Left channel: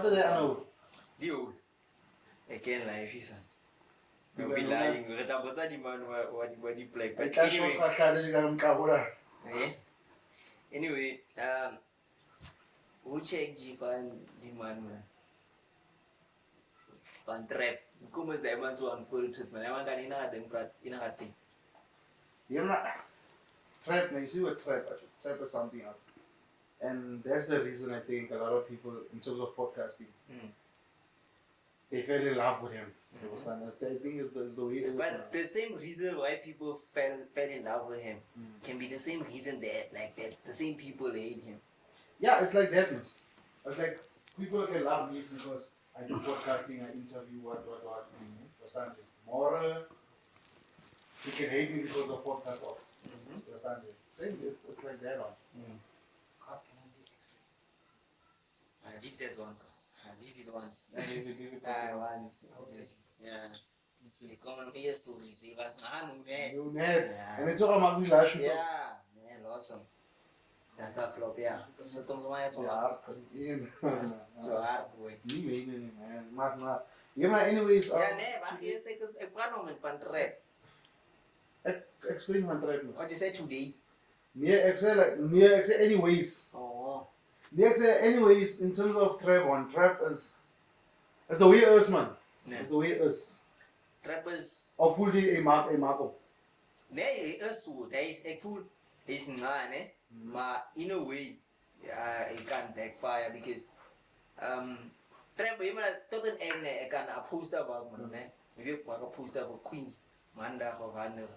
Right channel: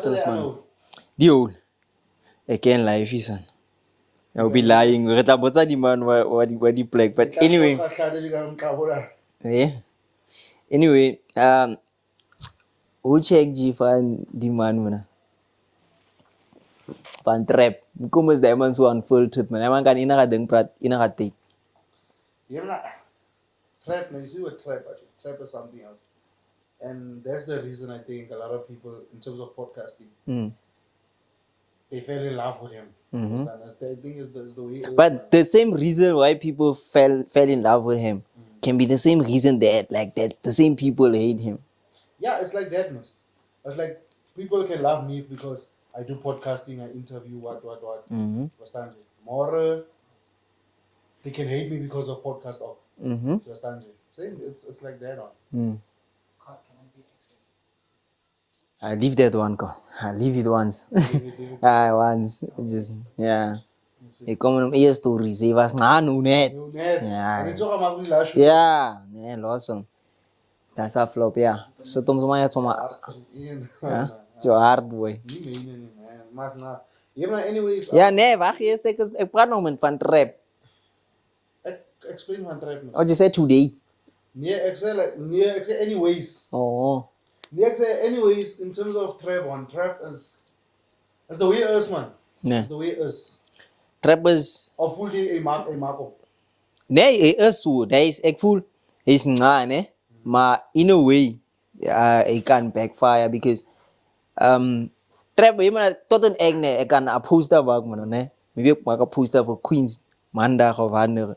muscles, man. The old. Again, life is on. I'll be lying. We're talking about the man what the plague. But anyway. Yeah. Anyway, who check G fan the man man? Fan trap. Como is diamonds so unfiltered man. Man kan inakadeng prat inakati. Yeah, trap makes you a trap. Trap is something else. And that's the reason I think a lot of people, in terms of podcasting, they fell in love with him. I think it's the way. But the same reason why people fell in love with him can be the same reason that the same people hate him. Yeah, it's like that. It's like people can love me because I do podcasting, I interview what. Understand? More, they can hate me because of podcast. Understand? Same. It's like that one. I leave that one, go. I leave it once. Once. Just, yeah. Ik kom hem eerst toe, hij was net. Ja, nee, los hem. Dat is afloop, ja. Zet hem zomaar uit zomaar. Zo hard, boy. Ja, nee, wacht eerst. Ik praat nog met van trap. Explain van trap. Oh, je zei today? Nee, ik zei anyways. Oh. Nee, ik zei anyways, in terms of trap, one trap is the way it is, man. Nee. It's the way it is. Trap is... Of voel je een map? Nee, hij is zo. Ik voel... Hij is nga, ne? Maar in a way, hij kan backfire, because... Trap, je maar tot een eind, ik kan een poster maken, ne? Maybe ik maak een poster voor Queens, maandag of andere.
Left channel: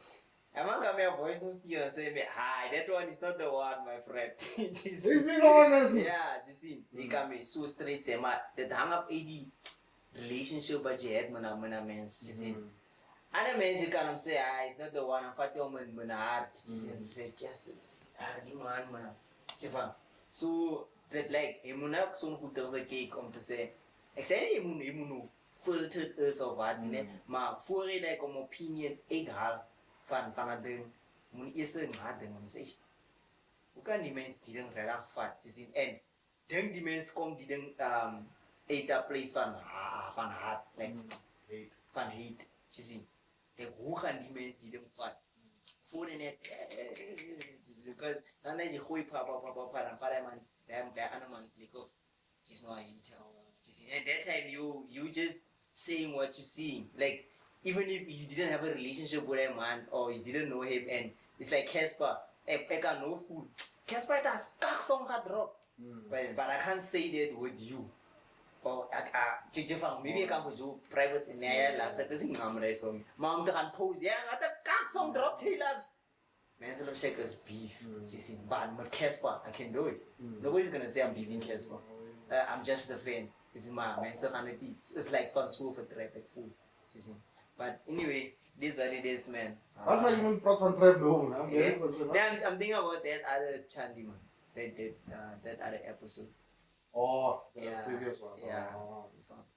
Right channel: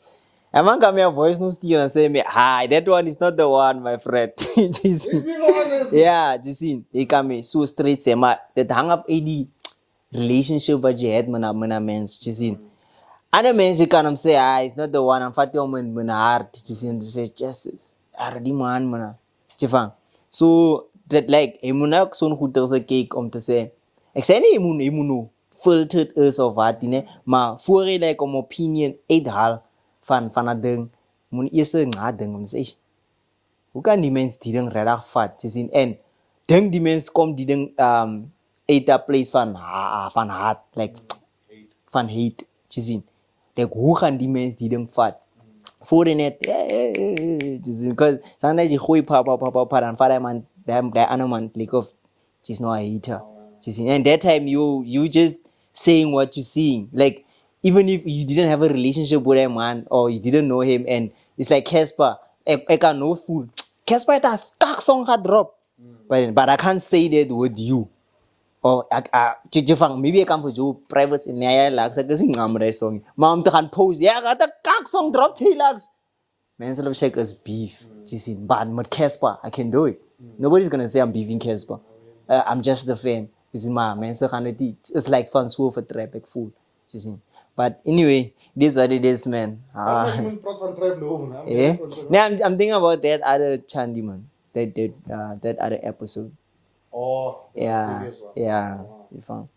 En man kan mijn voice nu sturen en zeggen, hi, that one is not the one, my friend. Ja, je ziet, ik kan me zo straight zeggen, maar dat hangt af die relationship wat je hebt met een mens, je ziet. Andere mensen kan hem zeggen, it's not the one, I'm fatty om mijn hart, je ziet, ze zeggen, just, die man, man. Je van, so, dat like, je moet ook zo'n goed kijken om te zeggen, ik zei niet, je moet nu filtered is of wat, maar voor je like om opinion uithaal van dat ding, moet je eerst nadenken om te zeggen, hoe kan die mens die ding redelijk vat, je ziet, en denk die mens komt die ding uit dat place van haat, like, van hate, je ziet, like, hoe gaan die mens die ding vat? Voor je net, je ziet, because sometimes je gooit pa, dan vat man, dat andere man, like, of, she's not a hater, je ziet, and that time you just saying what you seeing, like, even if you didn't have a relationship with a man or you didn't know him, and it's like Casper, I can no fool. Casper has kak song had drop, but I can't say that with you. Or maybe I come for you private in the like I sing amre song. Mom to can post, yeah, got the kak song drop Taylux. Man, so check us beef. You see, but with Casper, I can do it. Nobody's gonna say I'm beefing Casper. I'm just the fan. This is my man, so kind of it's like fun so for trap like fool. You see. But anyway, this is what it is, man. Yeah. Now I'm thinking about that other Chandy man. That other episode. Oh. Yeah. Yeah. You found.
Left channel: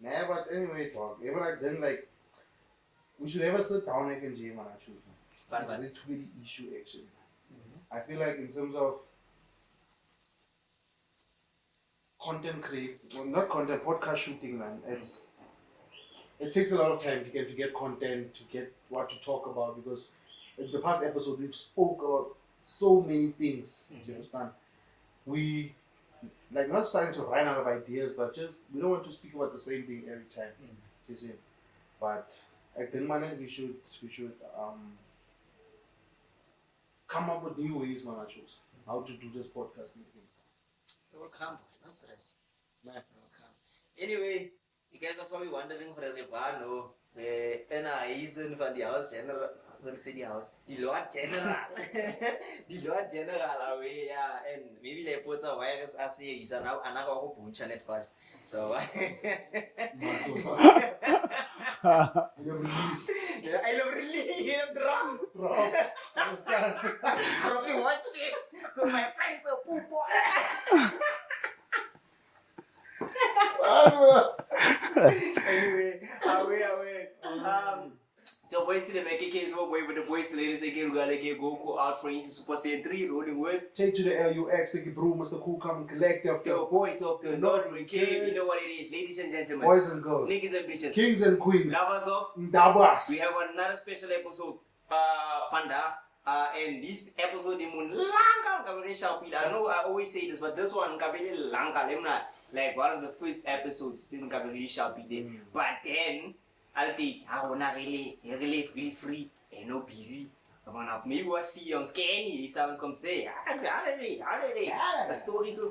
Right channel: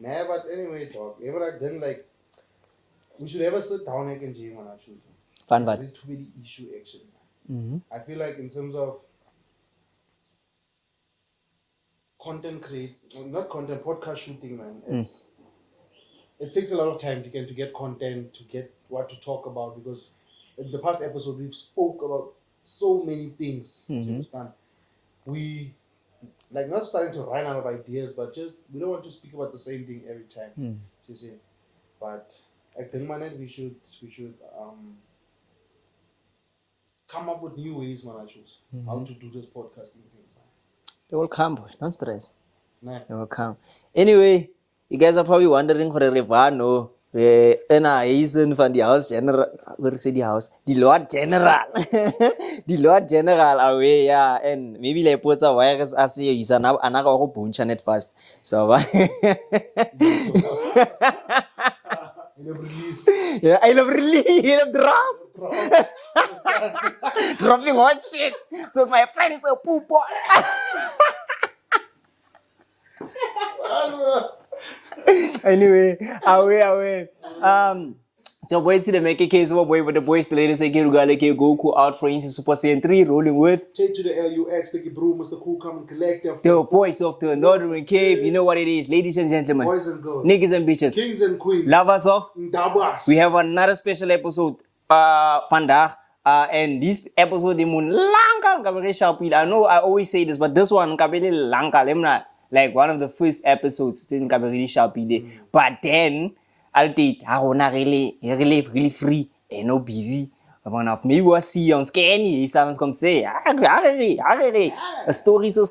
Nah, but anyway, talk. Ever then like we should ever sit down like and jam on our shoes. Fun, but it's really issue actually. I feel like in terms of content not content, podcast shooting, man. It takes a lot of time to get content, to get what to talk about, because in the past episode we've spoke about so many things. You understand? We like not starting to run out of ideas, but just we don't want to speak about the same thing every time. You see? But at the moment we should come up with new ways, man. How to do this podcasting thing. They will come, boy. Don't stress. Nah. They will come. Anyway, you guys are probably wondering for the Rivano. He's in van die house general. Where is the house? The Lord General. The Lord General away, yeah. And maybe like puts a virus as he's another bunch net fast. So yeah, I love really drop. Dropping hot shit. So my friend is a poop. Anyway, away. So boy to the make a case of boy with the boys the ladies say Goku out for instance Super Saiyan 3 rolling with Take to the LUX, StukkieBroer, Mr. Khool, come and collect them. the voice of the Northern Cape. You know what it is, ladies and gentlemen, Boys and girls, niggas and bitches, kings and queens, lovers of. Ndabas. We have another special episode vandaag. And this episode, I know I always say this, but this one, like one of the first episodes, but then, I'll take, really free and no busy. One of me was see on scanny, sounds come say, stories of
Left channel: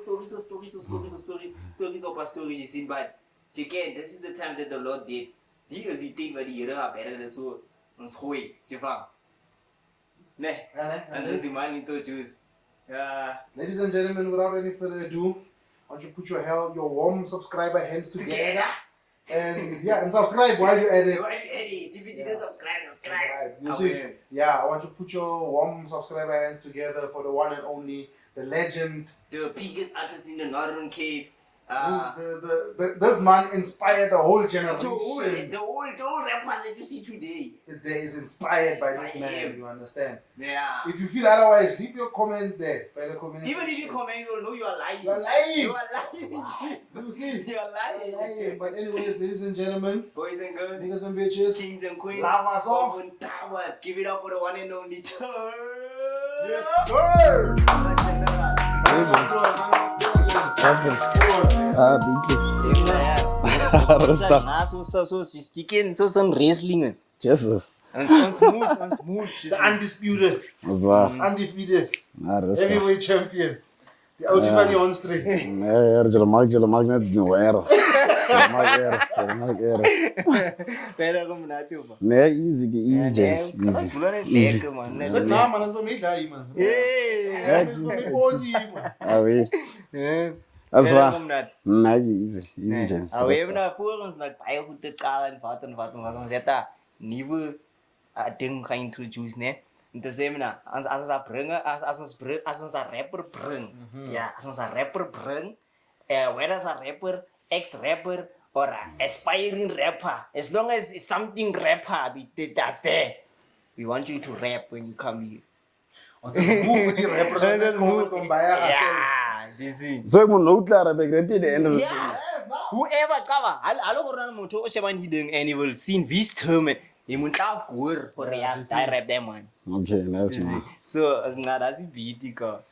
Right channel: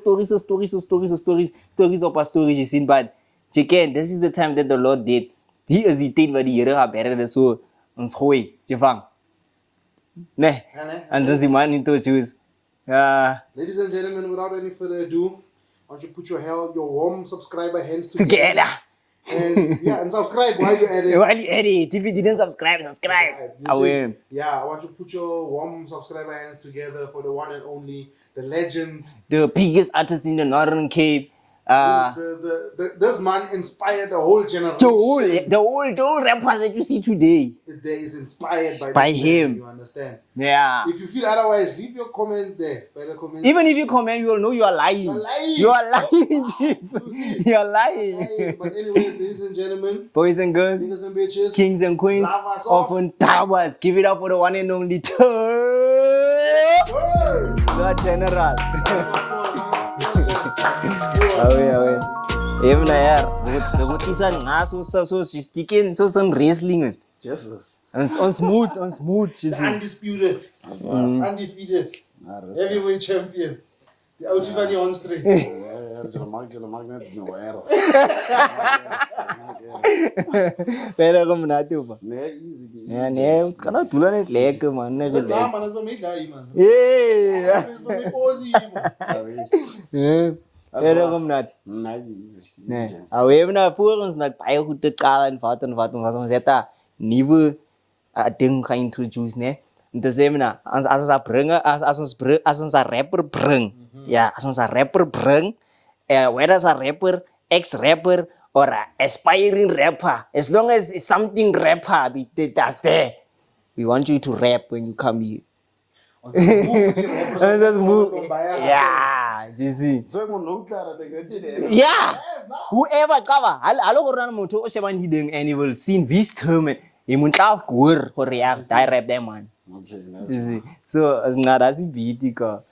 our stories, you see, but chicken, this is the time that the Lord did. He is the thing where the year have better than so, on Khwati, Jevang. Ne, and does the man into choose. Ladies and gentlemen, without any further ado, I want you to put your warm subscriber hands Together. And yeah, and subscribe while you're at it. While you're at it. If you didn't subscribe. I will. Yeah, I want you to put your warm subscriber hands together for the one and only, the legend, the biggest artist in the Northern Cape. This man inspired the whole generation. The whole rappers that you see today. Today is inspired by him. Man, you understand? Yeah. If you feel otherwise, leave your comment there. By the comment Even if you comment, you will know you are lying. You are lying, Chief. You are lying. But anyways, ladies and gentlemen, boys and girls, niggas and bitches, kings and queens of Towers, give it up for the one and only General. So she's kicking some wrestling. Jesus. On smooth. The undisputed, undefeated, heavyweight champion. The ultimate on straight. Pero como nato pa. Easy. Kana tulan het lekker man. Net lekker. Man, as my guy man. Yeah. As well. Kom nat. Easy. We hebben nou voor ons nog baie goed te kaal en wat ons het daar nuwe ding gaan introduce né. En te sê mina as ons rapper bring. Ja, as ons 'n rapper bring, whether as a rapper, ex-rapper or a aspiring rapper, as long as it's something rapper that's there, we want you to rap when you come here. Yeah, you see. So ek moet nou klaar heb ek repeat the end of yeah. Whoever cover, hallo gorana motho o shebang hideng and you will see this term. You moet tla hoor for react direct them man. Okay, that's it. So as not as beat.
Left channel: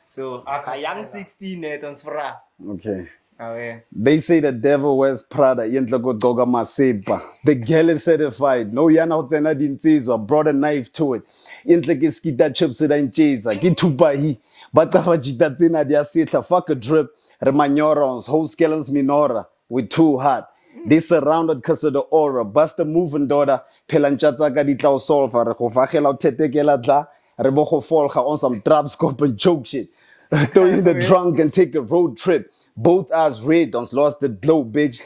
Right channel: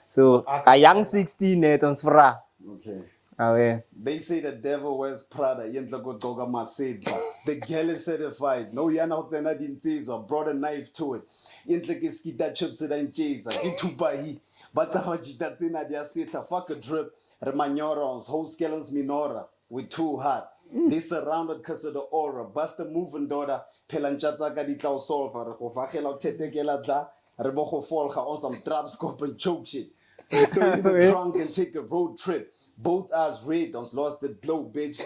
So a young 16 net ons vra. Okay. Okay. They say the devil wears Prada. The girl is certified. No yana hotsena dinsizwa. Brought a knife to it. Skita chips in chase. Gitupahi. Batava jita tsena dia sitla. Fuck a drip. Remanyorons. Whole scalons minora. With too hot. They surrounded cause of the aura. Bust a moving daughter. Pelanchatsaka di tlau solfa. Rekofachela tetekela tla. Rebocho folga on some trap scope and joke shit. Throw in the trunk and take a road trip. Both eyes red, don't lost the glow, bitch.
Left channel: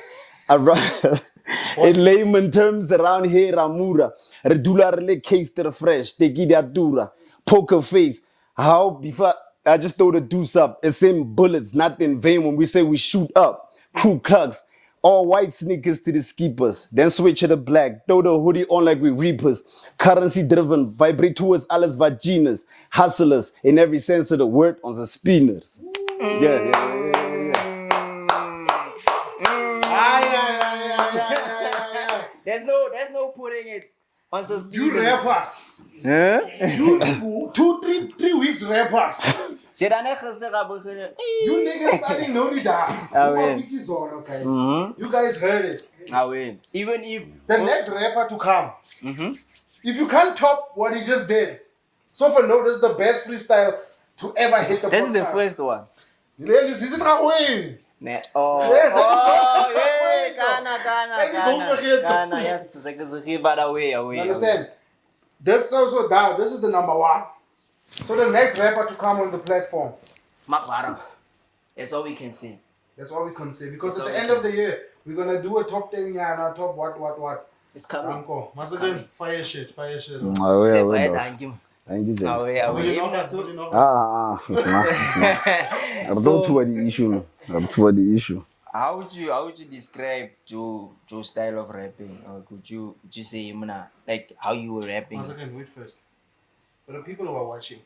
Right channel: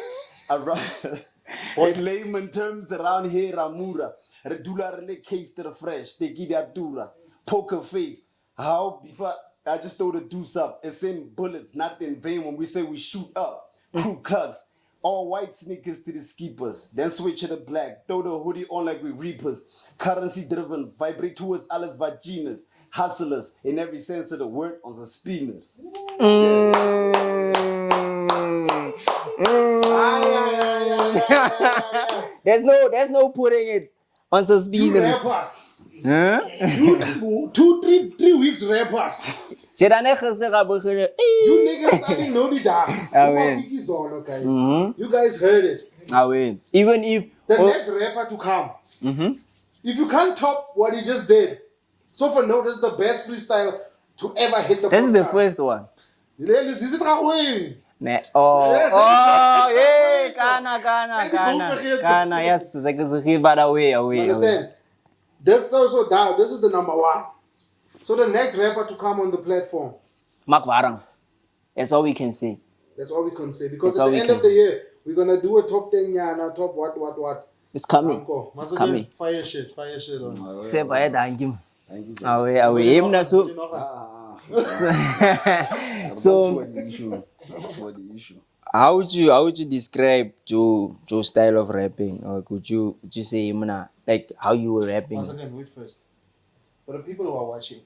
In layman terms, around here, Ramura. Redula rele case to the fresh. They give that dura. Poker face. How before I just throw the deuce up. It's in bullets, not in vain when we say we shoot up. Crew cucks. All white sneakers to the skippers. Then switch to the black. Throw the hoodie on like we reapers. Currency driven. Vibrate towards alles vaginas. Hustlers. In every sense of the word on the spinners. Yeah. There's no putting it on the spinners. You rappers. You 3 weeks rappers. You niggas starting no need that. You guys heard it. Even if the next rapper to come, if you can't top what he just did, so for no, this is the best freestyle to ever hit the. This is the first one. This is how win. Kana. Yes, it's like this is away. Understand? This is also down. This is the number 1. So the next rapper to come on the platform. Makwarang. That's all we can say. That's all we can say. Because at the end of the year, we're going to do a top 10 year and a top what. It's coming. It's coming. Fire shit. Thank you. Even so. I'm toward the issue. how would you describe your style of rapping? Or would you say like how you were rapping? Once again, wait first. For the people who are watching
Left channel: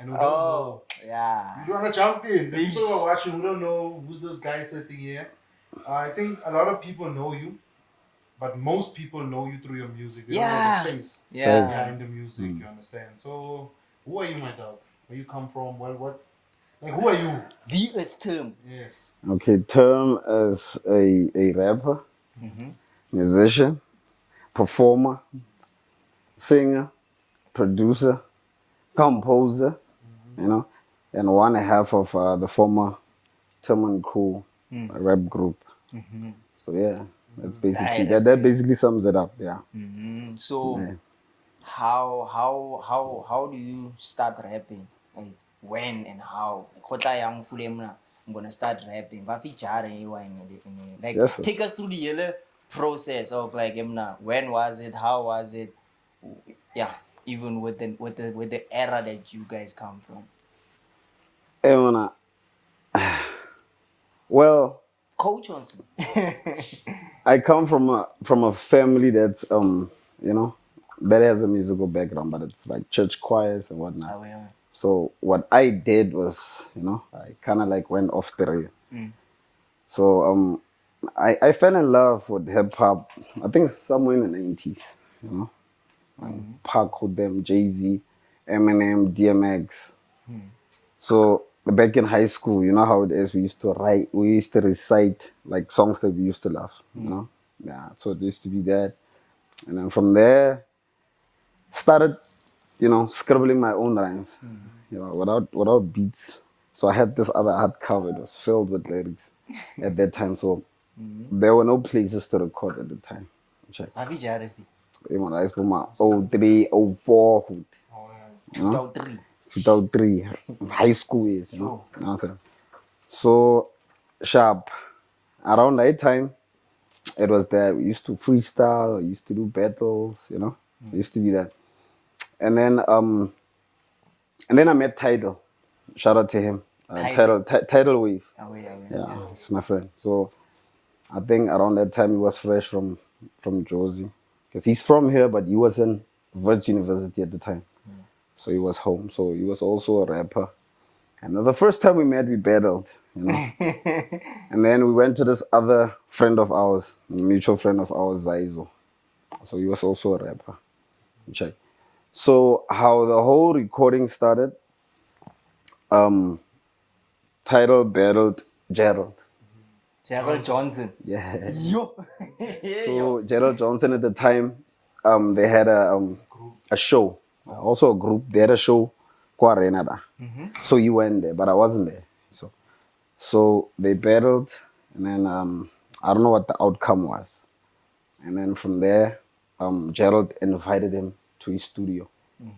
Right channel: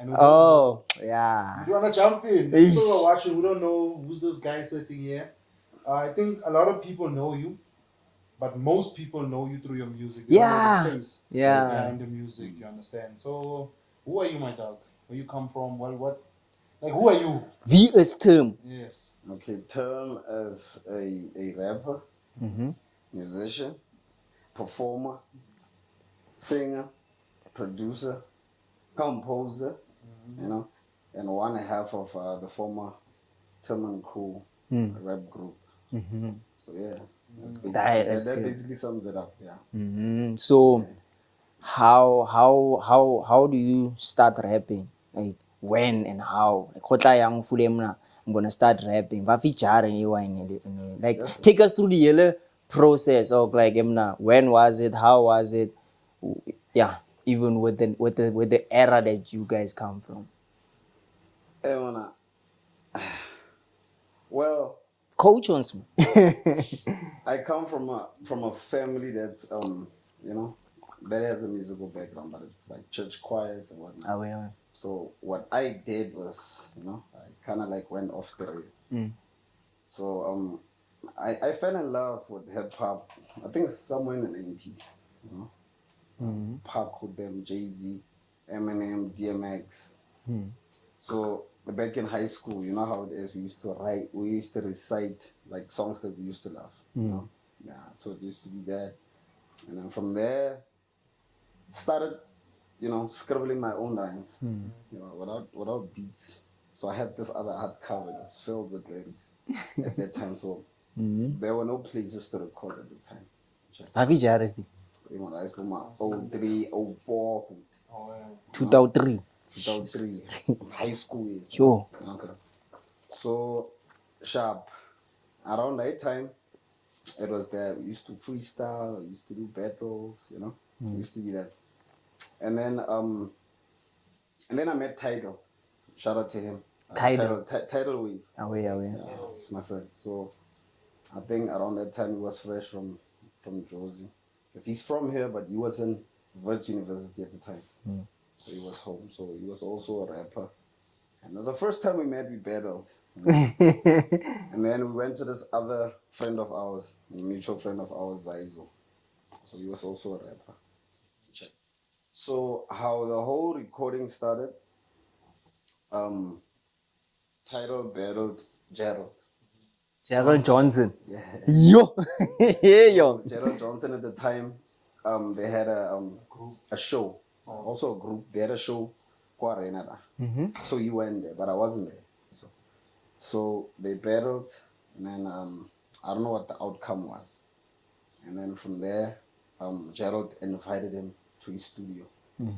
and who don't Oh, know, yeah. if you wanna jump in, the people who Eesh. are watching who don't know who's those guys sitting here, I think a lot of people know you, but most people know you through your music. They don't know Yeah. the face Yeah. behind the music. You understand? So, who are you, my dog? Where you come from? What? Like, who are you? VS term. Yes. Okay, term as a rapper, musician, performer, singer, producer, composer, you know, and one half of the former Tim and Khool rap group. So yeah, that's basically That's that good. basically sums it up. Yeah. So Yeah. how do you start rapping? Like when and how? Kota yang fule mna, I'm gonna start rapping. But like Yes, sir. take us through the yellow process of like when was it? How was it? Yeah, even with the era that you guys come from. And when well, Coach ons. I come from a family that's you know that has a musical background, but it's like church choirs and whatnot. So what I did was, I kind of like went off the rail. So I fell in love with hip hop. I think somewhere in the 90s. You know, Pac with them, Jay-Z, Eminem, DMX. So back in high school, you know how it is. We used to recite like songs that we used to love. You know, yeah. So it used to be that, and then from there, started, scribbling my own rhymes. Without beats. So I had this other hard cover. It was filled with lyrics at that time. So there were no places to record at the time. Check. I was from my 03, 04, 2003. 2003, high school years. Sure. You know what I'm saying? So sharp. Around that time, it was that we used to freestyle, we used to do battles, It used to be that. And then I met Tidal. Shout out to him. Tidal Wave. Yeah, he's my friend. So I think around that time he was fresh from Josie, because he's from here, but he was in Wits University at the time. So he was home. So he was also a rapper. And the first time we met, we battled. And then we went to this other friend of ours, a mutual friend of ours, Zaizo. So he was also a rapper. Check. So how the whole recording started, Tidal battled Gerald. Gerald Johnson. Yeah. Yo. So Gerald Johnson at the time, they had a show, also a group. They had a show, Kwa Renada. So you went there, but I wasn't there. So they battled, and then I don't know what the outcome was. And then from there, Gerald invited him to his studio.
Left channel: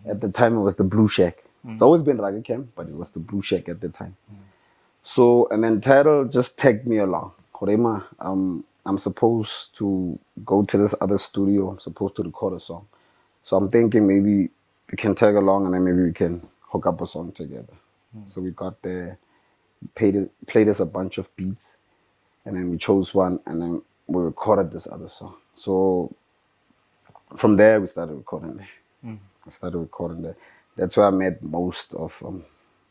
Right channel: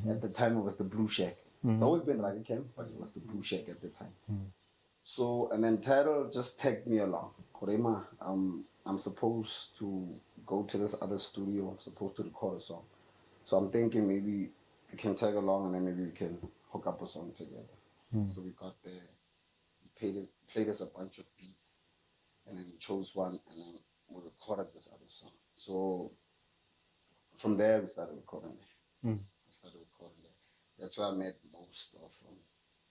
At the time, it was the Blue Shack. It's always been Raga Camp, but it was the Blue Shack at the time. So, and then Tidal just tagged me along. Korema, I'm supposed to go to this other studio. I'm supposed to record a song. So I'm thinking maybe we can tag along and then maybe we can hook up a song together. So we got there, played us a bunch of beats, and then we chose one, and then we recorded this other song. So from there, we started recording there. That's where I met most of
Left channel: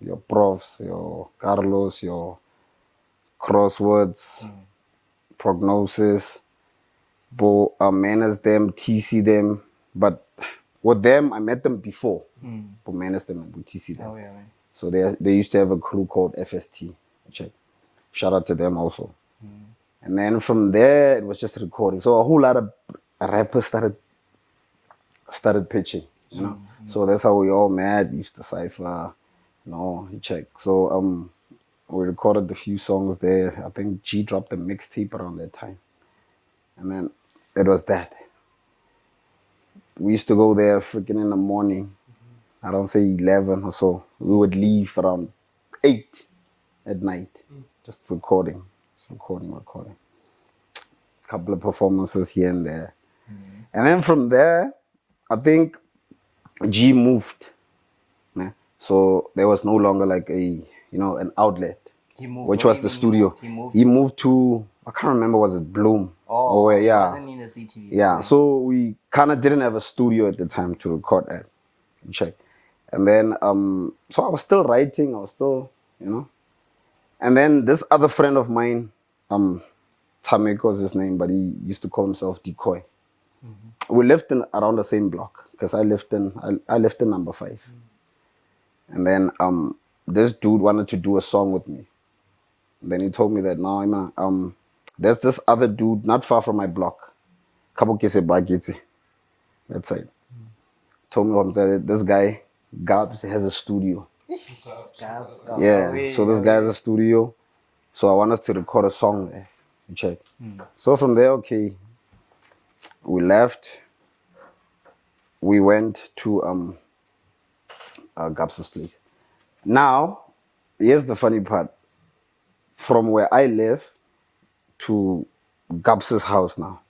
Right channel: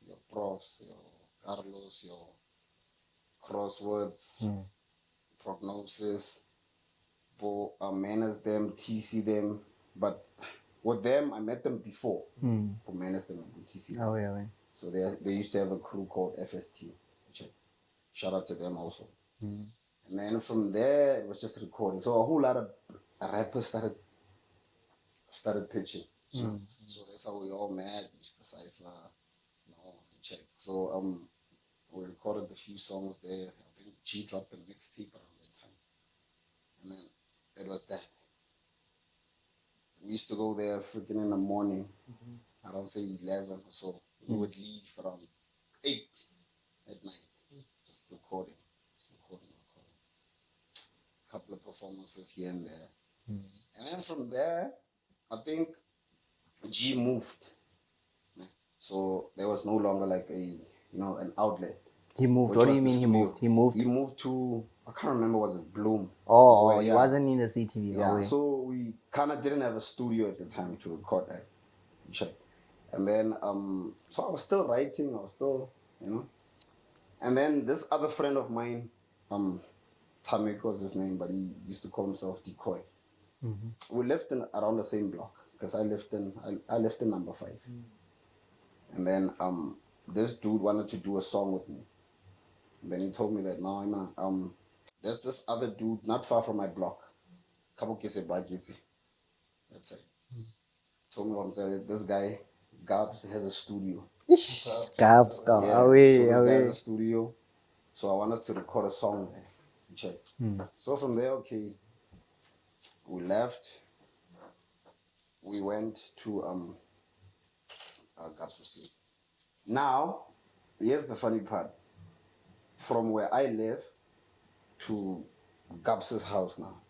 your profs, your Carlos, your Crosswords, Prognosis, Manners them, TC them. But with them, I met them before. Manners them and TC them. So they used to have a crew called FST. Check. Shout out to them also. And then from there, it was just recording. So a whole lot of rappers started pitching. So that's how we all met. Used to cypher, check. So we recorded a few songs there. I think G dropped a mixtape around that time, and then it was that. We used to go there freaking in the morning. I don't say 11 or so. We would leave around 8 at night, just recording. Couple of performances here and there, and then from there, I think G moved. So there was no longer like an outlet. He moved. Which was the studio. He moved to I can't remember, was it Bloom? Oh, Or where, it yeah. wasn't in the city. Yeah, so we kind of didn't have a studio at the time to record at. Check. And then, so I was still writing, I was still, you know. And then this other friend of mine, Tameko was his name, but he used to call himself Decoy. We lived in around the same block because I lived in number 5. And then this dude wanted to do a song with me. And then he told me that no, there's this other dude not far from my block. Kabukese Bagiti. That's it. Told me that this guy Gabs has a studio. Gabs. Yeah. So this guy has a studio. So I want us to record a song there. Check. So from there, okay, we left. We went to Gabs's place. Now, here's the funny part. From where I live to Gabs's house now,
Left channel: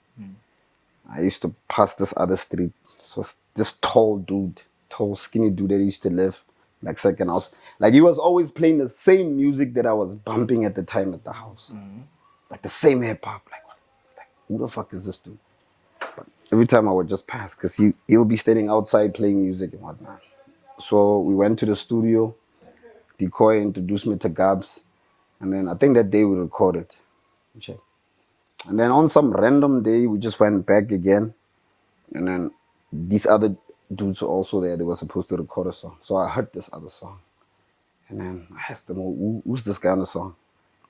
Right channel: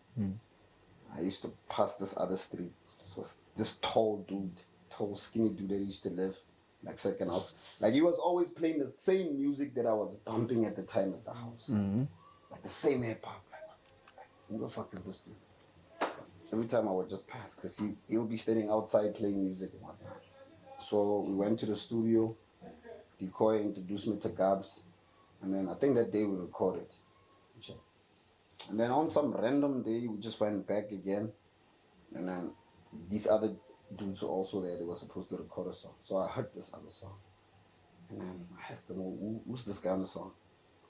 I used to pass this other street. So this tall dude, tall skinny dude that used to live like second house. Like he was always playing the same music that I was bumping at the time at the house. Like the same hip hop. Like who the fuck is this dude? But every time I would just pass because he would be standing outside playing music and whatnot. So we went to the studio. Decoy introduced me to Gabs. And then I think that day we recorded. Check. And then on some random day, we just went back again. And then these other dudes were also there. They were supposed to record a song. So I heard this other song. And then I asked them, who's this guy on the song?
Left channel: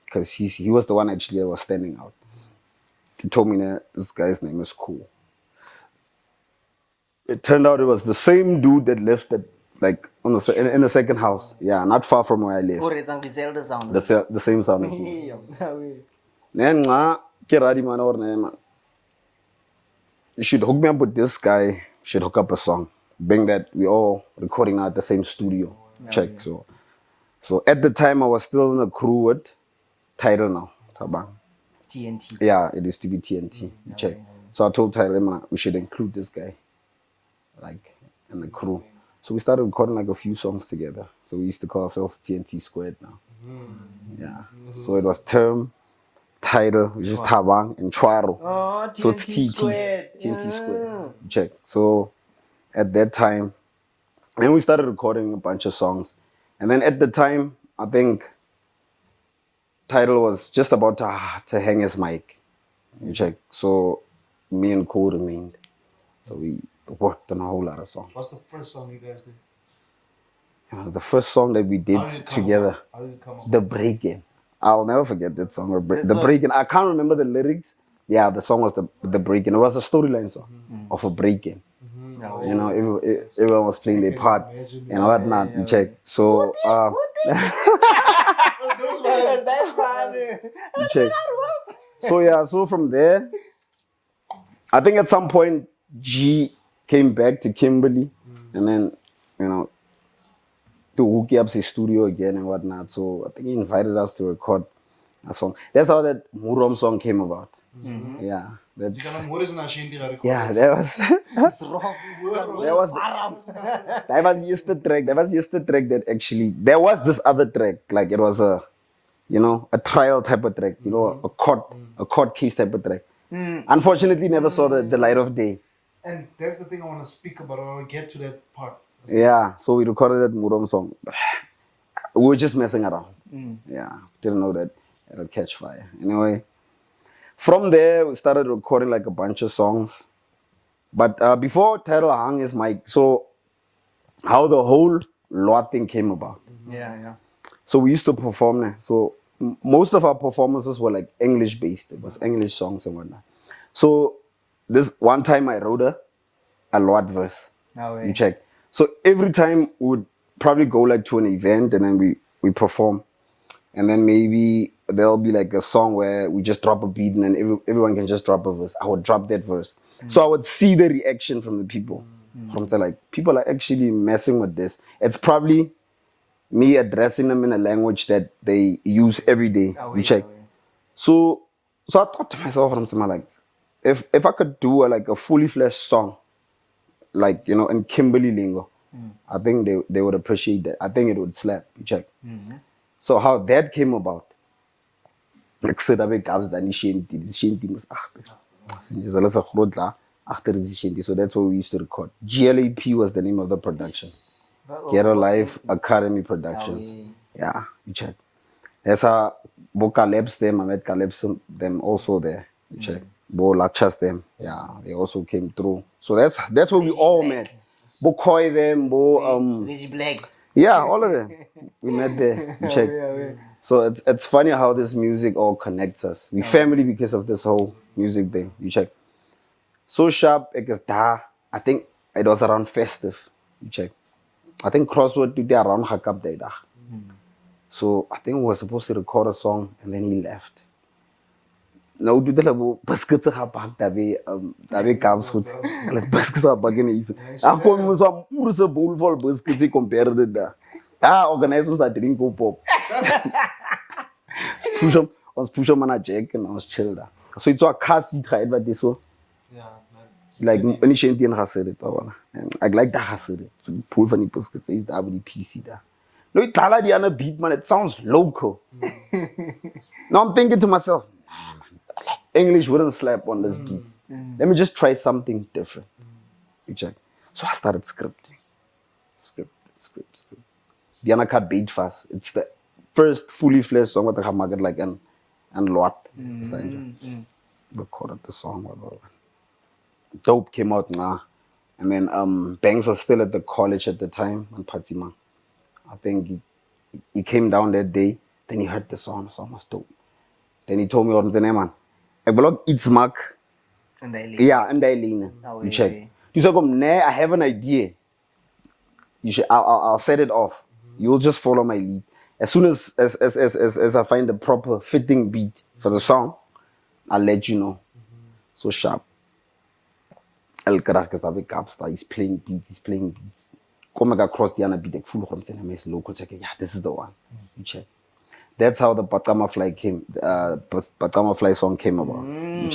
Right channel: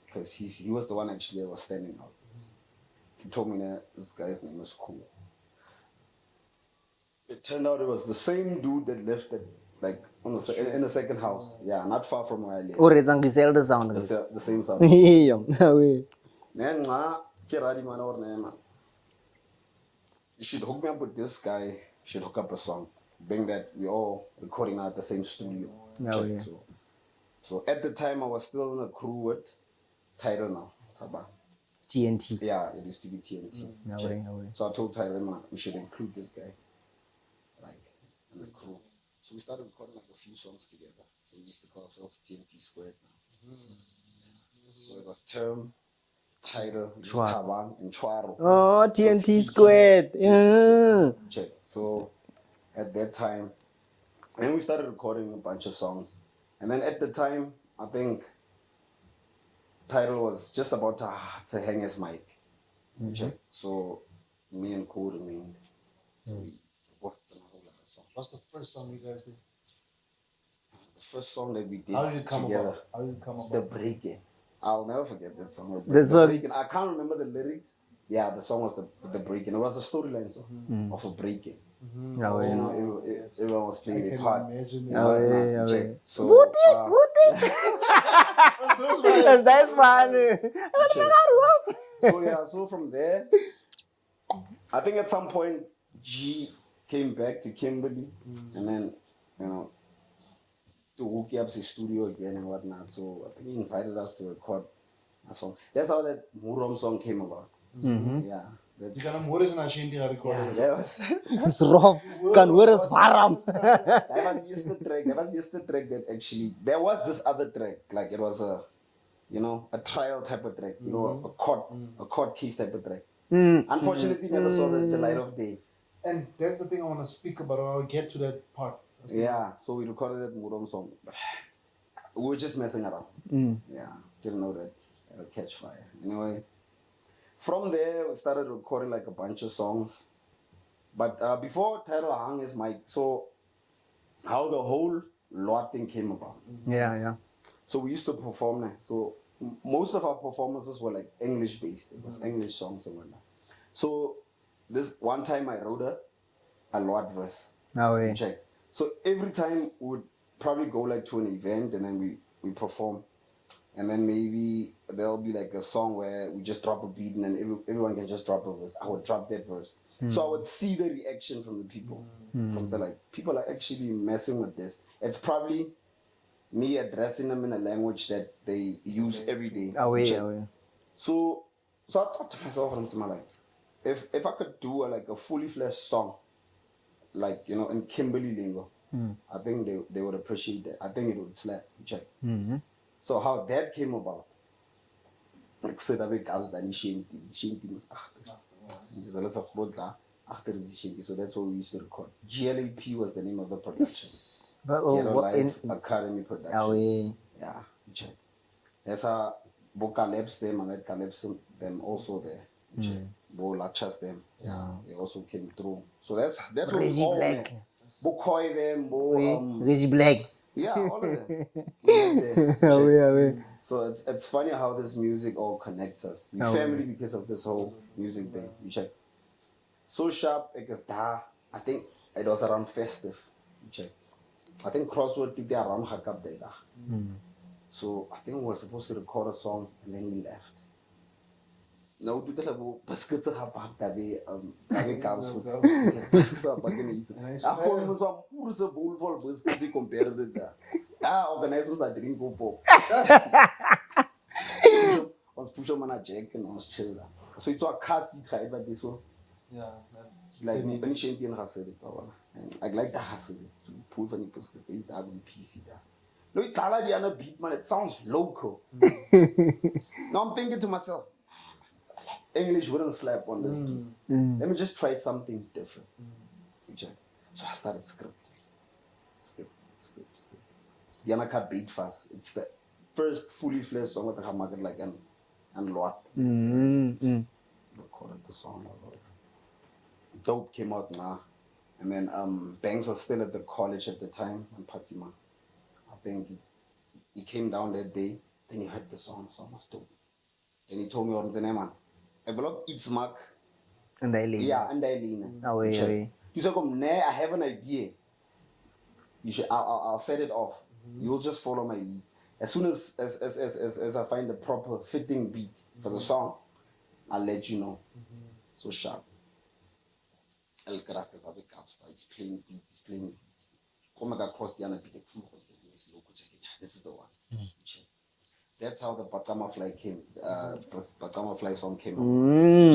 Because he was the one actually that was standing out. He told me that this guy's name is Khool. It turned out it was the same dude that lived at, like in the second house. Yeah, not far from where I live. The same sound. Then you should hook me up with this guy. You should hook up a song. Being that we all recording now at the same studio. Check. So at the time I was still in a crew with Title now. Tabang. TNT. Yeah, it used to be TNT. Check. So I told Title we should include this guy, like in the crew. So we started recording like a few songs together. So we used to call ourselves TNT Squared now. Yeah. So it was Term, Title, which is Tabang, and Chwaro. Oh, TNT Squared. Yeah. Check. So at that time, then we started recording a bunch of songs. And then at the time, I think Title was just about to hang his mic. Check. So me and Khool remained. So we worked on a whole lot of songs. What's the first song you guys did? The first song that we did together, The Break-In. I'll never forget that song. The Break-In. I can't remember the lyrics. Yeah, the song was the Break-In. It was a storyline song of a break-in. You know, everyone was playing their part and whatnot. Yeah. Check. So, that's funny. Check. So yeah, so from there, I think at some point G came back to Kimberley, and then to hook up his studio again and whatnot. So I think he invited us to record a song. That's how that Murom song came about. Yeah. That was it's rough. That was just the track. That was just the track that actually there was this other track. Like it was a trial type of track, a court case type of track. Unfortunately never saw the light of day. And that's the thing I want to speak about. I'll get to that part. Yeah, so we recorded that Murom song. We were just messing around. Yeah, didn't know that it'll catch fire. Anyway, from there, we started recording like a bunch of songs. But before Title hung his mic, so how the whole lot thing came about. Yeah. So we used to perform there. So most of our performances were like English based. It was English songs and whatnot. So this one time I wrote a lot verse. You check. So every time we would probably go like to an event and then we perform. And then maybe there'll be like a song where we just drop a beat and then everyone can just drop a verse. I would drop that verse. So I would see the reaction from the people. From like, people are actually messing with this. It's probably me addressing them in a language that they use every day. You check. So I thought to myself, like, if I could do a fully fleshed song, like, in Kimberley lingo, I think they would appreciate that. I think it would slap. You check. So how that came about, Ek sit daar by Gabs dan die shanty was agter. Since hulle se groot la agter die shanty. So that's what we used to record. GLAP was the name of the production. Ghetto Life Academy Production. Yeah, you check. There's a Bo Caleb's them, I met Caleb's them also there. You check. Bo Lakshas them. Yeah, they also came through. So that's what we all met. Bo Koi them, Bo Reggie Black. yeah, all of them. We met there. You check. So it's funny how this music all connects us. We family because of this whole music thing. You check. So sharp, because I think it was around festive. You check. I think Crossword did around Hakab Day. So I think we were supposed to record a song and then he left. Nou doet hulle bo biscuits gehad daarbij Kaap's goed. Hulle biscuits are bakken iets. Ag kom ons so 'n pure bowl vol biscuits jy compare dit daar. Ja, organisers are drink op pop. Push him on a jack and ons chill daar. So it's a car seat right but this so. Yeah. Like any shanty and hasere pa I like that hasere. So pull van die biscuits is daar by die PC daar. No, it tala die ander beat man, it sounds local. Now I'm thinking to myself, English wouldn't slap on this beat. Let me just try something different. You check. So I started scripting. Script. The other cut beat fast. It's the first fully fledged song with the market like and lot. Recorded the song. Dope came out now. And then Banks was still at the college at the time on Paxama. I think he came down that day. Then he heard the song. The song was dope. Then he told me what's the name, man. I blog It's Mark. And Daai. Yeah, and Daai. You check. You say, I have an idea. You should. I'll set it off. You'll just follow my lead. As soon as I find the proper fitting beat for the song, I'll let you know. So sharp. El Karakasa Capstar. He's playing beats. Come across the other beat. Full of them. Local check. Yeah, this is the one. You check. That's how the Paxama Fly came. Paxama Fly song came about.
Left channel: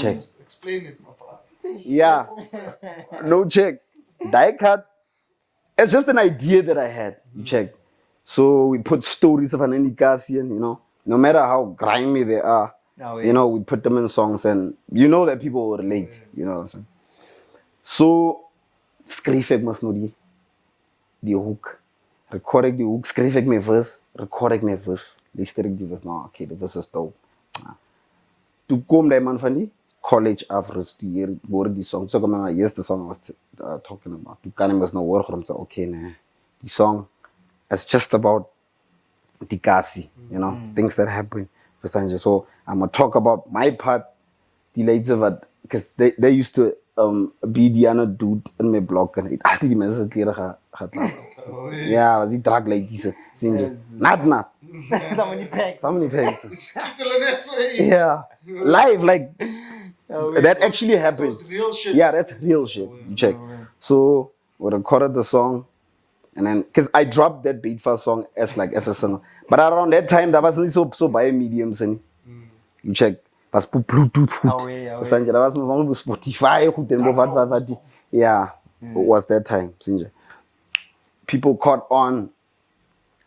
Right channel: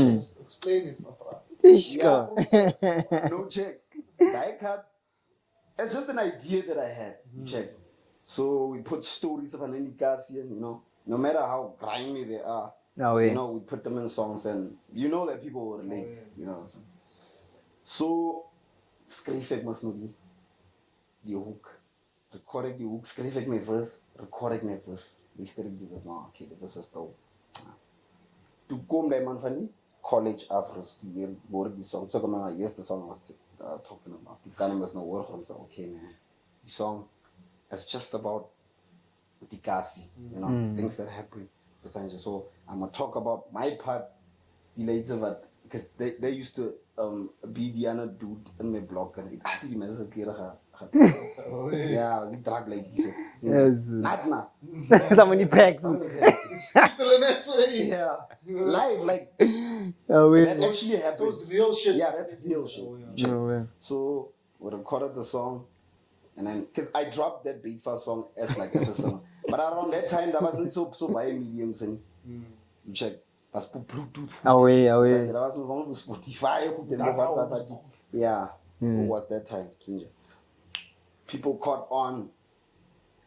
Check. Explain it, my brother. Yeah. No check. Die cut. It's just an idea that I had. Check. So we put stories of an Indicasian, no matter how grimy they are, we put them in songs and you know that people will relate, you know what I'm saying? So, schreef ik must know die hook. Record ik die hook, schreef ik mijn verse, record ik mijn verse. Luister ik die verse, nou oké, this is dope. Toen kwam die man van die college afrust, die hoorde die song. Zo kwam mijn eerste song was talking about. Toen kan ik me nou horen, om te oké, nee, die song is just about die kasi, things that happen. So I'm gonna talk about my part, die later, but because they used to be the other dude in my blog en altijd die mensen kleren gaat ja, was die drag like diese nat so many packs yeah, live like that actually happened. So real shit. Yeah, that's real shit. You check. So we recorded the song and then because I dropped that beat fast song as a singer, but around that time that wasn't so by mediums and you check. Was op Bluetooth goed. Sanje, dat was nog op Spotify goed en wat. Yeah, it was that time, Sanje. People caught on,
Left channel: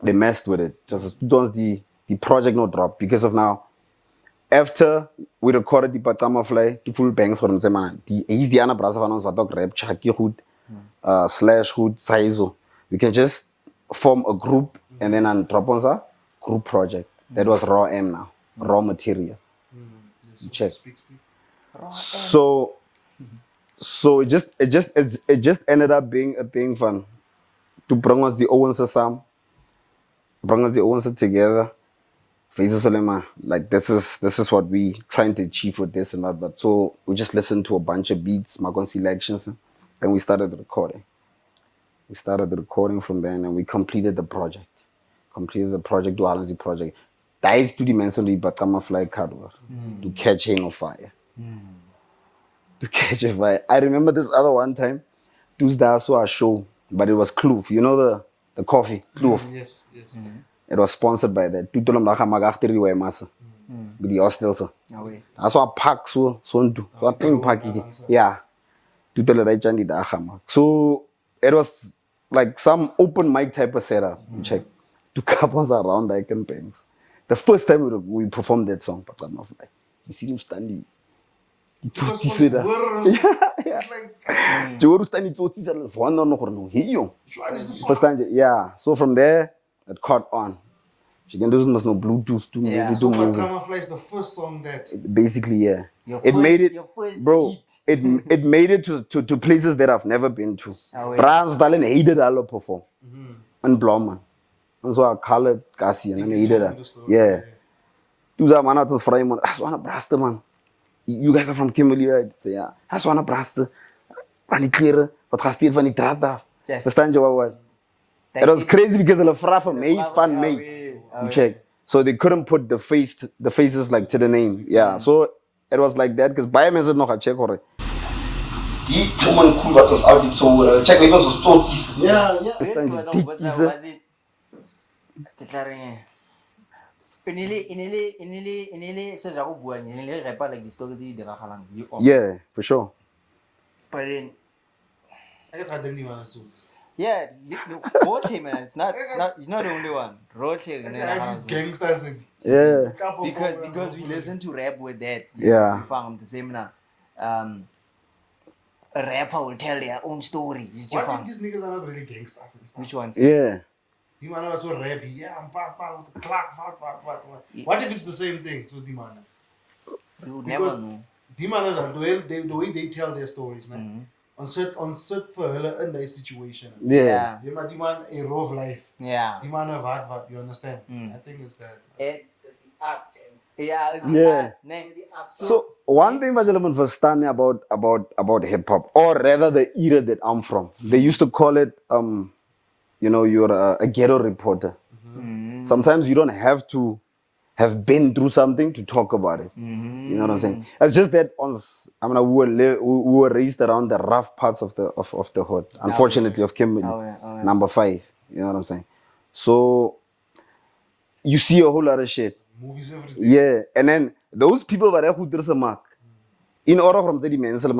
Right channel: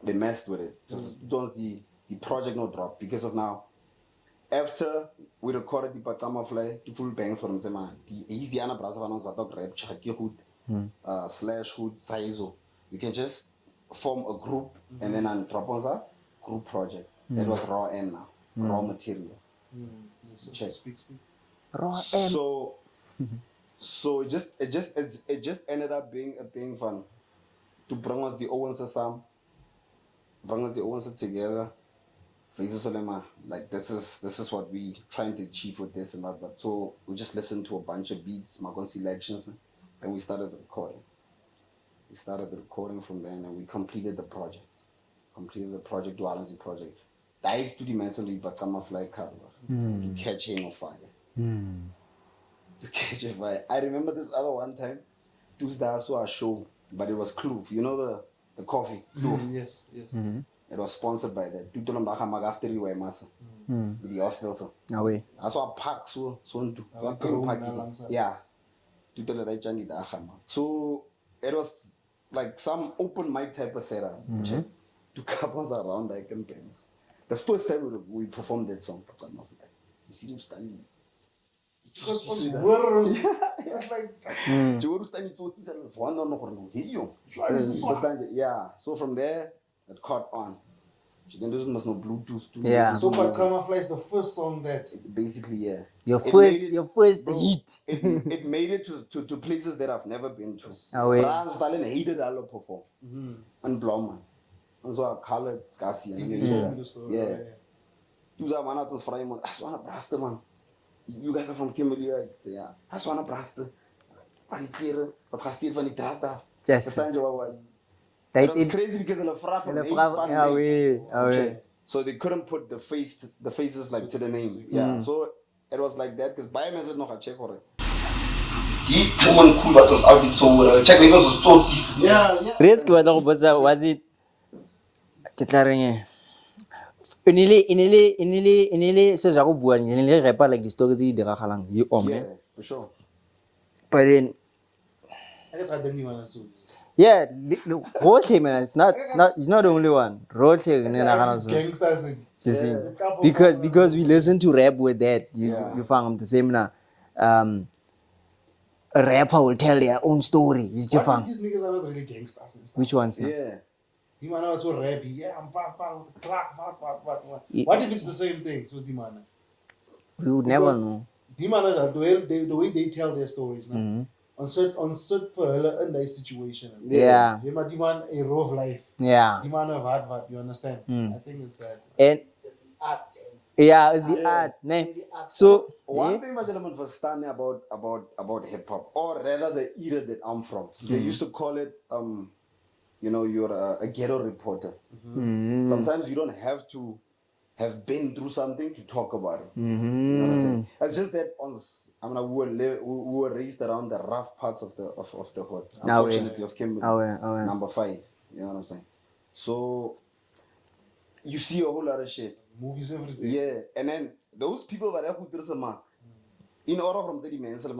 they messed with it. Just the project not drop because of now. After we recorded the Paxama Fly, the full bangs voor hem zei man, he's the andere brasa van ons wat ook rap, Chaki goed, Slash goed, Saizo. We can just form a group and then drop on a group project. That was raw M now, raw material. Check. So it just ended up being a thing fun to bring us the Owens together. Faces like this is what we trying to achieve with this and that. But so we just listened to a bunch of beats, Magon selections, and we started recording. We started the recording from then and we completed the project. To Alan's project. That is to dimension the Paxama Fly cover to catch Hang of Fire. To catch a fire. I remember this other one time, Tuesday I saw a show, but it was Kloof. You know the coffee, Kloof. Yes. It was sponsored by that. Tutolom laga magachtir di way massa. With the hostels. I saw a pack so a thing pack. Yeah. Tutolom right jandi da khama. So it was like some open mic type of setup. Check. To couples around I can bangs. The first time we performed that song, Paxama, like, you see him standing. Because It's like, Joru standing to one on no here. what is this one? Yeah. So from there, it caught on. She can do must no Bluetooth to Yeah. So Paxama Fly is the first song that basically, yeah. Your It made it, your first bro. hit. It made it to places that I've never been to. Oh, yeah. Brans Dalen hated all perform. And Blomman. And so I called Cassie and I hated her. Yeah. Toen zei man, het was vrij man. Hij was brasten man. You guys are from Kimberley, right? Yeah. Hij was brasten. Van die kleren. Wat gaat hier van die draad af? Verstaan je wat? It was crazy because hulle vra van mij, van mij. Check. So they couldn't put the faces like to the name. Yeah. So it was like that because baie mense het nog gaan check hoor. Die Truman Khool wat ons altyd so check maybe ons stotsies. Yeah. Red was it inile se ja go bua inile repa like the stories tse di diragalang Yeah, for sure. but then I get had anyone else. yeah, Roche man, it's not the only one. Roche Gangsters. Yeah. because we listen to rap with that. Yeah. You found the same now. A rapper will tell their own story. These niggas are not really gangsters and stuff. Which ones? Yeah. You man are so rappy. Yeah, I'm fuck with the clock, fuck. What if it's the same thing? So Dimana. We would never know. Dimanas are the way they tell their stories. On set for a nice situation. Yeah. Demand a rough life. Yeah. Demand a vad. You understand? I think it's that. And it's the art. Nee. So one thing what you understand about hip hop, or rather the era that I'm from, they used to call it you're a ghetto reporter. Sometimes you don't have to have been through something to talk about it. You know what I'm saying? It's just that we were raised around the rough parts of the hood, unfortunately, of Kimberley, number 5. You know what I'm saying? So you see a whole lot of shit. Movies everything. Yeah, and then those people were who there's a mark. In order from the dimension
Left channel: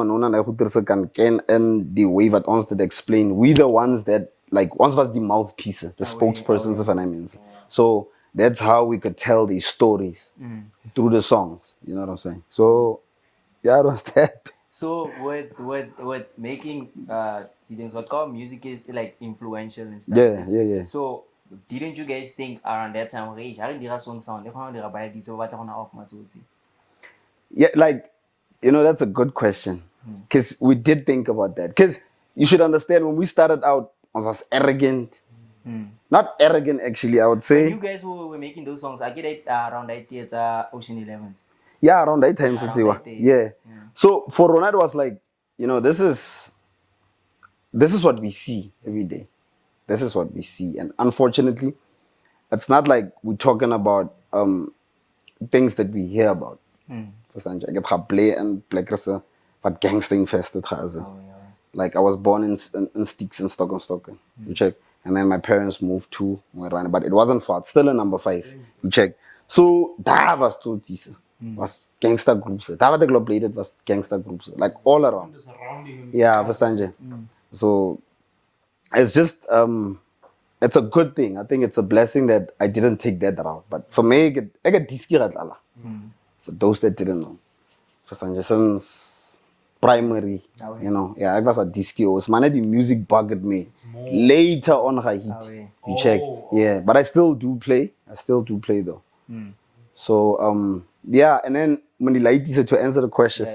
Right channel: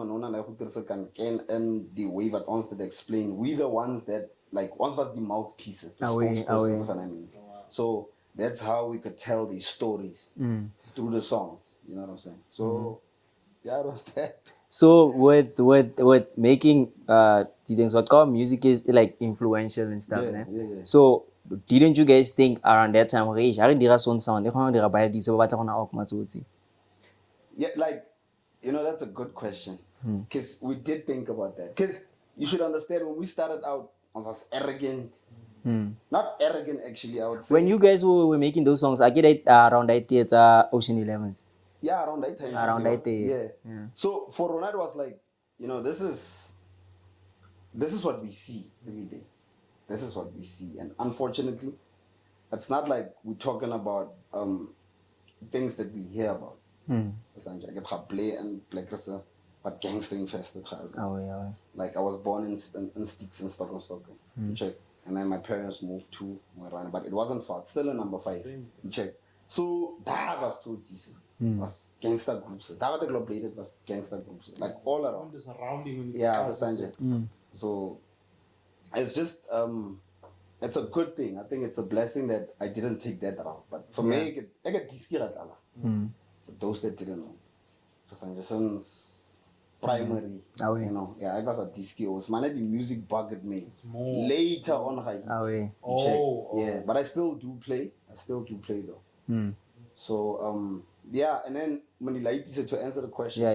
can and the way that ons to explain, we the ones that like once was the mouthpieces, the spokespersons of an image. So that's how we could tell these stories through the songs. You know what I'm saying? So yeah, it was that. So with making what called music is like influential and stuff. Yeah. So didn't you guys think around that time, yeah, like that's a good question. Because we did think about that. Because you should understand when we started out, I was arrogant. Not arrogant actually, I would say. When you guys were making those songs, I get it around that theater Ocean 11s. Yeah, around that time. Yeah. So for Ronald was like, this is what we see every day. This is what we see. And unfortunately, it's not like we're talking about things that we hear about. I get play and but gangster infested. Like I was born in Sticks and Stukkie. You check. And then my parents moved to Moirana, but it wasn't far. It's still in number 5. You check. So that was two was gangster groups. That was the globe played was gangster groups. Like all around. Yeah, understand. So it's just it's a good thing. I think it's a blessing that I didn't take that route. But for me, I get disky radlala. For those that didn't know. For Sanjason's primary, I was a disky. It was the music bugged me. Later on, you check. Yeah, but I still do play. Though. So and then when to answer the question,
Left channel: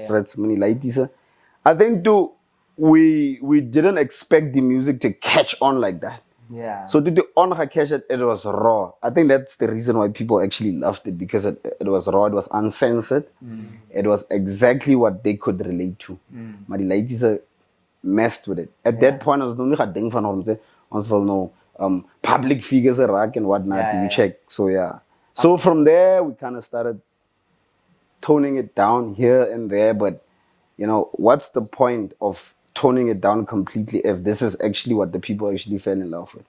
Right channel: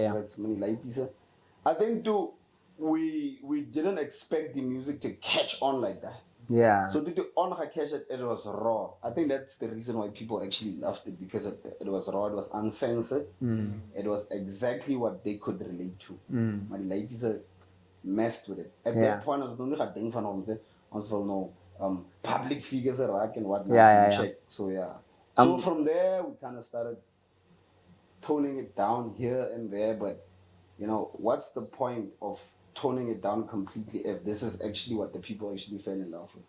I think too we didn't expect the music to catch on like that. Yeah. So did the on catch it was raw. I think that's the reason why people actually loved it, because it was raw, it was uncensored. It was exactly what they could relate to. But the ladies messed with it. At that point I was only ding van hom public figures and whatnot. You check. So so from there we kind of started toning it down here and there, but what's the point of toning it down completely if this is actually what the people actually fell in love with?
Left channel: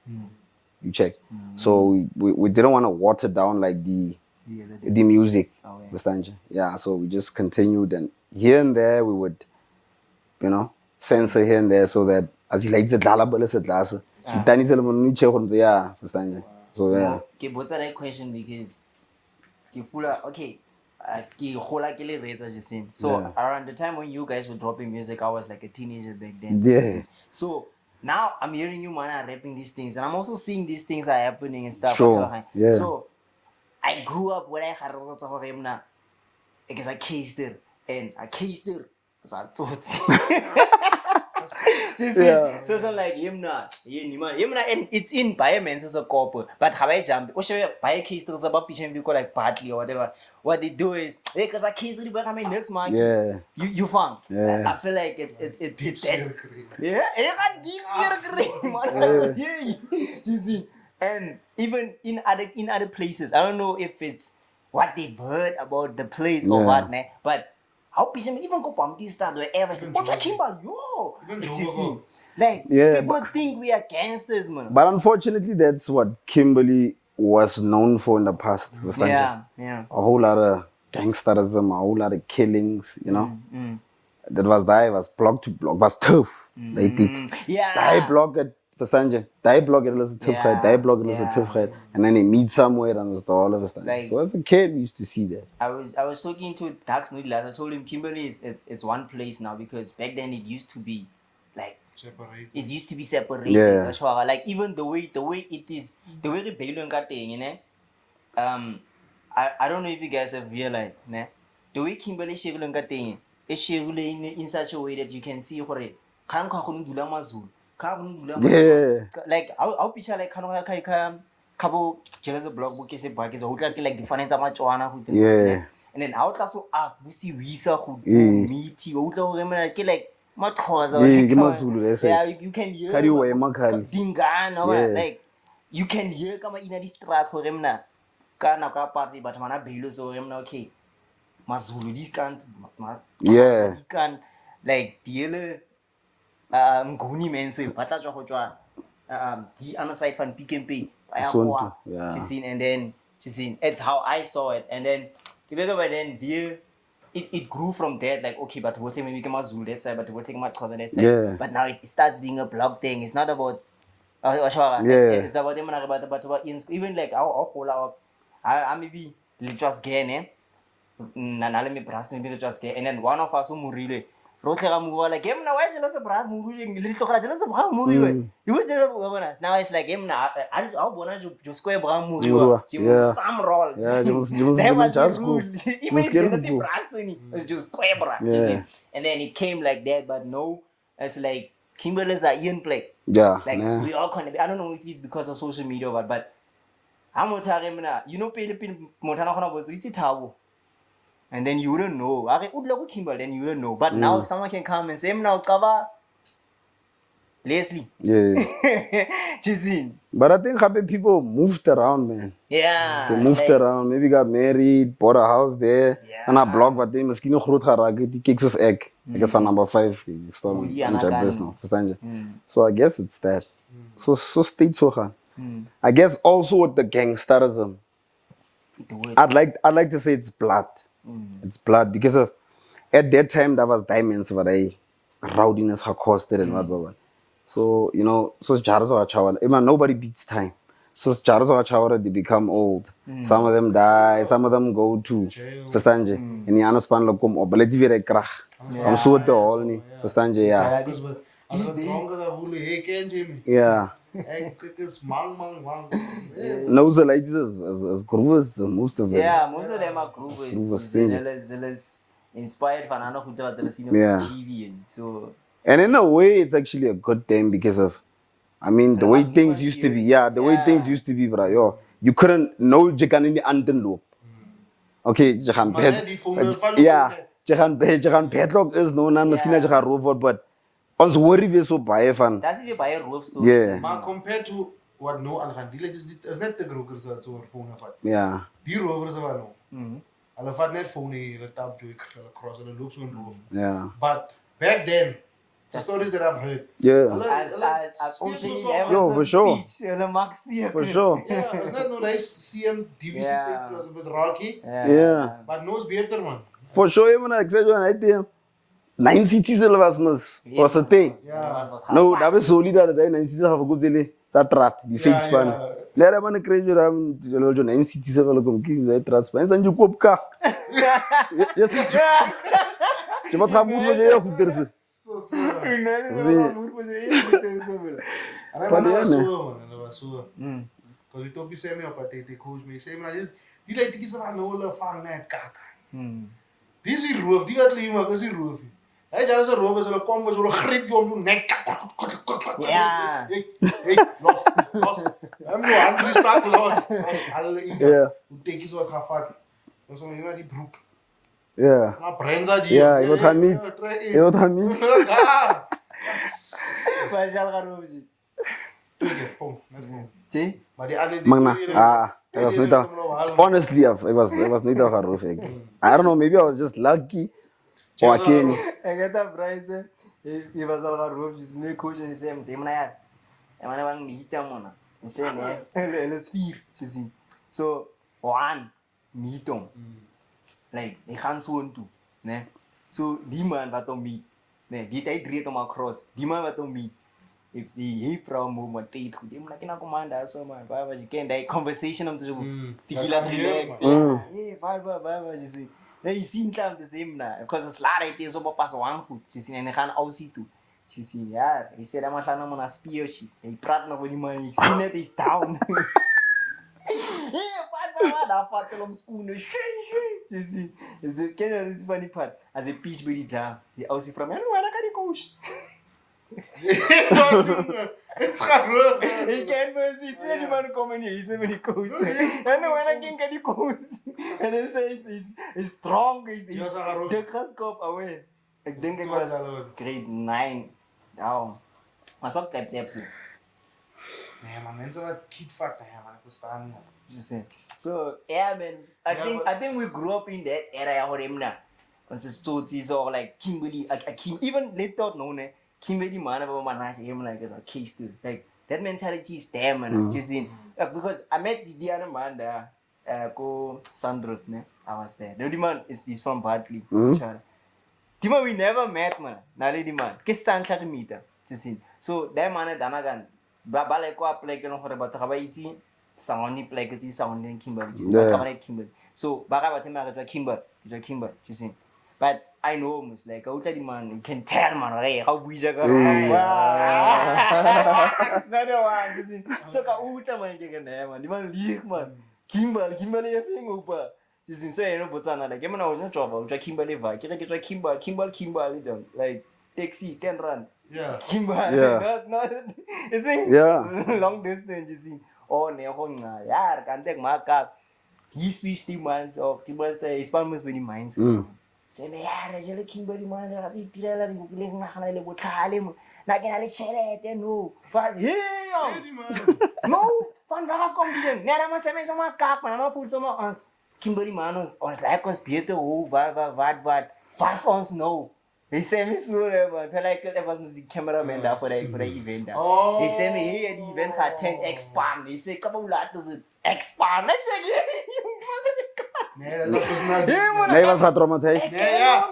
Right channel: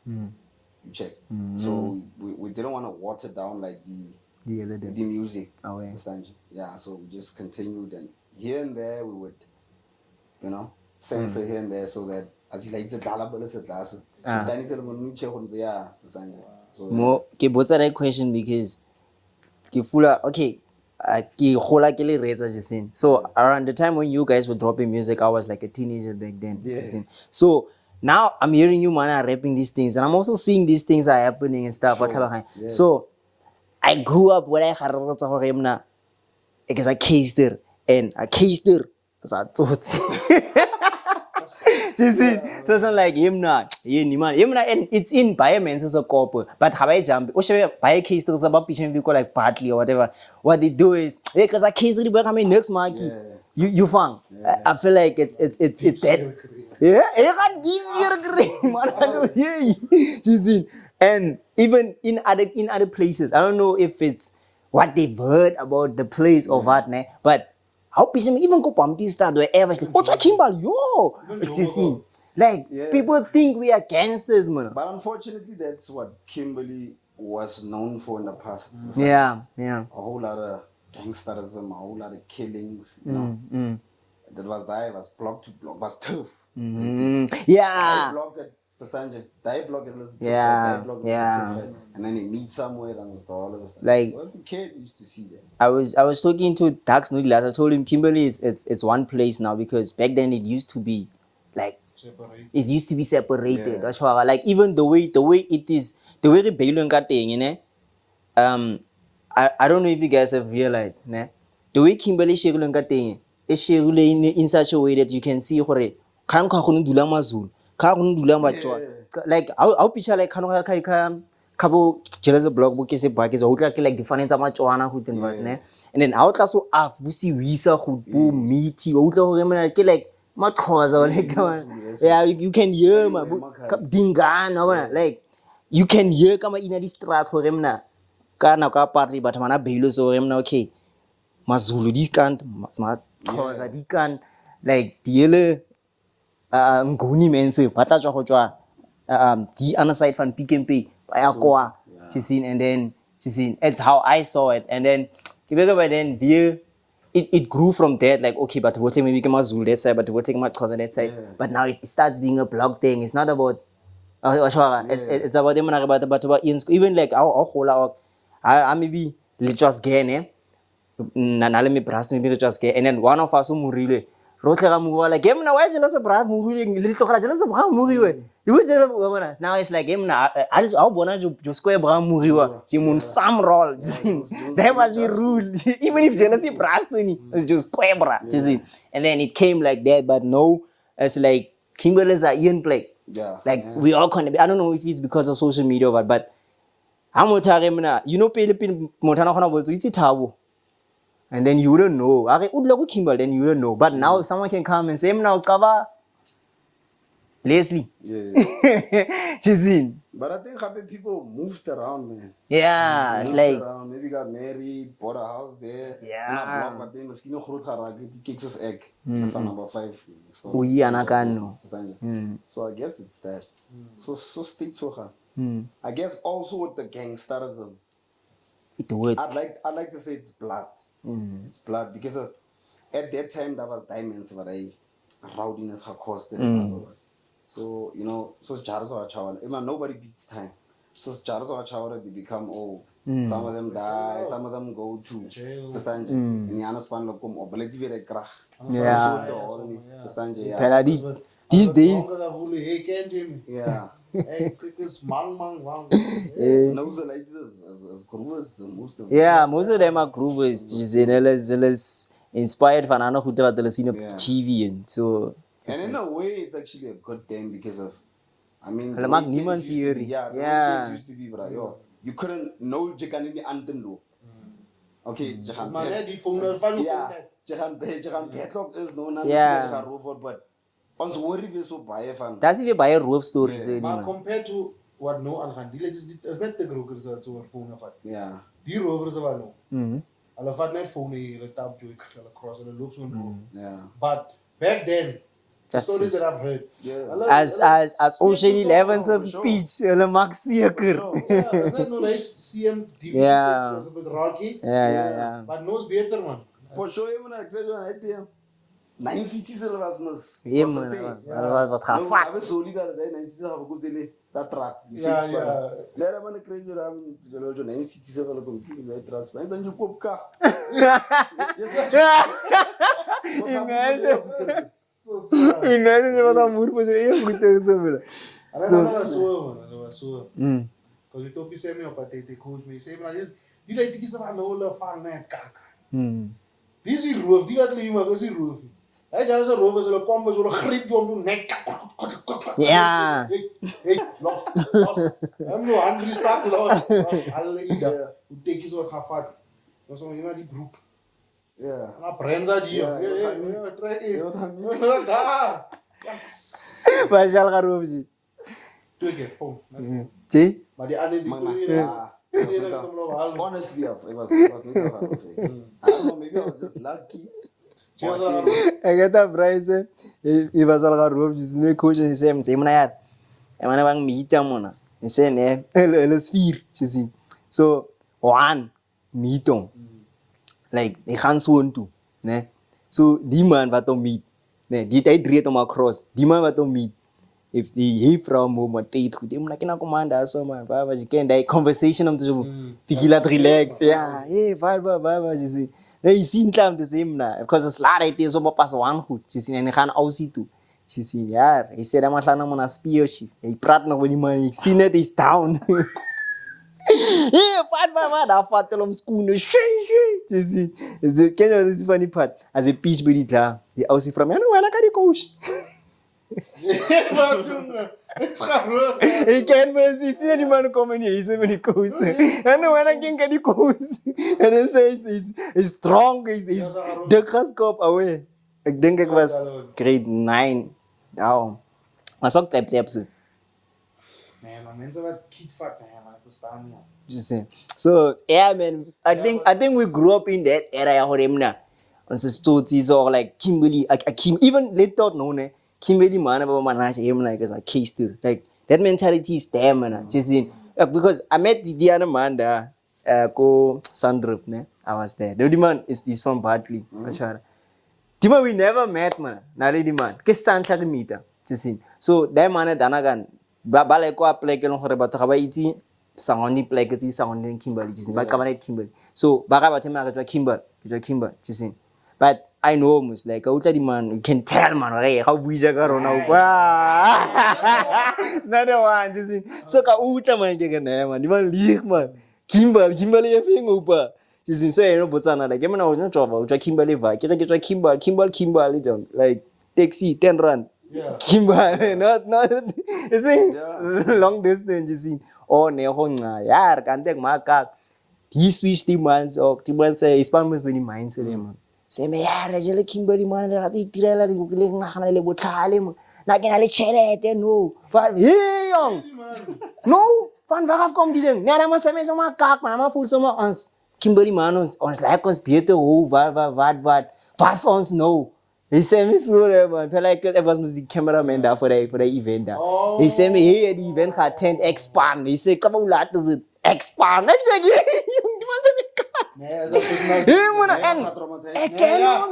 You check. So we didn't want to water down like the music. Yeah, so we just continued, and here and there we would censor here and there so that as he likes it so Okay, what's that question? Because ke fula okay. Ke gola ke le reetsa just saying. So around the time when you guys were dropping music, I was like a teenager back then. Yeah. Just saying. So now I'm hearing you man are rapping these things, and I'm also seeing these things are happening and stuff. Sure. Yeah. So I grew up where I had a because I cased her and I cased her because I thought. You see? So it's like him not, and it's in biomen's as a couple, but how I jump, or should buy a case to about pitching people like partly or whatever. What they do is because I cased the work I mean next month. Yeah. You found. Yeah. I feel like it's that. Yeah, you can give your green man. Yeah. You see? And even in other places, I don't know if it's what they've heard about the place or what, né? But how people even go pumpkin start wherever like, what's a Kimberley? Yo, you see, like people think we are gangsters, man. But unfortunately, that's what Kimberley was known for in the past. Was like Yeah. a whole lot of gangsterism, a whole lot of killings, you know. That was Daai, was block to block, was tough. They did. Daai block at Versanje, Daai block it was a tough Daai block it was a tough head. And then they meet somewhere and it's all of a sudden. Like, so as a kid, we used to see that. I was talking to Dax Nudi last. I told him Kimberley it's one place now because back then it used to be like it used to be separated. Yeah. That's why like even the way it is the way the Bailon got thing, you know. I don't know if you guys have realized, né? The way Kimberley Shegulon got thing is Shegulin in such a way that you can see hore can't dula mazul. Like I'll picture like Kabo jealous blog book is a bag is like different much and then out also af we see visa who meaty like much yeah you can hear dingan like you can hear kama in the strat for him na kana ka party but mana bailo so him na okay mazulu this can't he can like the ngoni mense bata tjwa go tjwa the other side from Pick and Pay she's seen and then she's seen it's how I saw it and then by then it grew from that like okay but what maybe come Zulu that side but what take my cousin that side but now it starts being a blog thing. It's not about it's about them about even like I maybe just get me brass maybe just get and then one of us who really like him now. Why jealous of Brad movie? Jealous of how movie? You was jealous. Now it's like him now. I'll bona just square brown movie. You some role. That was the rule. Even if jealousy Brad it's just square Brad. And then it came like that, but no, it's like Kimberley's are in play. Like we all kind of. I don't know if it's because of social media or what, but I'm not telling you now. You know, Philippine Montana was it's a taboo. And then you don't know. Kimberley, then you don't know. But now someone can come and say, now cover Leslie. She's in. But I think happy people moved around, man. Yeah. They moved around. Maybe got married, bought a house there. And I blog, but they must not groot geraak. Die kicks us egg. Because van number 5. So I guess it's that. So steeds so gaan. I guess also with the gangsterism. I'd like to say it's blood. It's blood because of at that time there was diamonds for the rowdiness costed and whatever. So you know, so nobody beats time. So they become old. Some of them die, some of them go to Versanje. And the other span look come up, but let's very krach. So the whole ni Versanje, yeah. These days, yeah. Those are like as groovers, most of them. Yeah, most of them are groovers. Inspired from Anna who did the scene of TV and so. And in a way, it's actually a good thing because of, I mean, the way things used to be. Yeah, the way things used to be, bro. Yo, you couldn't know you can in the underloop. Okay, you can bet. Yeah, you can bedlock is no, none of the robot, but. Ons worry weer so baie van. That's if you buy a roof stories. Maar compared to what no aan gaan, die is net de grokers dat zo phone vat. Yeah. Die rovers wat no. Hulle vat net phone hier, hulle tap toe hulle cross hulle loop so 'n roof. Yeah. But back then, the stories that I've heard. Yeah. As Ocean 11 speech, hulle maak seker. For sure. Yeah, it's not no nice CM DVD. Yeah. It was a bit rocky. Yeah. But no is beter man. For sure, even I said when I did. 9 cities was a thing. No, that was solid that 9 cities have a good delay. That trap, the fake span. Let them on the crazy ram, 9 cities have a look of kings that transparent and you pop car. Yes, you want to move there. Because we told me same up at the coach me same like you like to get some whole fun net kaka. This is roof, the other you are a roof. I just a roof as a combo will grip you on neck. Yeah. Hey, lost. I'm no angry sack lost. Yeah. Who take his work half fat. No, so you are the brook. Yeah. Yeah, you got me. You got me. Vajalgarovji. Phone. See? Magna. It was not. Honestly, it was not a roof. I don't know. Maybe I was just lucky. Or again. I get that price. He was all got roofs. No coach in the same team. I want to meet them on. He said, "Let's fear." You see. So one meet them. Like they can't want to. Ne. So die man wat hom meet. Ne, die tyd reed hom across. Die man wat hom meet. If die juffrou moet tyd goed. Hom like na komanda so man. Waar was jy ken daai conversation om te so bietjie laat relax. Ja. Hey, waar was jy sien. Nee, jy sien klaar om te sê na. Because it's laat hy so pas aan goed. Jy sien en hy gaan ausie toe. Jy sien ja, hy sê dan maar gaan na 'n spiosie. Hy praat nog met die man. Jy sien net hy's down. Yeah, I fought them school. You see, it's funny part. As a peach baby, he also from me. I know I like the coach. He can't see any man coming here. He's the coach. I know I can't get the coach. And then says he's strong. He's the class cup away. I think it was grade 9 down. I saw type. Nee, maar mensen wat kiet vat, man, ik verstaan niet. So yeah, man. I think we grew up in that area, Horemna. And so stories or like Kimberley, even later known, Kimberley man, about man, like as a case too. Like that mentality is there, man. Just in because I met the other man there, go Sandrup, ne? I was there. The man is from Bartley. The man we never met, man. Nari the man. Kes Santa meet. Just in. So that man Danagan. Balai ko apply ke long hore batho ga ba itse sangoni play ke tse sangoni Kimberley ba kamane Kimberley so ba ga batho ma ga tswa Kimberley just but I know almost like o tla di man you can tell man hey how buija ka rona wow it's not the one just so ka o tla man ke na man di man league man Kimberley e feng opa just so eno botsana like emana o tswa Kimberley va ke tswa Kimberley like taxi 10 rand. Yeah. Kimberley, not. You see? Yeah. Long distance, you see. Oh, neho yeah, can't take my car. He switched the months or the months. His family was very minds. Say me, yeah, Rajale Kimberley man. I think Tirela di bukile ngakana le botale. Na kena le chere no. But hey, no. Van waar kom die ding? Nee, dan moet ze zomaar kaak, maar maar voel zomaar ons Kimberley man ons lijkt ons beter hoe wat was ons nou. He sent me so man. Feel like it was the cameraman there for the event. He sent me here the event had 10 expand. He said, "Come on, lad, does it expand?" I said, nee, dat is not. Nee, was wat traumatized. Ja,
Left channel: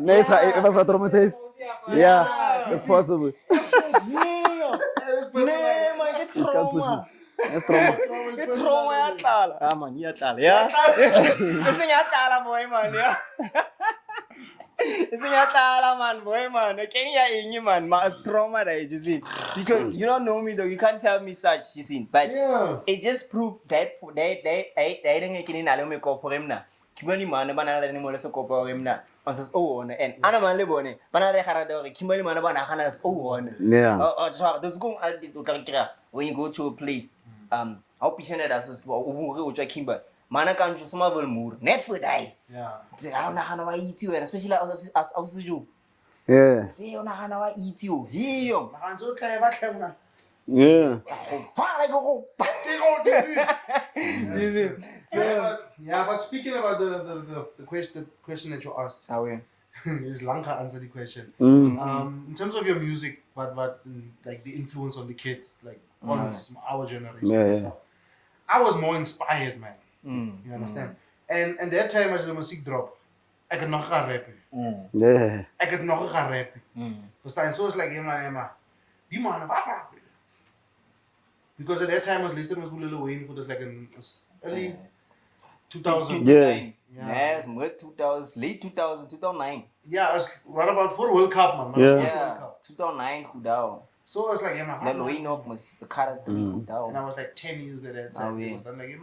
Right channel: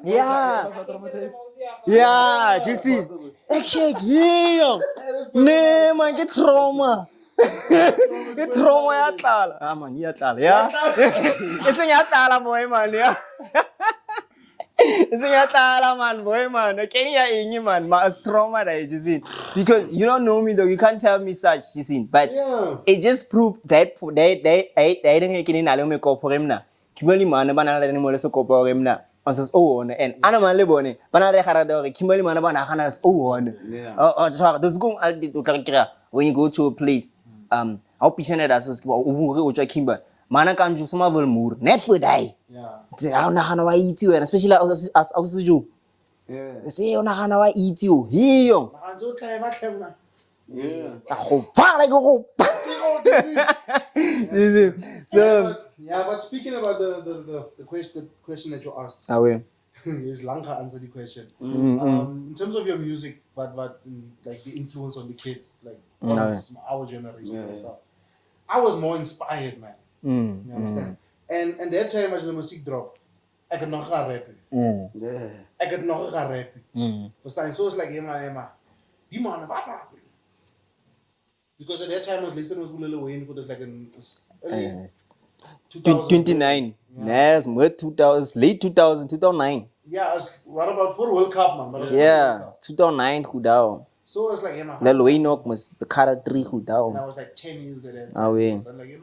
nee, was wat traumatized. Yeah, just possible. Ik zeg, nee man, get trauma. Get trauma ya tala. Ah man, ya tala, ja. Itu ya tala boy man, ja. It's a man, boy, man. Can you man? My trauma that you see. Because you don't know me though, you can't tell me such, you see. But it just proved that they didn't get in Alome Corporemna. Kimberley man, banana animal so corporemna. On says, oh, and Anaman Lebone, Banana Harada, Kimberley Manabana Hanas, oh, yeah. Oh, those go to Karakira when you go to a place. I'll be sent as a Kimber. Mana kan ju semua bermur, net for die. Yeah. Aku nak hana eat you, especially as you. Yeah. Say aku nak hana eat you. Hiyo. Nak anjur kayak macam mana? Yeah. Aku far like aku. So yeah, but speaking about the question that you asked. Is Lanka answer the question. In terms of your music, but like the influence on the kids, like our generation. Yeah. I was more inspired, man. You understand? And that time as the music dropped, ek het nog gaan rappen. Yeah. Ek het nog gaan rappen. Verstaan? So it's like, die man, wat rap? Because at that time I was listening to Lil Wayne, it was like in early 2000. 29. Yeah. Yes, mid 2000s, late 2000, 2009. Yeah, it's right about for World Cup, man. Yeah, 2009 goed down. So I was like, Lil Wayne ook was the character goed down. And I was like 10 years at that Ah, time. wee. I was like,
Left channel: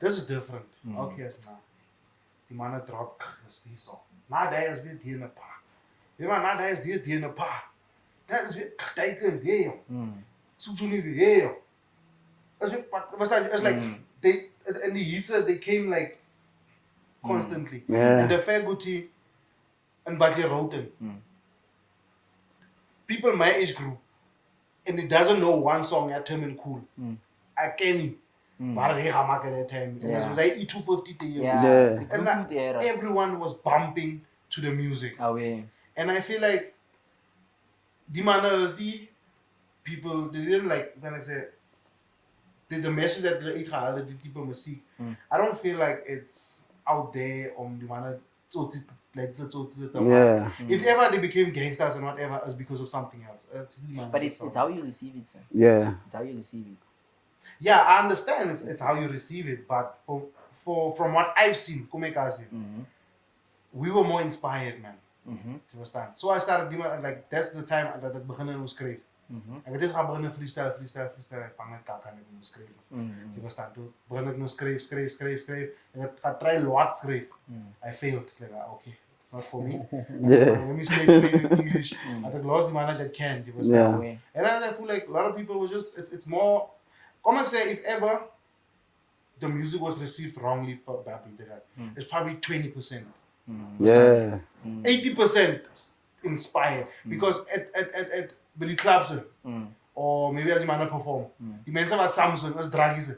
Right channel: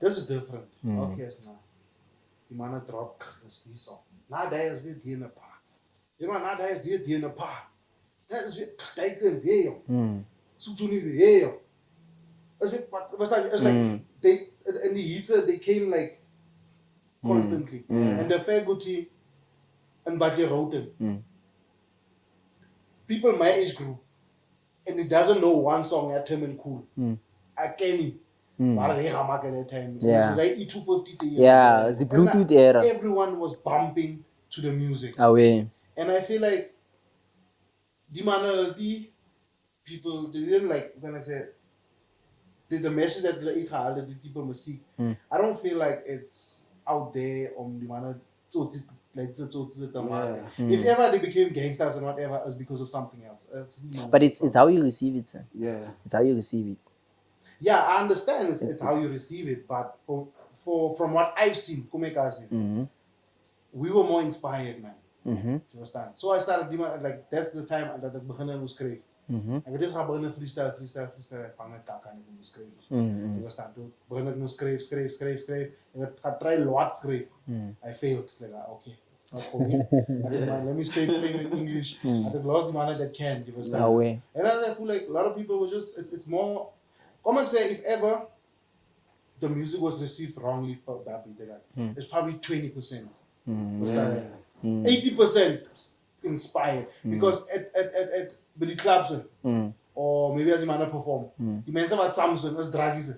this is different. Okay, nou. Die man het rock, is die song. Na Daai is weer die in 'n pa. Na Daai is die in 'n pa. Dat is weer kijken die, joh. Zoek toen niet weer, joh. It's like, they, in the heats, they came like constantly. And the faculty and Bakkie Roten. People my age group, and it doesn't know one song at Tim and Khool. I came in. Maar hij gaat maken at that time. Yeah. So they E250. Yeah, it's the Bluetooth era. Everyone was bumping to the music. Away. And I feel like die people, they didn't like, when I say, the message that they had, the type of music, I don't feel like it's out there on the one if ever they became gangsters and whatever, it's because of something else. But it's how you receive it, sir. Yeah. It's how you receive it. Yeah, I understand it's how you receive it, but from what I've seen, we were more inspired, man. You understand? So I started, like, that's the time that the beginning was great. En dit gaan beginnen freestyle, vang het kak aan ik moet schrijven. Je verstaan, toen begin ik nu schrijf. En ik ga try wat schrijf. I failed. Like, okay, not for me. Let me stay playing in English. I think lost the man that can. You understand? And I feel like a lot of people was just, it's more, come and say, if ever the music was received wrongly for that beat, it's probably 20%. 80% inspired. Because at the clubs, or maybe as you man perform, you mention about Samsung as draggies.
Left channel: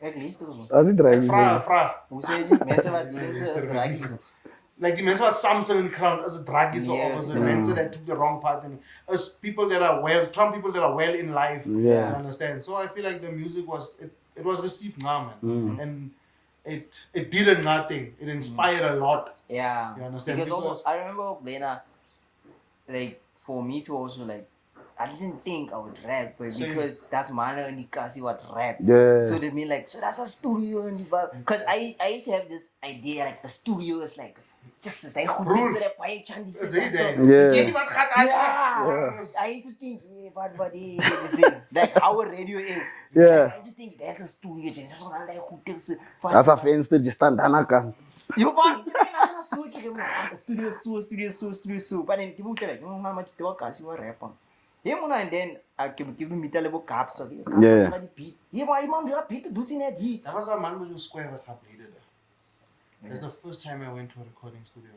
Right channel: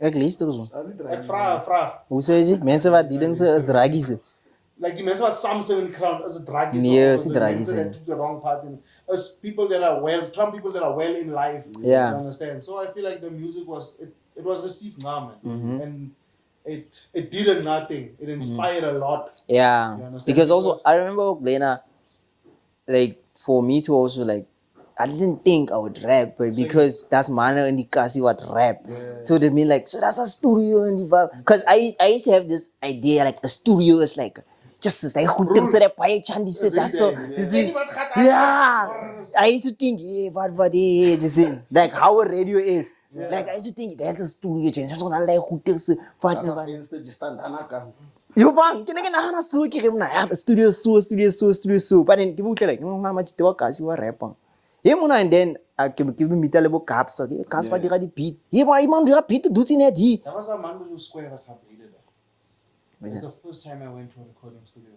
Ek lees dit so. As dit draggies. Vraag. Hoe sê jy? Mense wat die ding sê is draggies. Like the mention about Samsung in the crowd as a draggies. Yes, or the mensen that took the wrong part in. As people that are well, some people that are well in life. Yeah. You understand? So I feel like the music was, it was received now, man. And it did nothing. It inspired a lot. Yeah. Because also, I remember Lena, like, for me to also, like, I didn't think I would rap, but because that's Mana and the Kasi what rap. Yeah. So they mean like, so that's a studio and the vibe. Because I used to have this idea, like, a studio is like, just like, who thinks that I Chandi said that's so. Yeah. I used to think, yeah, what, just see, like, how a radio is. Yeah. Like, I used to think, that's a studio, just so like, who thinks That's a venster de stand danaka. You want to get a studio so. But then people tell like, no, how much talk as you are rapping. And then I can give me tell about caps or the caps for the beat. Yeah, but I'm the beat to do in it. That was a man who square what happened. That's the first time I went to a recording studio.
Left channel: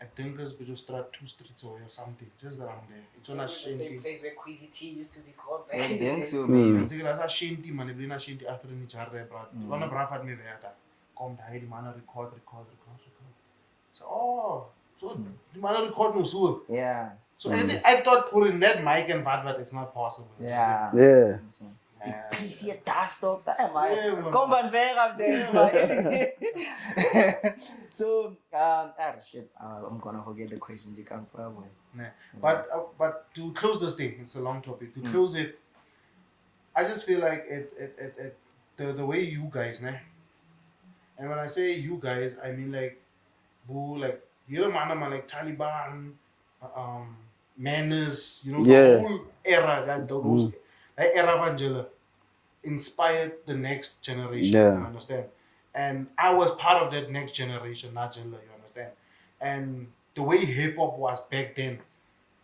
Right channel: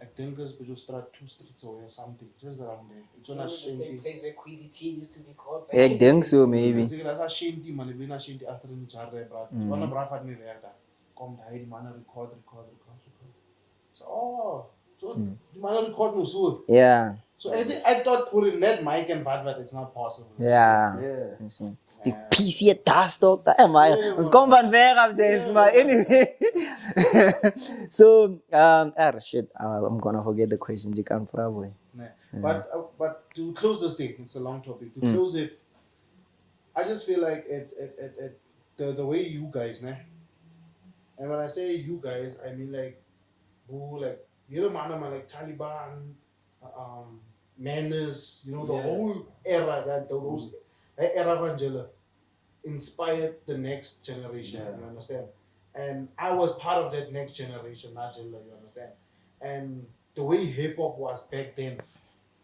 I think this was just 2 streets away or something, just around there. It's on a shanty. Place where Queasy T used to record. I think so, maybe. That's a shanty, man. If you're not shanty after the jar, one of Brafat me there. Come Daai, the man record. So, the man record no so. Yeah. So I thought putting that mic and bad, it's not possible. Yeah. The Yeah. PC dust up. It's gone van ver up there, but anyway. So, shit, I'm gonna forget the question. You can't probably. But to close this thing, it's a long topic. To close it, I just feel like the way you guys, and when I say you guys, I mean like, who like you man like Taliban, Manners, you know, the whole era that era of Angela inspired the next generation. You understand? And I was part of that next generation, Angela. You understand? And the way hip hop was back then,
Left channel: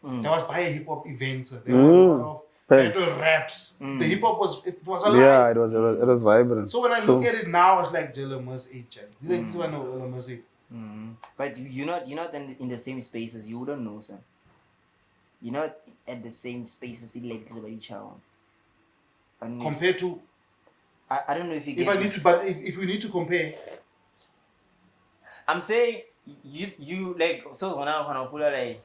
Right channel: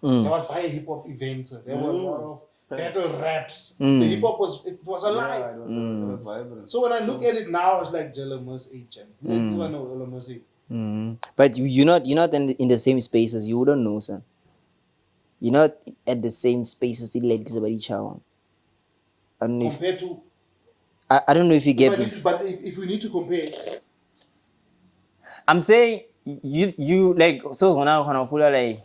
there was by hip hop events. There were a lot of battle raps. The hip hop was alive. Yeah, it was vibrant. So when I look at it now, it's like Jalamus age. But you're not in the same spaces. You wouldn't know, sir. You're not at the same spaces like this about each other. Compared to, I don't know if you get me. But if we need to compare, I'm saying you like so when I feel like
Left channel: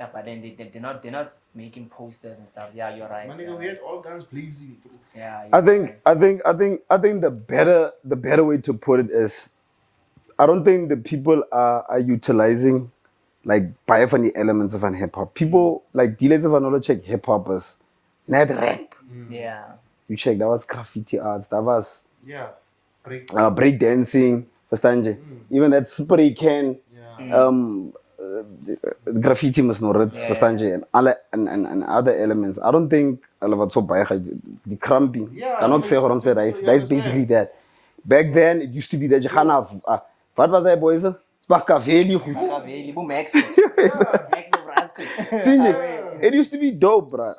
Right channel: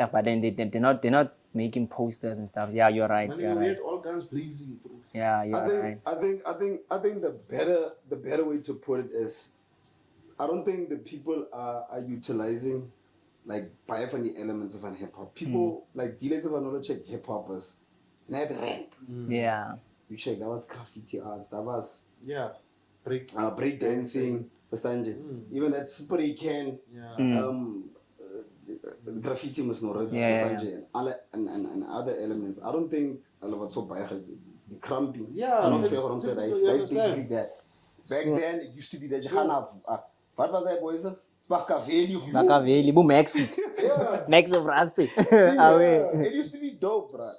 yeah, but then they're not making posters and stuff. Yeah, you're right. we had all guns blazing. Yeah, I think the better way to put it is I don't think the people are utilizing like by funny elements of an hip hop. People like dealers of another check hip hoppers, not rap. Yeah. You check that was graffiti arts, that was Yeah. Break. break dancing, verstaan je? Even that spray can, graffiti must know roots, verstaan je? And other elements. I don't think all of so by the cramping. Yeah, I don't say what I'm saying. That's basically that. Back then, it used to be that you can't have. What was that, boys? Machiavelli. Machiavelli, boom, Max. Max of Rasta. It used to be dope, bro.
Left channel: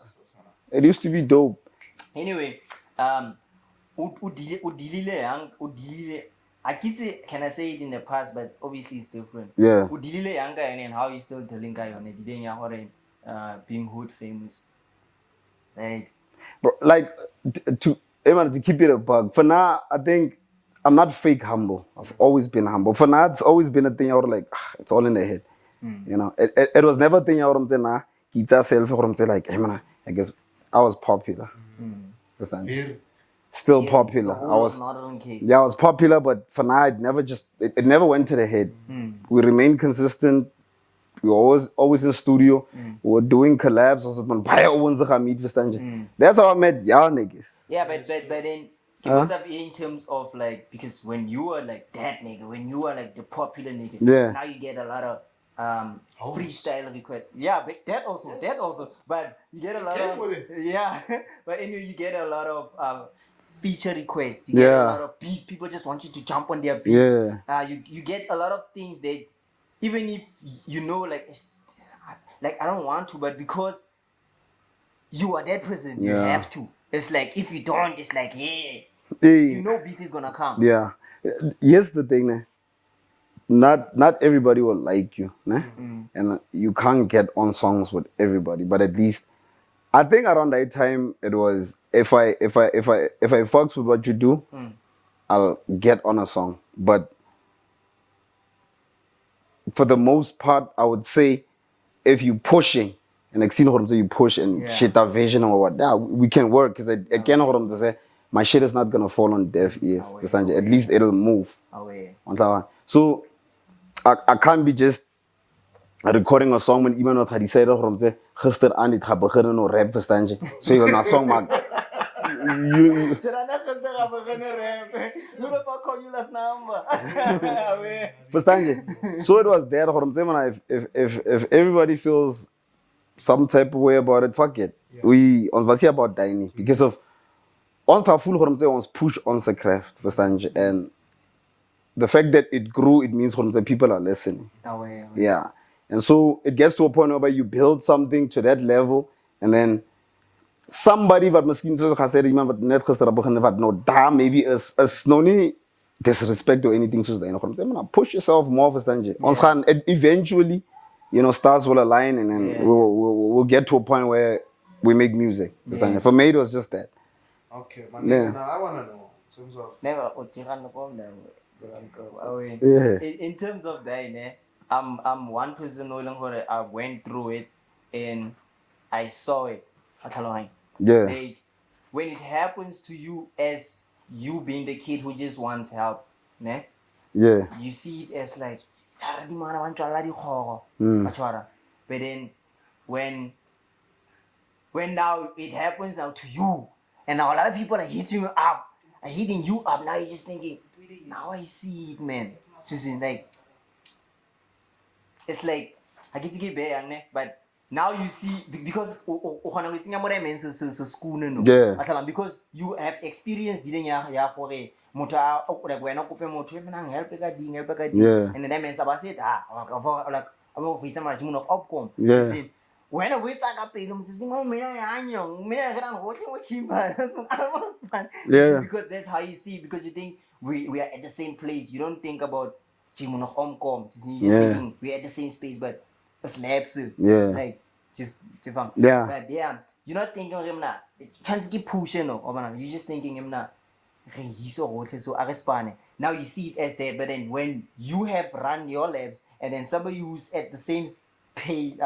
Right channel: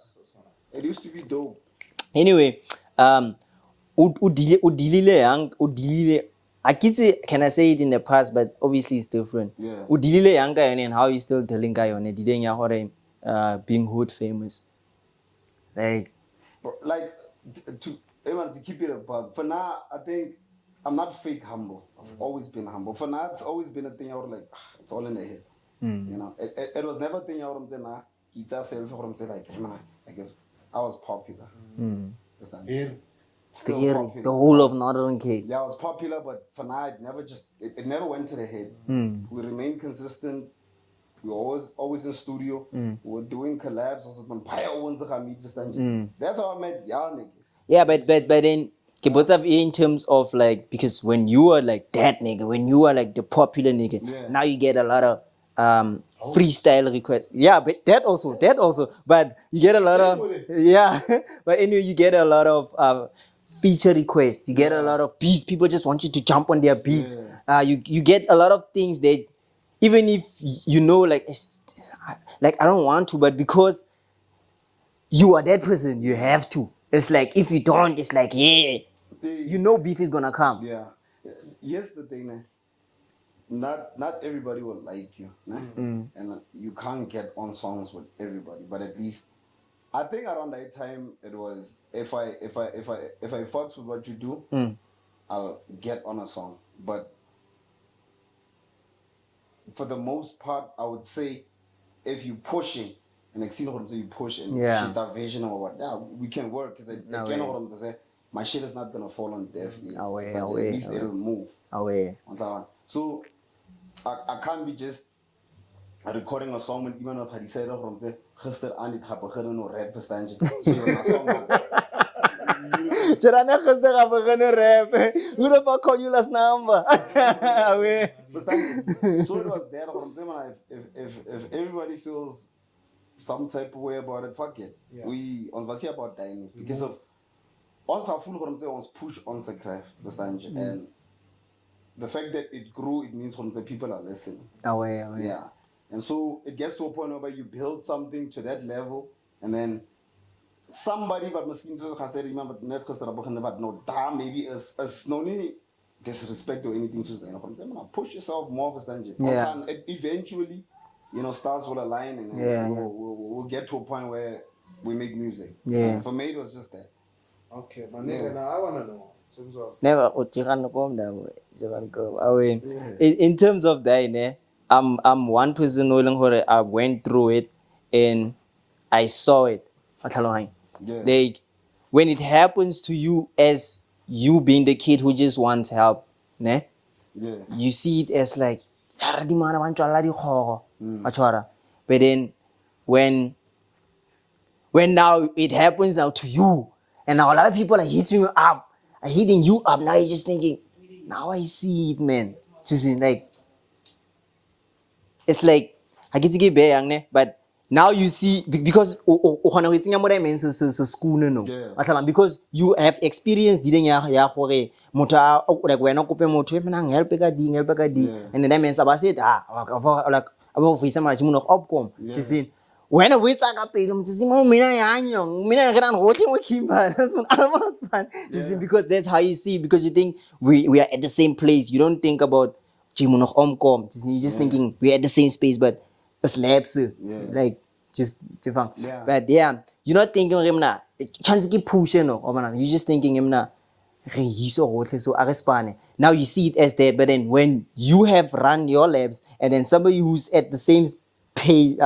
It used to be dope. Anyway, udilile can I say it in the past, but obviously it's different. Yeah. Udilile yanga and how you still telling guy on it, being hood famous. Like, Bro, like to keep it a bug. For now, I think I'm not fake humble. I've always been humble. For now, it's always been a thing I was like, it's all in the head. You know, it was never a thing I was saying, nah, guitar self or I'm saying like, hey man, I guess I was popular. Understand? Still popular. The whole of Northern Cape. Yeah, I was popular, but for now, it never went to the head. We remained consistent. We were always in studio. We were doing collabs. That's how I met y'all niggas. Yeah, but then in terms of like, because when you are like that nigga, when you are like the popular nigga, now you get a lot of freestyle requests. Yeah, but that also. But you get a lot of but anyway, you get a lot of feature requests. You get a lot of beats. People just want you to jump on their beats. You get a lot of things that even if you know like I don't want to, but because you are that person, you have to. It's like if you don't, it's like you know beef is gonna come. Yeah. Here's the thing, né? Not everybody will like you, né? And you can't get on songs with everybody, but at least I think around that time it was if I fucks with what you do, I'll get on a song. But for the most part, I would say if you pushing and like you push and shit that vision or what, we can work because I can't say my shit is not gonna fall on deaf ears. At least it'll move. So I can't be just recording a song when even not had said from say gister aan dit gaan begin no rap verstaan jy. So you're not song man. Who the fuck call you last number? Verstaan jy? So it was there from say if everybody feels some type of way about it, fuck it. Ons was hier about Daai because of ons gaan voel from say ons push on the craft, verstaan jy? And the fact that it grew, it means from say people are listening. Yeah. And so it gets to a point where you build something to that level, and then somebody that miskien soos ek gesê iemand wat net gister begin wat nou daar maybe is no nie disrespect or anything soos daai nog om sê man push yourself more verstaan jy. Ons gaan eventually, you know, stars will align and then we'll get to a point where we make music. For me it was just that. Okay, man. Now I wanna know in terms of in terms of that, I'm one person who I went through it and I saw it. Like when it happens to you as you being the kid who just wants help, ne? You see it as like but then when now it happens now to you and now a lot of people are hitting you up, now you're just thinking, now I see it, man. Like it's like I get to get young, but now you see because because you have experienced dealing like when I help and then that means I said like about face much upcome. When I wait because that's how you see, because you think we are at the same place. You don't think about you're just thinking we're at the same space, but it's labs. Like just but you're not thinking chance keep pushing you're just thinking now you see it as that, but then when you have run your labs and then somebody who's at the same place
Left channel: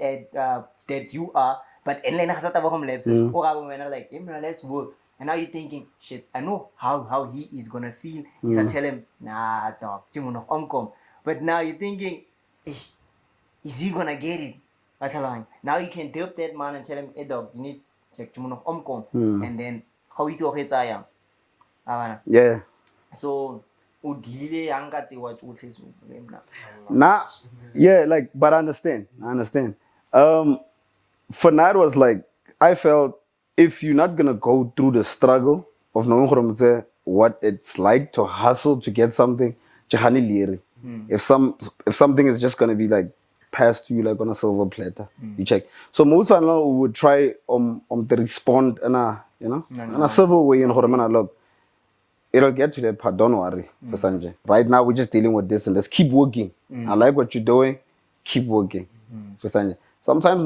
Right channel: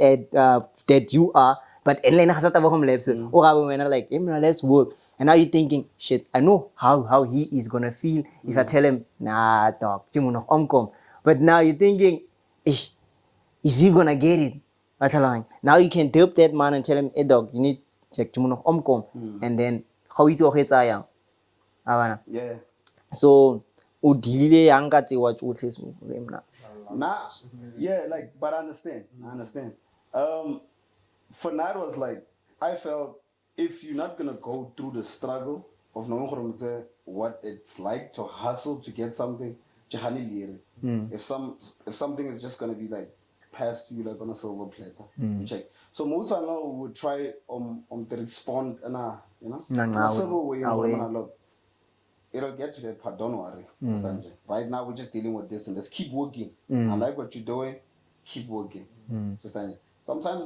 at that you are, but and then labs like let's work, And now you're thinking, shit, I know how he is gonna feel if I tell him, nah, dog, Jimo nog omkom. But now you're thinking, is he gonna get it? Now you can help that man and tell him, hey dog, you need check Jimo nog omkom. And then how it's okay ayam. Yeah. So udile yangati watch Nah, yeah, like, but I understand. For now, it was like, I felt if you're not gonna go through the struggle of knowing what it's like to hustle to get something, if something is just gonna be like passed to you like on a silver platter, you check. So most of them would try to respond in a in a civil way, look, it'll get to that part, don't worry. Sanjay. Right now we're just dealing with this and let's keep working. I like what you're doing, keep working. Sanjay. Sometimes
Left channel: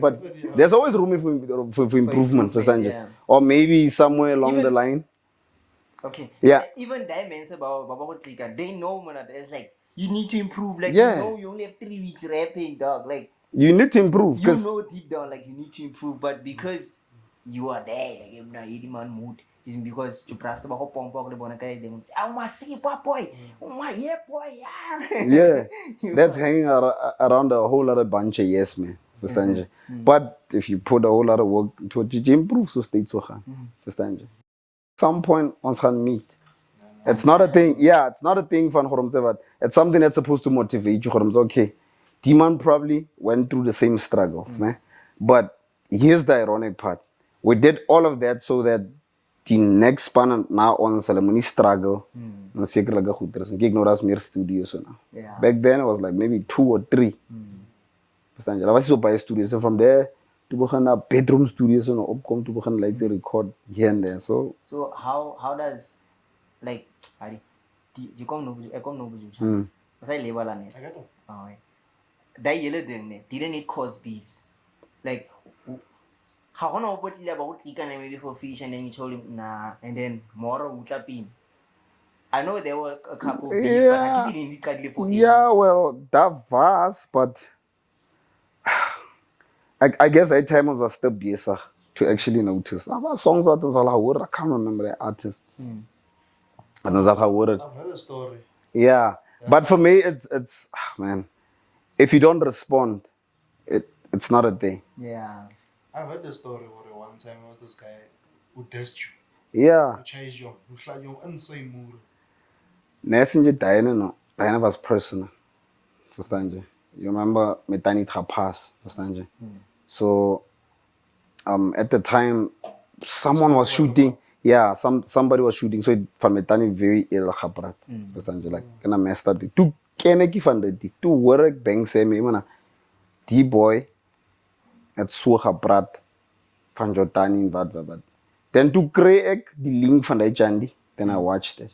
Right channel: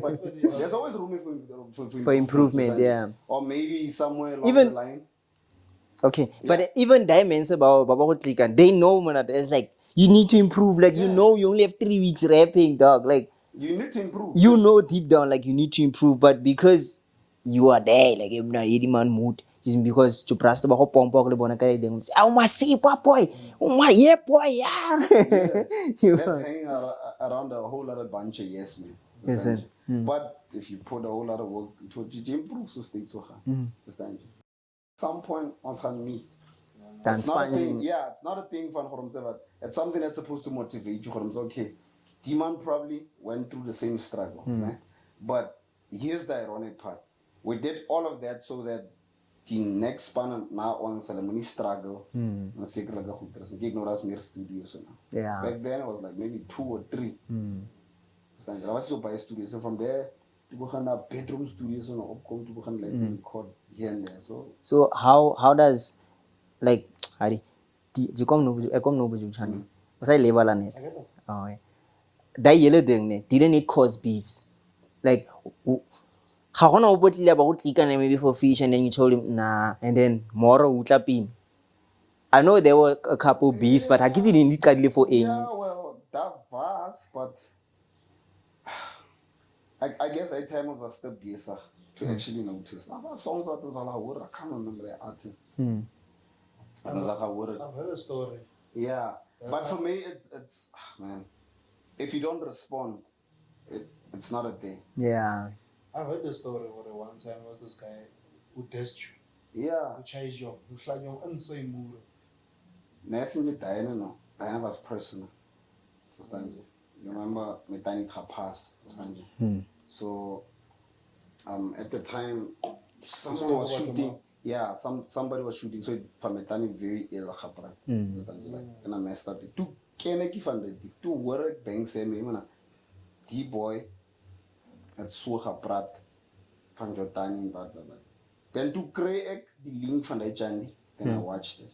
but there's always room for improvement. Yeah. Or maybe somewhere along the line. Okay. Yeah. But even diamonds about they know man, it's like you need to improve. Like Yeah. you know you only have 3 weeks rapping, dog. Like You need to improve. you know deep down like you need to improve, but because you are there, like you're not any man mood. Just because you press the whole pomp le bona kaya deng say, "Oh my see boy, oh my yeah boy, yeah." Yeah, You that's know? hanging around a whole lot of bunch of yes man. Understand? But if you put a whole lot of work into it, you improve so state so hard. Understand? Some point ons gaan meet. It's not a thing. Yeah, it's not a thing van but it's something that's supposed to motivate you. Okay, Demon probably went through the same struggles, né? But here's the ironic part: we did all of that so that the next span now on ceremony struggle, and zeker like goed is. Ek ignore as meer studios so now. Yeah. Back then it was like maybe 2 or 3. Verstaan jy? Daar was so baie studios. So from there to begin na bedroom studios en opkom to begin like to record here and there. So how does like Hari you come no channel. Was I label on it? Oh yeah. That yellow thing didn't it cause beefs? Like how gonna about maybe for fish and then you told him nah and then more utlapin. I know there were a couple beefs, but I didn't need for yeah, well, that was, but I guess that time was still busy to actually notice. Our songs out I can't remember the artist. I've heard a story. Yeah, but for me, it's man, if you don't respond, it's not a thing. Yeah. I heard the story where one time was this guy who dissed you, Yeah. who chased you, who shot you insane mood. Messenger Diana was personal. Understand you? You remember Metani Trapas, understand you? So at the time someone was shooting. Yeah, somebody was shooting. So for Metani very ill haprat. Understand you? Like kind of messed up. Tu keneki van dit. Tu work bang say me mana. Die boy het so gepraat van Jotani en wat. Then to create the link van die Chandy. Then I watched it.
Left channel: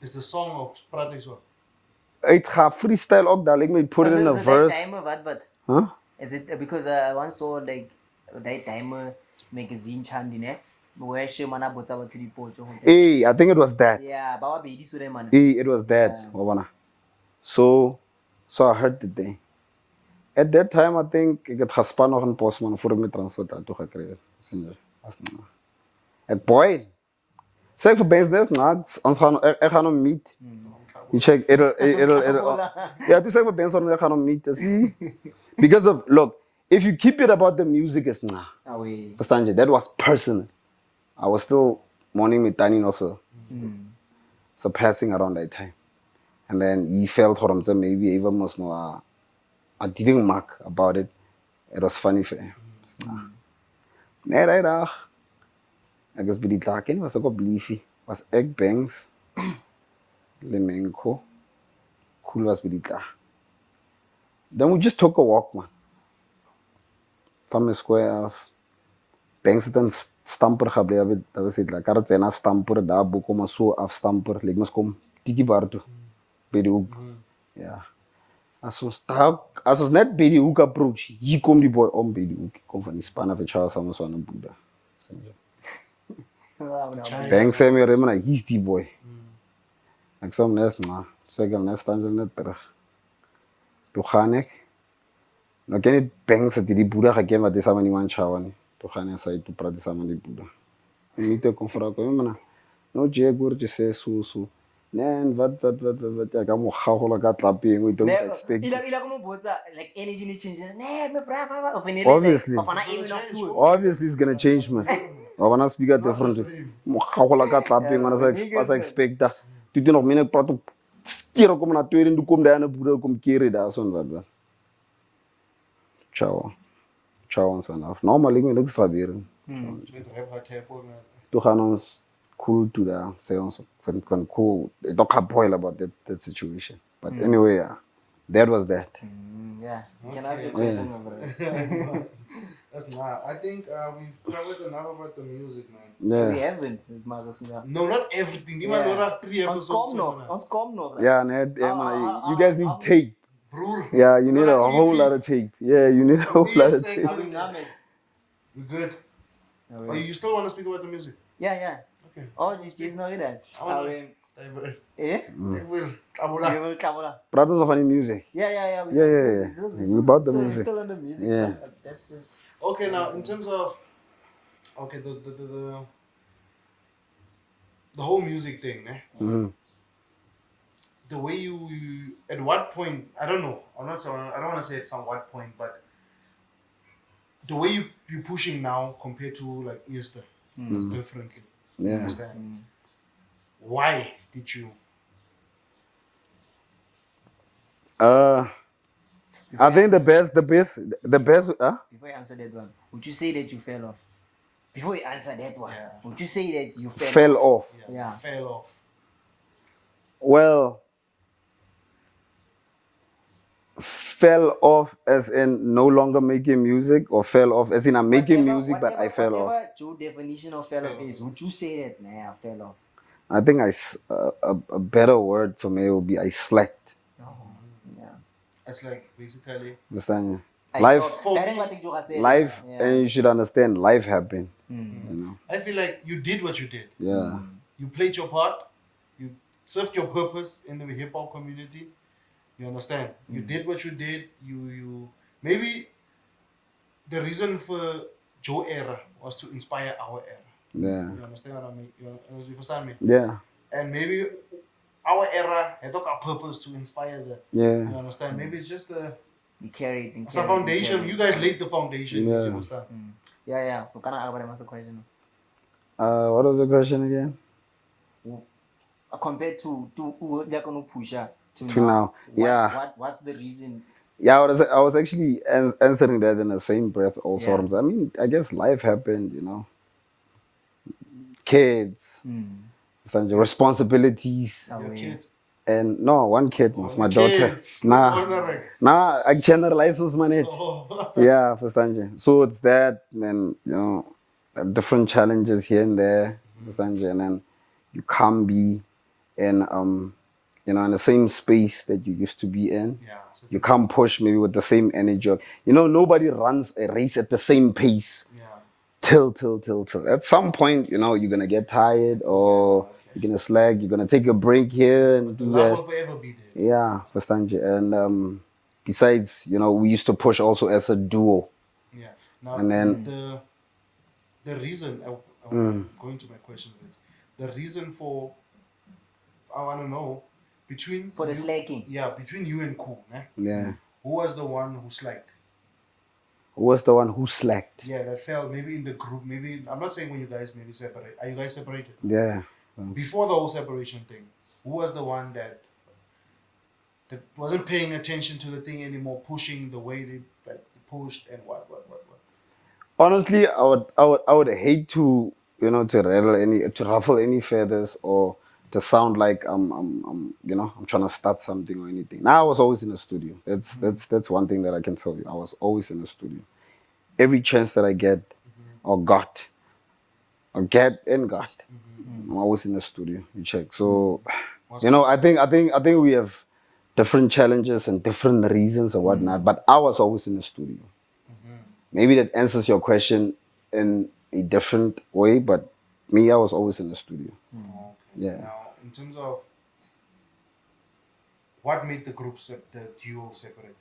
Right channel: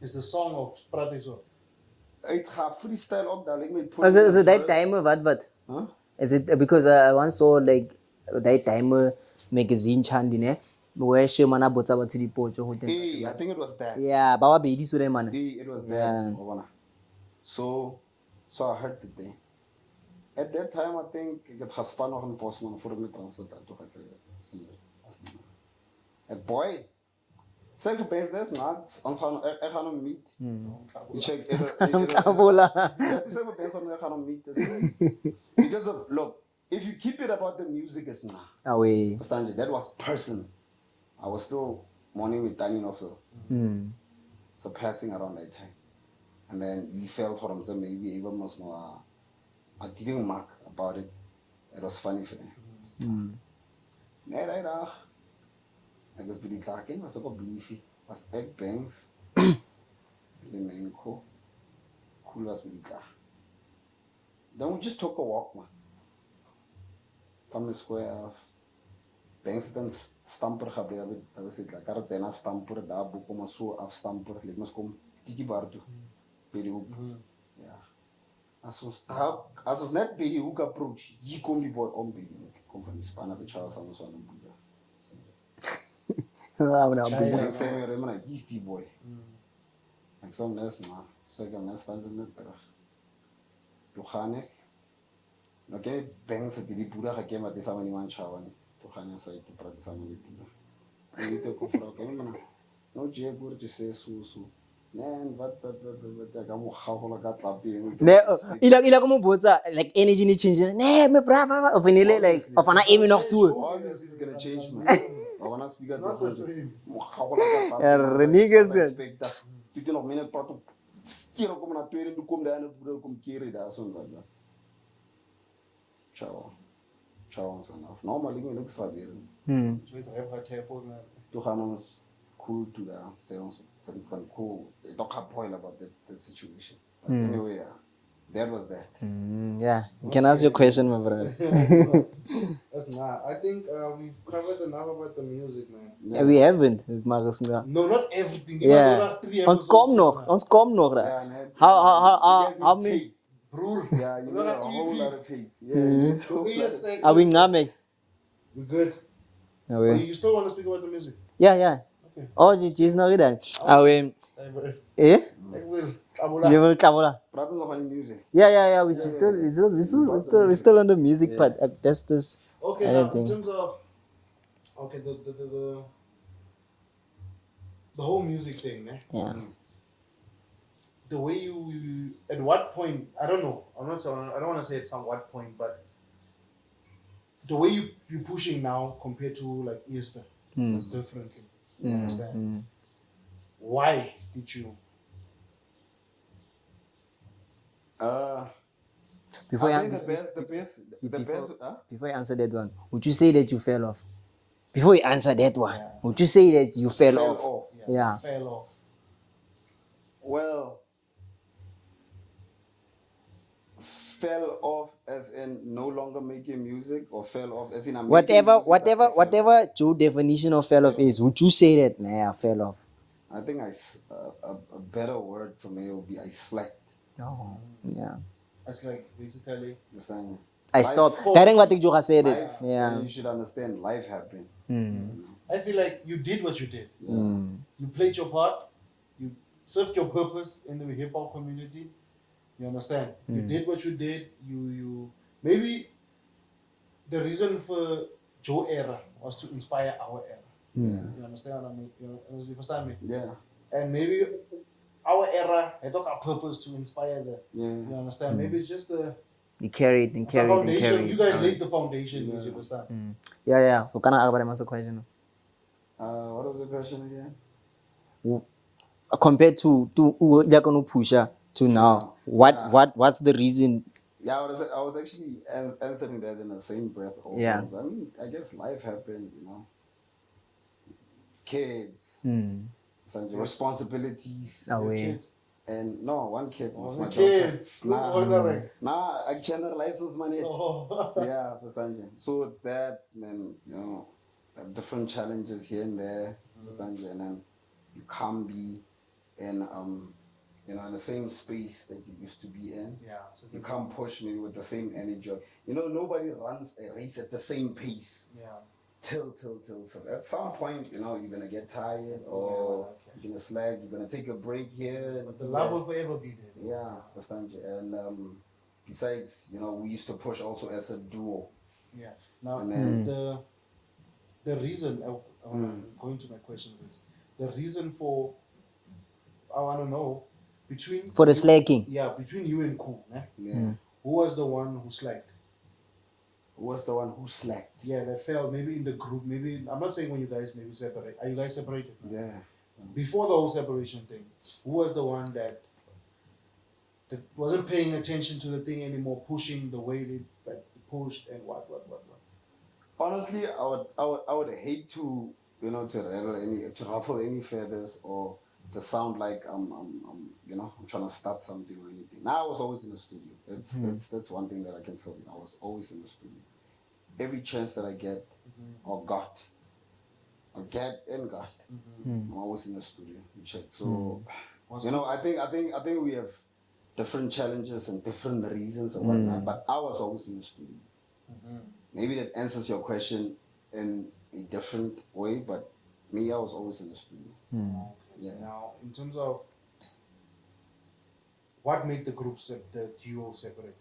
Is the song of Praat so? Ik ga freestyle ook dadelijk mee put in the Is it verse. that timer what? Huh? Is it because I once saw like that timer magazine chandi ne? Where she mana botsa ba three pocho. Hey, I think it was that. Yeah, baba baby sure man. Hey, it was that. Yeah. So I heard the thing. At that time, I think ik het gespan nog een postman voor me transfer toe gekregen. Het boy. Zeg voor business, ons gaan hem meet. You check, it'll yeah, to say for Benson, I cannot meet this. Because of, look, if you keep it about the music, it's nah. Away. That was personal. I was still mourning with Tani also. So passing around that time. And then he felt for himself, maybe even most more. I didn't mark about it. It was funny for him. Nee, right. Ek is by die klaar was ook op liefie. Was ek Banks, Lemenko, Khool was by die klaar. Then we just took a walk, man. From the square af. Banks het een stamper gebleven. Dat was het. Like, had het zijn stamper, daar boek maar zo afstamper. Like, mas kom tikiebar toe. Bij de hoek. Ja. Als ons net bij die hoek approach, hier komt die boy om bij die hoek. Kom van die span af en Charles samen zo aan een boek. Banks zei me remmen, he's die boy. Ik zei hem net, maar zeg hem net, staan ze net terug. Toen ga ik No can it bang sa di Buddha ga ke mate sa mani man chawane. To gane sa itu prate sa mani Buddha. Ni te konfra ko mana. No je gur je se su. Nen wat ya ka mo gagola ka tlapeng o don't expect. Ila como botsa like energy ni change. Ne, me brava of any like Obviously. of an aim nog so. Obviously it's gonna change man. I wanna speak at different. Mo gagola ka tlapeng Yeah, man the niggas sa expecta. Tu te nog mine prato. Kira kom na tweede kom daar na Buddha kom kere daar son wat. Ciao. Ciao ons vanaf. Normally ik niks proberen. To gaan ons cool to daar. Say ons van cool. Ik don't complain about that situation. But anyway, yeah, that was that. Yeah, you can ask your question, my brother. That's not. I think we've covered enough about the music, man. Yeah. We haven't, is Marcus. No, not everything. You Yeah. have 3 Ons episodes. kom nog. Yeah, nee, How- you guys how need many- tape. Broer, Yeah, you need a Wanna whole EP? lot of tape. Yeah, you need a whole lot of tape. Are we Namex? we're good. Ah, Oh, we- you still want to speak about the music? Yeah. Okay. Oh, she's not done. Ah, we. Hey, bro. Eh? Hey, Will. You will travel. Praat ons van die music. Yeah. We Yeah, still, yeah. we About the still, we music. still on the music Yeah. part. That's this. Okay, now in Anything. terms of the whole music thing, eh? Mhm. The way you at what point, I don't know. I don't want to say it from what point, but the way you pushing now compared to like Easter, it's differently. You Yeah. understand? Why did you? Before I think the best, Before you answer that one, would you say that you fell off? Before you answer that one, Yeah. would you say that you fell, fell off? off. Yeah. Fell off. Well, fell off as in no longer making music, or fell off as in I'm making music, but I fell off. Whatever your definition of fell off is, would you say that, nah, I fell off? I think a better word for me would be I slacked. Oh, yeah. It's like basically. Understand? I stopped. That ain't what you just said. Life, Yeah. and you should understand, life happened. You know? I feel like you did what you did. Yeah. You played your part. You served your purpose in the hip hop community. You understand? You did what you did. You maybe the reason for Joe era was to inspire our era. Yeah. You understand what I mean? You understand me? Yeah. And maybe our era had got a purpose to inspire the. Yeah. You understand? Maybe it's just a You carried. it's a foundation. You guys laid the foundation. Yeah. You understand? Yeah. We can't have answer question. What was the question again? Compared to they're gonna push her to now. now. What's the reason? Yeah, I was actually answering that in the same breath also. Yeah. I mean, I guess life happened, you know. Kids, some responsibilities, Oh, Your yeah. kids. and no, one kid was my the daughter. kids. Nah, I generalizes man it. Oh. Yeah, understand you. So it's that, then you know, different challenges here and there, understand you, and then you can't be in you know, in the same space that you used to be in. Yeah. So You can't push maybe with the same energy. You know, nobody runs a race at the same pace. yeah. Till. At some point, you know, you're gonna get tired, or you're gonna slack. You're gonna take a break here and The do love that. will forever be there. Yeah, understand you. And besides, you know, we used to push also as a duo. Yeah. Now And then- the reason I'm going to my question is the reason for I want to know between For the you- slacking. Yeah, between you and Khool, eh? Yeah. Who was the one who slacked? Who was the one who slacked? Yeah, that fell maybe in the group. Maybe I'm not saying when you guys maybe separate. Are you guys separated? Yeah. Before the whole separation thing, who was the one that wasn't paying attention to the thing anymore, pushing the way they pushed and what? Honestly, I would hate to, you know, to ruffle any feathers, or to sound like I'm you know, I'm trying to start something or anything. Now I was always in the studio. That's one thing that I can tell you. I was always in the studio. Every chance that I get or got, I'm always in the studio. You check. So, you know, I think we have different challenges and different reasons or whatnot. But I was always in the studio. Maybe that answers your question in a different way, but me, I was always in the studio. Okay. Yeah. Now, in terms of what made the duo separate?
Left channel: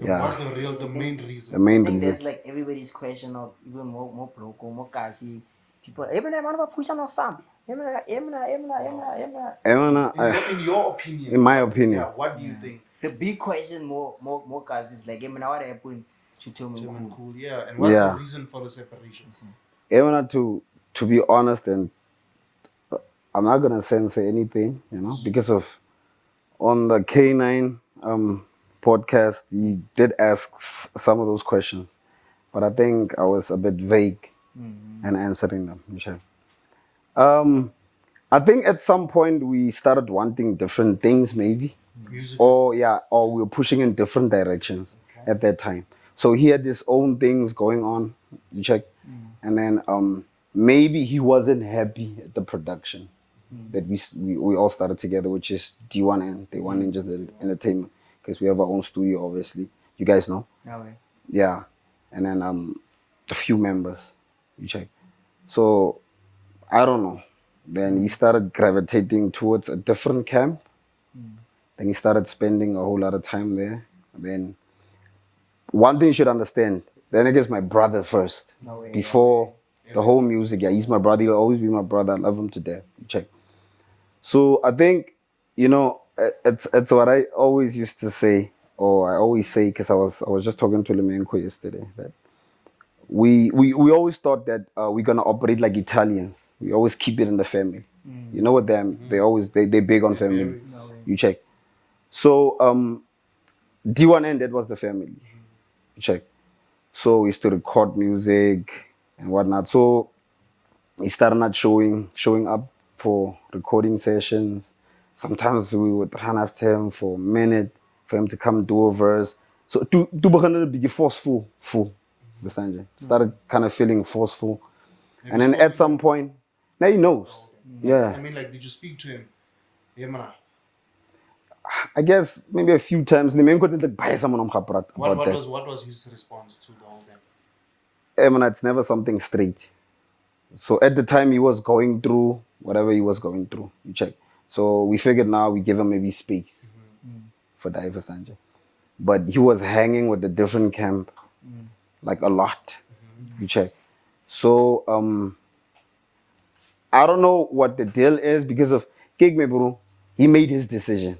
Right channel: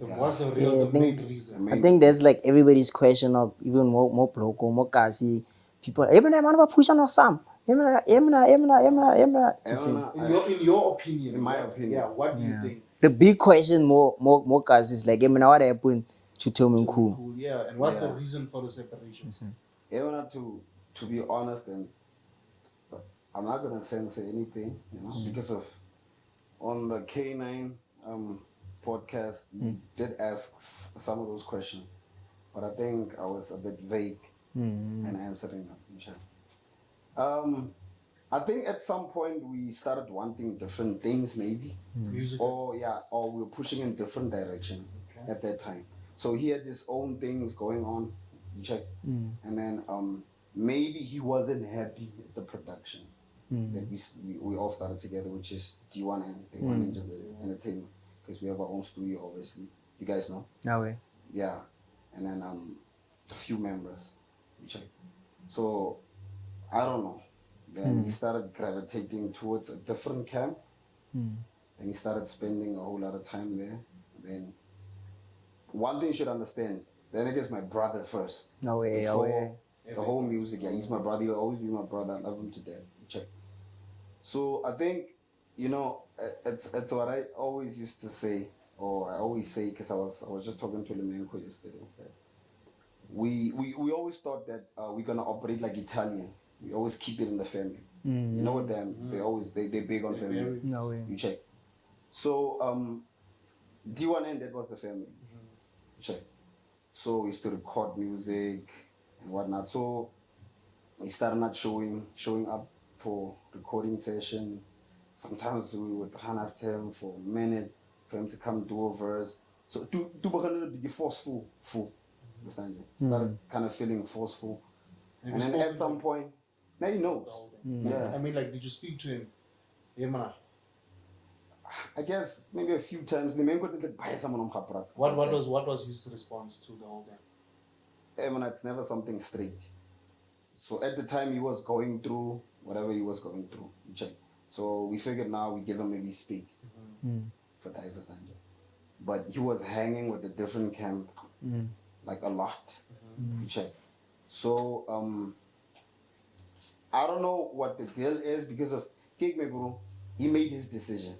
Yeah. What's the real, the main The reason? main I think reason. that's like everybody's question, or even more bloco, more kasi. People, man, I push on some. Emma, In your opinion. in my opinion. Yeah, what do you think? The big question, more kasi is like, man, what happened to Tell Me Cool? Cool, yeah. And what's Yeah. the reason for the separation? Emma, to be honest, and I'm not gonna censor anything, because of on the K9 podcast, he did ask some of those questions, but I think I was a bit vague in answering them, Michelle. I think at some point we started wanting different things, maybe, Music. or we were pushing in different directions at that time. So he had his own things going on, you check, and then maybe he wasn't happy at the production that we all started together, which is D1 and Day One Ninjas Entertainment, because we have our own studio, obviously. You guys know. Yeah, and then a few members, you check. So I don't know. Then he started gravitating towards a different camp. Then he started spending a whole lot of time there. Then one thing you should understand, then it is my brother first. Before the whole music, yeah, he's my brother. He'll always be my brother. I love him to death. Check. So I think, it's what I always used to say, or I always say, because I was just talking to Lemenko yesterday, that we always thought that we're gonna operate like Italians. We always keep it in the family. You know what they big on family. You check. So D1N, that was the family. You check. So we used to record music and whatnot. So he started not showing up for recording sessions. Sometimes we would run after him for a minute for him to come do a verse. So to be forceful. Understand you? Started kind of feeling forceful. And then at some point, now he knows. Yeah. I mean, like, did you speak to him? Yeah, man. I guess maybe a few times. What was his response to all that? It's never something straight. So at the time he was going through whatever he was going through. You check. So we figured now we give him maybe space for Daai Sanja. But he was hanging with a different camp, like a lot. You check. So I don't know what the deal is because of Kijk me bro. He made his decision.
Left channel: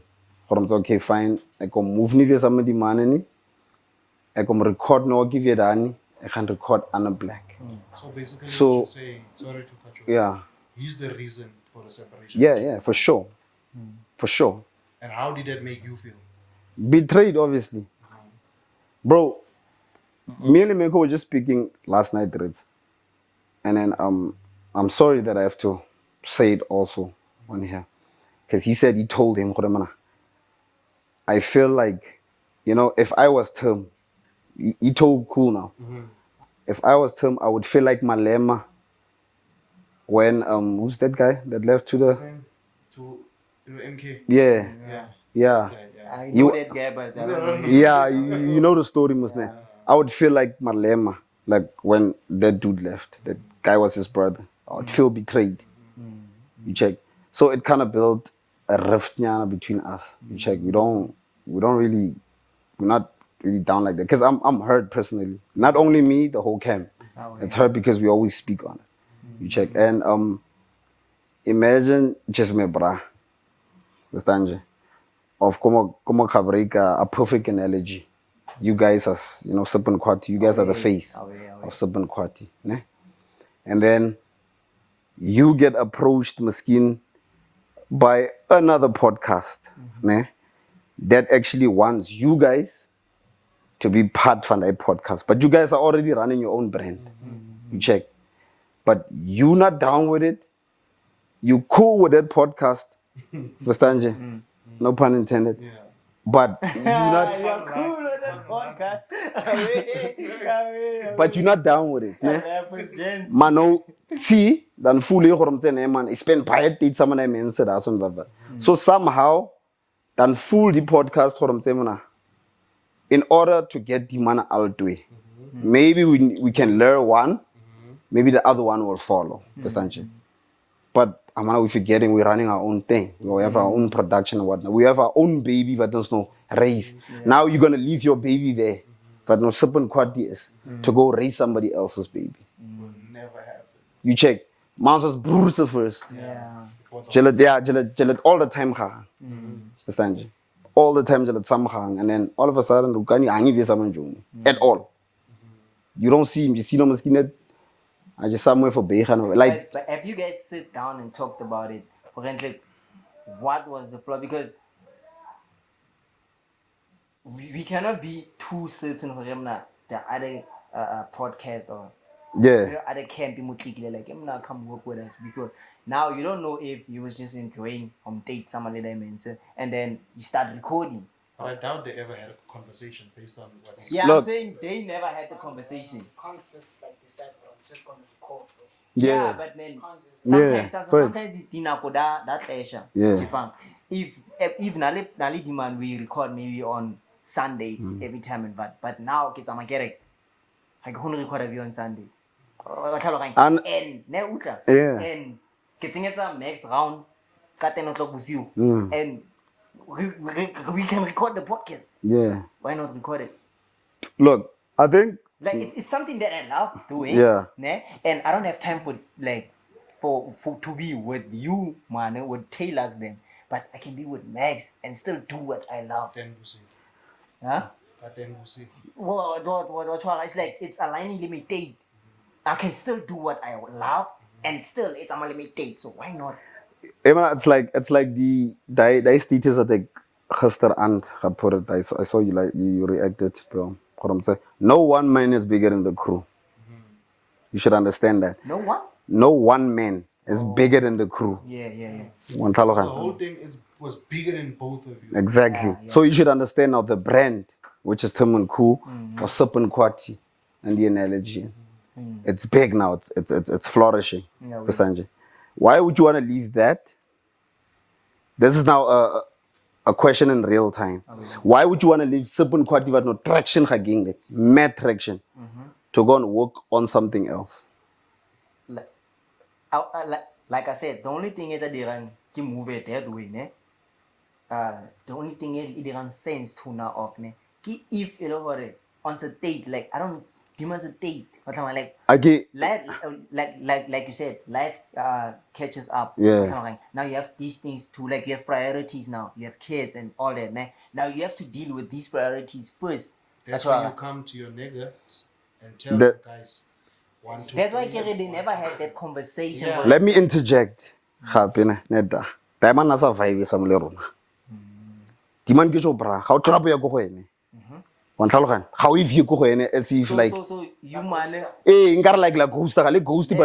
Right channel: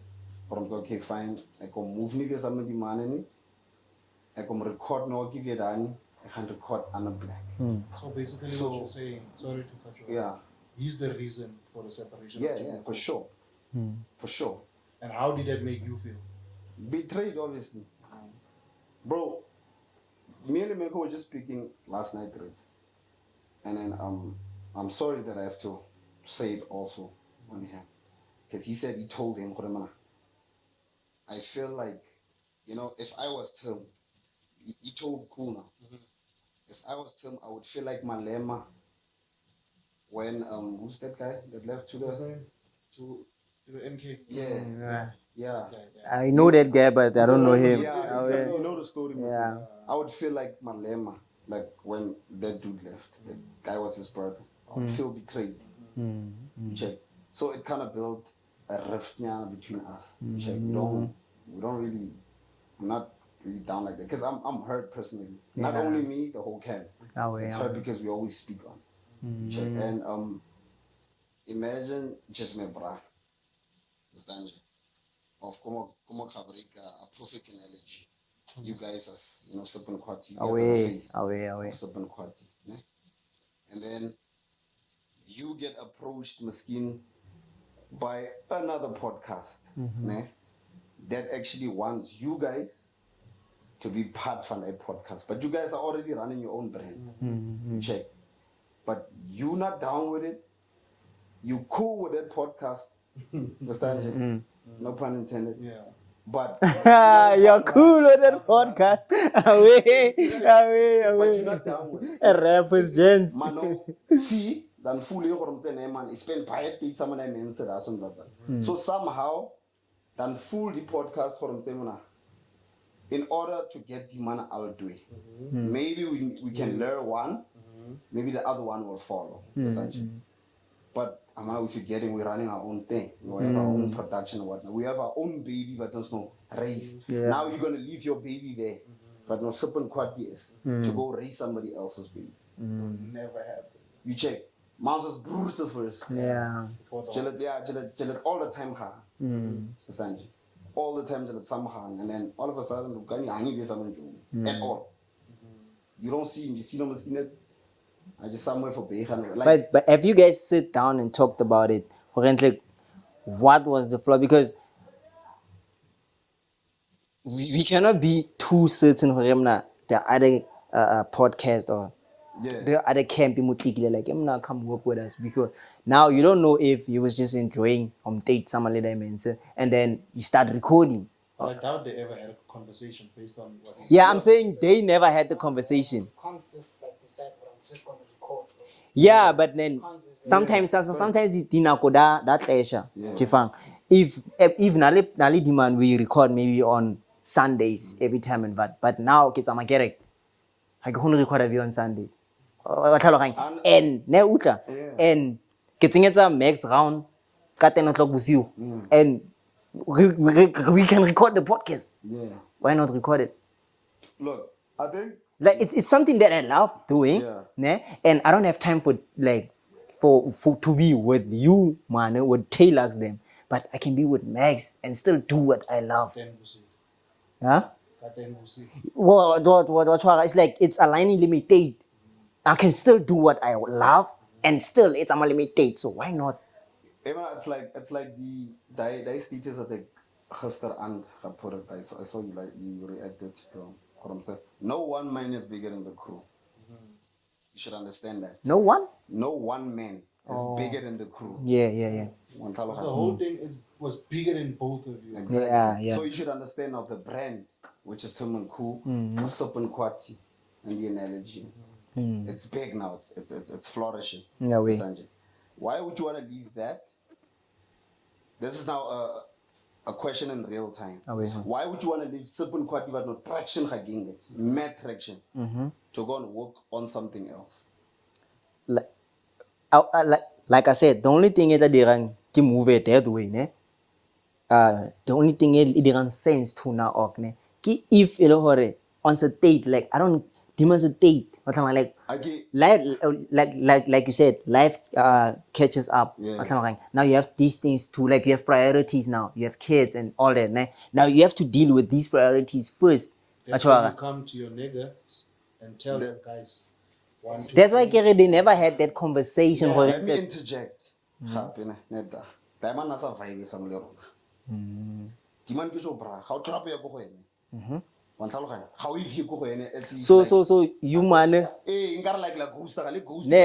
Okay, fine. I can move ni via somebody manani. I can record no give you dani. I can record Anna Black. So basically, what you're saying, sorry to cut you off. Yeah. He's the reason for the separation. Yeah, for sure. For sure. And how did that make you feel? Betrayed, obviously. Bro, me and Meko were just speaking last night, Reds. And then I'm sorry that I have to say it also on here. Because he said he told him, I feel like, if I was Tim, he told Khool now. If I was Tim, I would feel like Malema when who's that guy that left to the MK? Yeah. I know that guy, but I don't know him. Yeah, you know the story, Muslim. Yeah. I would feel like Malema, like when that dude left. That guy was his brother. I would feel betrayed. You check. So it kind of built a rift between us. You check. We're not really down like that. Because I'm hurt personally. Not only me, the whole camp. It's hurt because we always speak on it. You check. And imagine just me bra. Understand you? Of como Kabrika, a perfect analogy. You guys are, Suppen Khwati. You guys are the face of Suppen Khwati. Ne? And then you get approached, Maskin, by another podcast ne? That actually wants you guys to be part of that podcast. But you guys are already running your own brand. You check. But you not down with it. You cool with that podcast. Understand you? No pun intended. Yeah. But you're cool with that podcast. But you're not down with it. Rappers, gents. Mano, see, then fully man. Spend quiet date someone I mentioned. So somehow, then full the podcast in order to get the man out the way. Maybe we can learn one, maybe the other one will follow. But we're forgetting we're running our own thing. We have our own production and whatnot. We have our own baby, but there's no race. Now you're gonna leave your baby there, but no simple Khwati is to go raise somebody else's baby. Never happened. You check. Mouse was brutal first. Yeah. Jalet all the time. Understand? All the time, and then all of a sudden, at all. You don't see him. You see no mosquito. I just somewhere for Bejan. Like, but if you guys sit down and talked about it, for example, like, what was the flaw? Because we cannot be too certain for him now. The other podcast or the other camp like him now come work with us, because now you don't know if he was just enjoying date some little and then you start recording. I doubt they ever had a conversation based on what he Yeah, I'm saying they never had the conversation. You can't just like decide what I'm just gonna record. Yeah, but then sometimes Yeah, sometimes the dinako that pleasure. If Nali demand we record maybe on Sundays every time and but now kids am get I can only record every on Sundays. And ne utla and getting it a next round ka 10 o'clock bosiu and we can record the podcast. Yeah. Why not record it? Look, I think like it's something that I love doing. Yeah. Ne? And I don't have time for like for to be with you, man, with Taylux then. But I can be with Max and still do what I love. Huh? What it's like it's aligning limited. I can still do what I love and still it's limited. So why not? It's like the Daai status that the gister and put it. I saw you like you reacted, bro. No one man is bigger than the crew. You should understand that. No one? No one man is bigger than the crew. Yeah. The whole thing was bigger than both of you. Exactly. Yeah. So you should understand now the brand, which is Tim and Khool, or Sip and Khwati, and the analogy. It's big now. It's flourishing. Yeah, why would you want to leave that? This is now a question in real time. Why would you want to leave Sip and Khwati but no traction again, mad traction, to go and work on something else? Like I said, the only thing is that they move it that way, ne? The only thing is it doesn't sense to now, ne? If you know on the date, like I don't demons a date. Like okay. like you said, life catches up. Yeah. Now you have these things too, like you have priorities now. You have kids and all that. Ne? Now you have to deal with these priorities first. That's why you come to your nigga and tell the guys. That's why they never had that conversation. Yeah. Let me interject. Neda. Diamond nasa vibe sa mole rona. Diman ke jo bra. How trouble ya go go ene. How if you go ene as if like so you man ingar like ghost but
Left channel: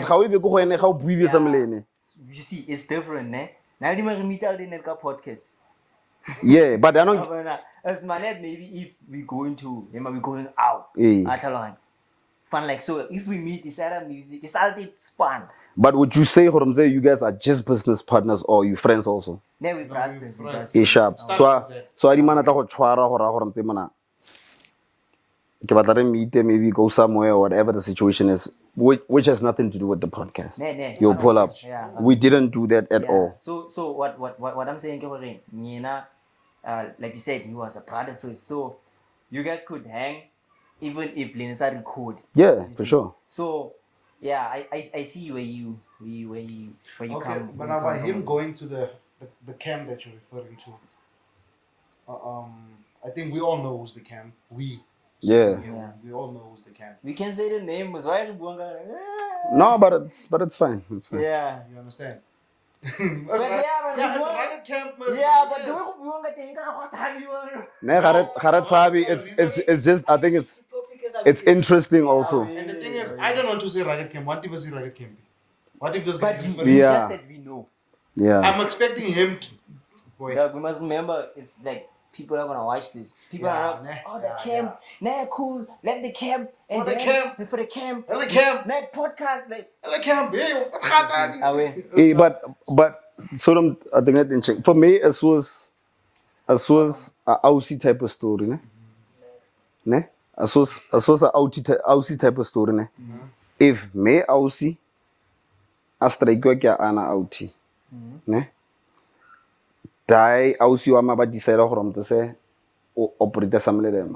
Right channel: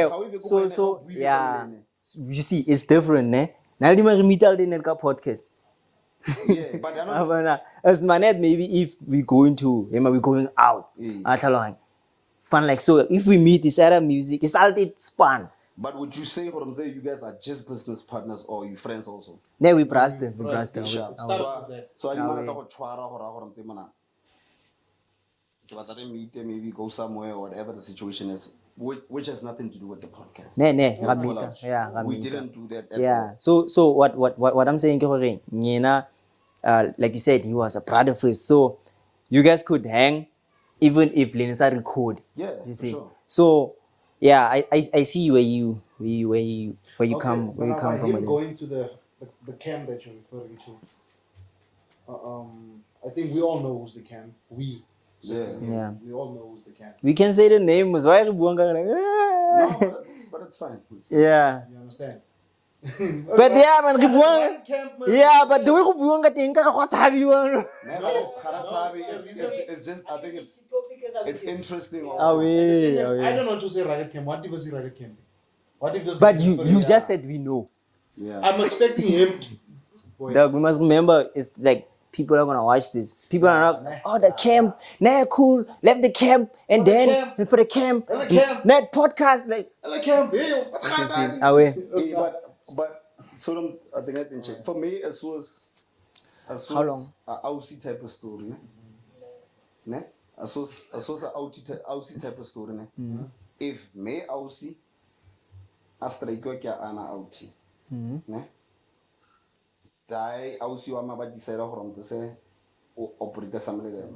how if you go ene how breathe sa mole. You see it's different, ne? Now the man meet out in the podcast. Yeah, but I know as manet maybe if we going out. Fun like so if we meet this other music it's all it's fun. But would you say you guys are just business partners or you friends also? No, we brass them. Sharp. So I demand to chwara hora mana. Maybe go somewhere or whatever the situation is, which has nothing to do with the podcast. You'll pull up. Yeah, we didn't do that at all. So what I'm saying, like you said, he was a brother first. So you guys could hang even if Linsa record. Yeah, for sure. So yeah, I see where you come from. Him going to the camp that you're referring to. I think we all know who's the camp. We all know who's the camp. We can say the name. Why no, but it's fine. Yeah. You understand? But yeah, man, yeah, but the way it's just I think it's interesting also. I don't want to say Ragged Camp. What if it's Ragged Camp? What if this? But you just said we know. Yeah. I'm expecting him to. We must remember, it's like people are gonna watch this. People are like, the camp, cool, left the camp, and then for the camp, net podcast, like the camp. But so I think that didn't check. For me, it was a Aussie type of story, ne? As was a Aussie type of story, ne? If me Aussie, I strike ana Auti. Ne? Daai ausi wa ma ba decide gore motse se o operate some le dem.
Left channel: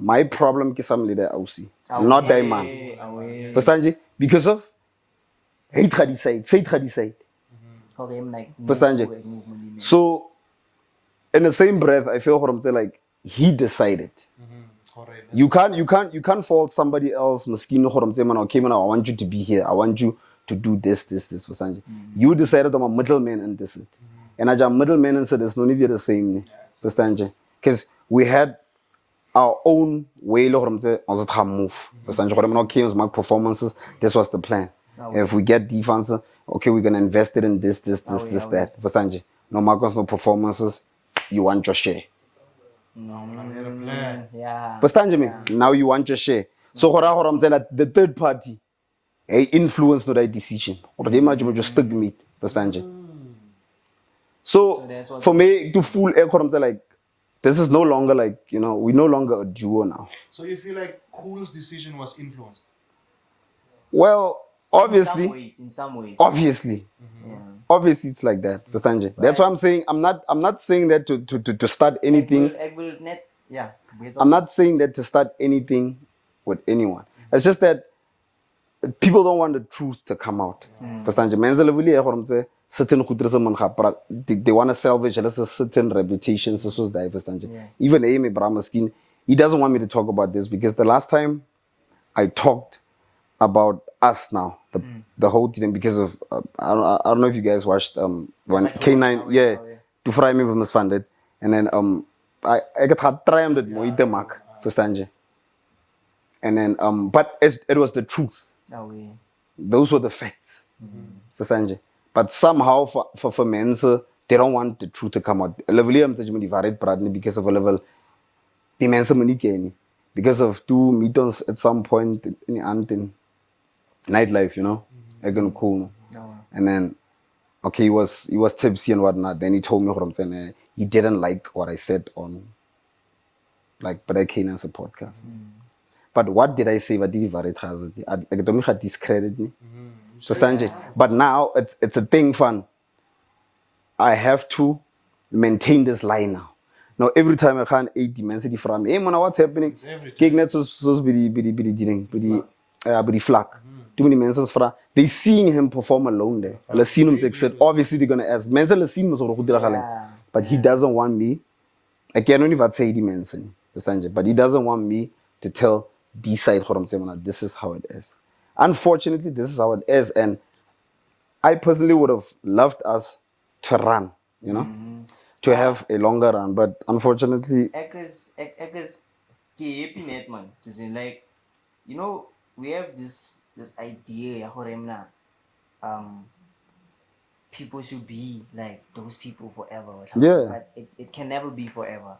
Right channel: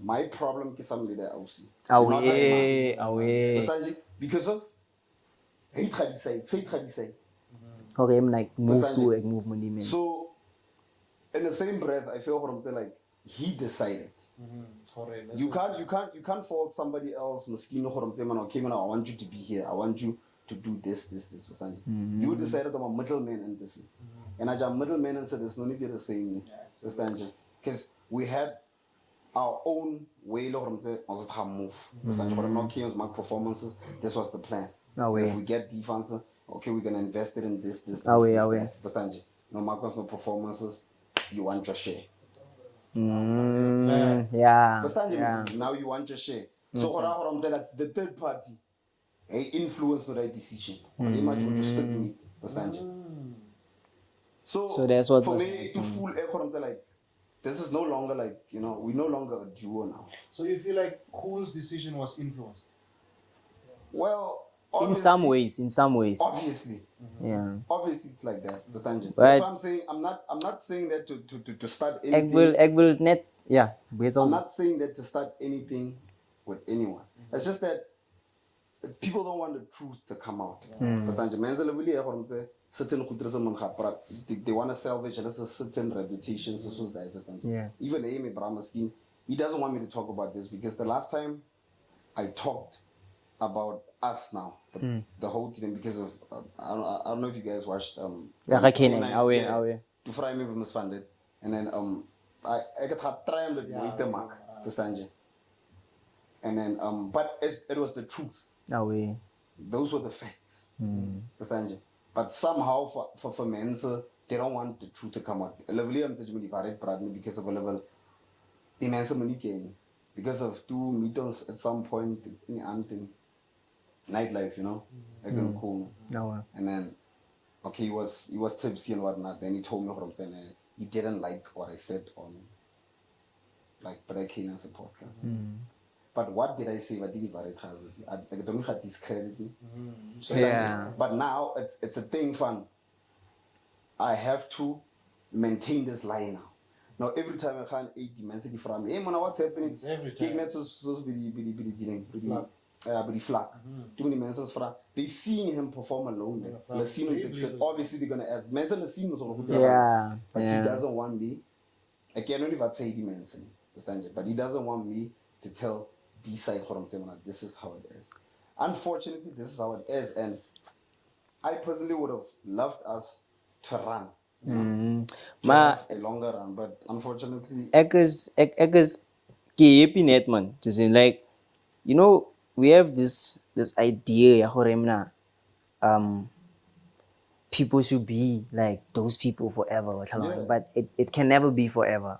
My problem ke some le de ausi. Not Daai man. Understand? Because of hate ga decide, say ga decide. Okay, I'm like Understand? movement. So in the same breath, I feel for him like he decided. You can't fault somebody else. Maskino for him say, man, okay, man, I want you to be here. I want you to do this. You decided I'm a middleman and this. And as a middleman and said, there's no need the same. Because we had our own way of move. Okay, it was my performances. This was the plan. If we get defense, okay, we're gonna invest it in this, that. No markers, no performances. You want your share. Yeah. Now you want your share. So the third party, influence no that decision. Or they might just stick me. So that's what for me to fool like this is no longer like, we're no longer a duo now. So you feel like Khool's decision was influenced? Well, obviously. In some ways. Obviously. Yeah. Obviously it's like that. Right. That's why I'm saying I'm not saying that to start anything. Yeah. I'm not saying that to start anything with anyone. It's just that people don't want the truth to come out. Certain they want to salvage a certain reputation. Even Amy Bramaskin, he doesn't want me to talk about this because the last time I talked about us now, the whole thing, because of I don't know if you guys watched when K9 to fry me was funded, and then I got triumphed at Moite Mark for and then but it was the truth. Those were the facts for but somehow for men they don't want the truth to come out. Because of a level because of two meetings at some point in nightlife, again cool. And then okay, he was tipsy and whatnot. Then he told me what I'm saying. He didn't like what I said on but I came as a podcast. But what did I say? What did I discredit me? But now it's a thing fun. I have to maintain this line now. Now every time I can't 8 dimensity from me, hey man, what's happening? Kignet so be flag. Too many mentions for they seeing him perform alone there. Let's see him take obviously they're gonna ask. But he doesn't want me. I can't even say dimension. But he doesn't want me to tell this side this is how it is. Unfortunately, this is how it is, and I personally would have loved us to run, to have a longer run, but unfortunately, Eggers man. Just in like, we have this idea, people should be like those people forever. But it can never be forever.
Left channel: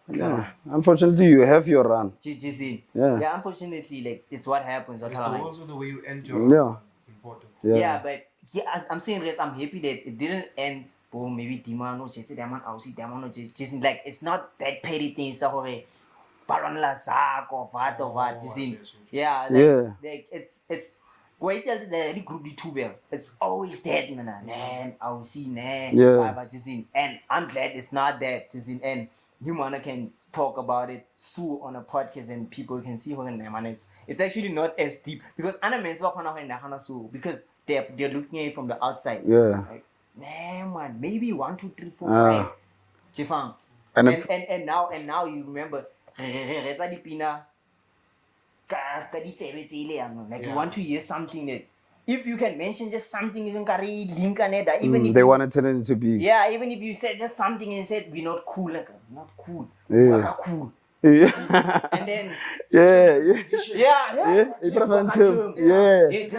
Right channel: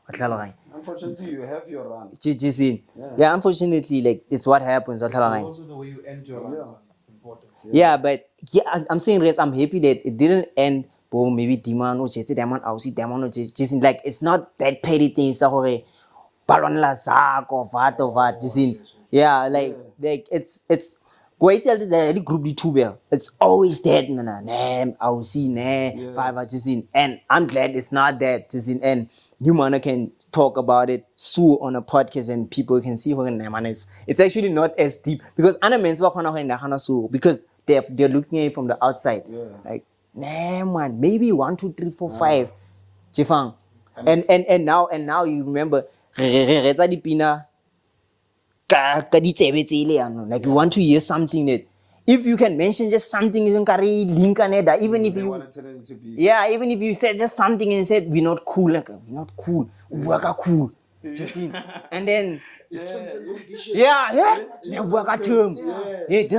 Unfortunately, you have your run. Yeah, unfortunately, like it's what happens. Also the way you end your run is important. Yeah, but I'm saying this. I'm happy that it didn't end. But maybe demand or just like it's not that petty thing. So balon la zak or what. Like it's. Go tell the group the two bell. It's always that man. I'll see and I'm glad it's not that. And you man can talk about it on a podcast and people can see it's actually not as deep because because they're looking at it from the outside. Like man, maybe 1, 2, 3, 4, 5. Chifang. And now you remember like you want to hear something that if you can mention just something isn't link even if they want it to be even if you said just something and said we're not cool, we're cool. And then this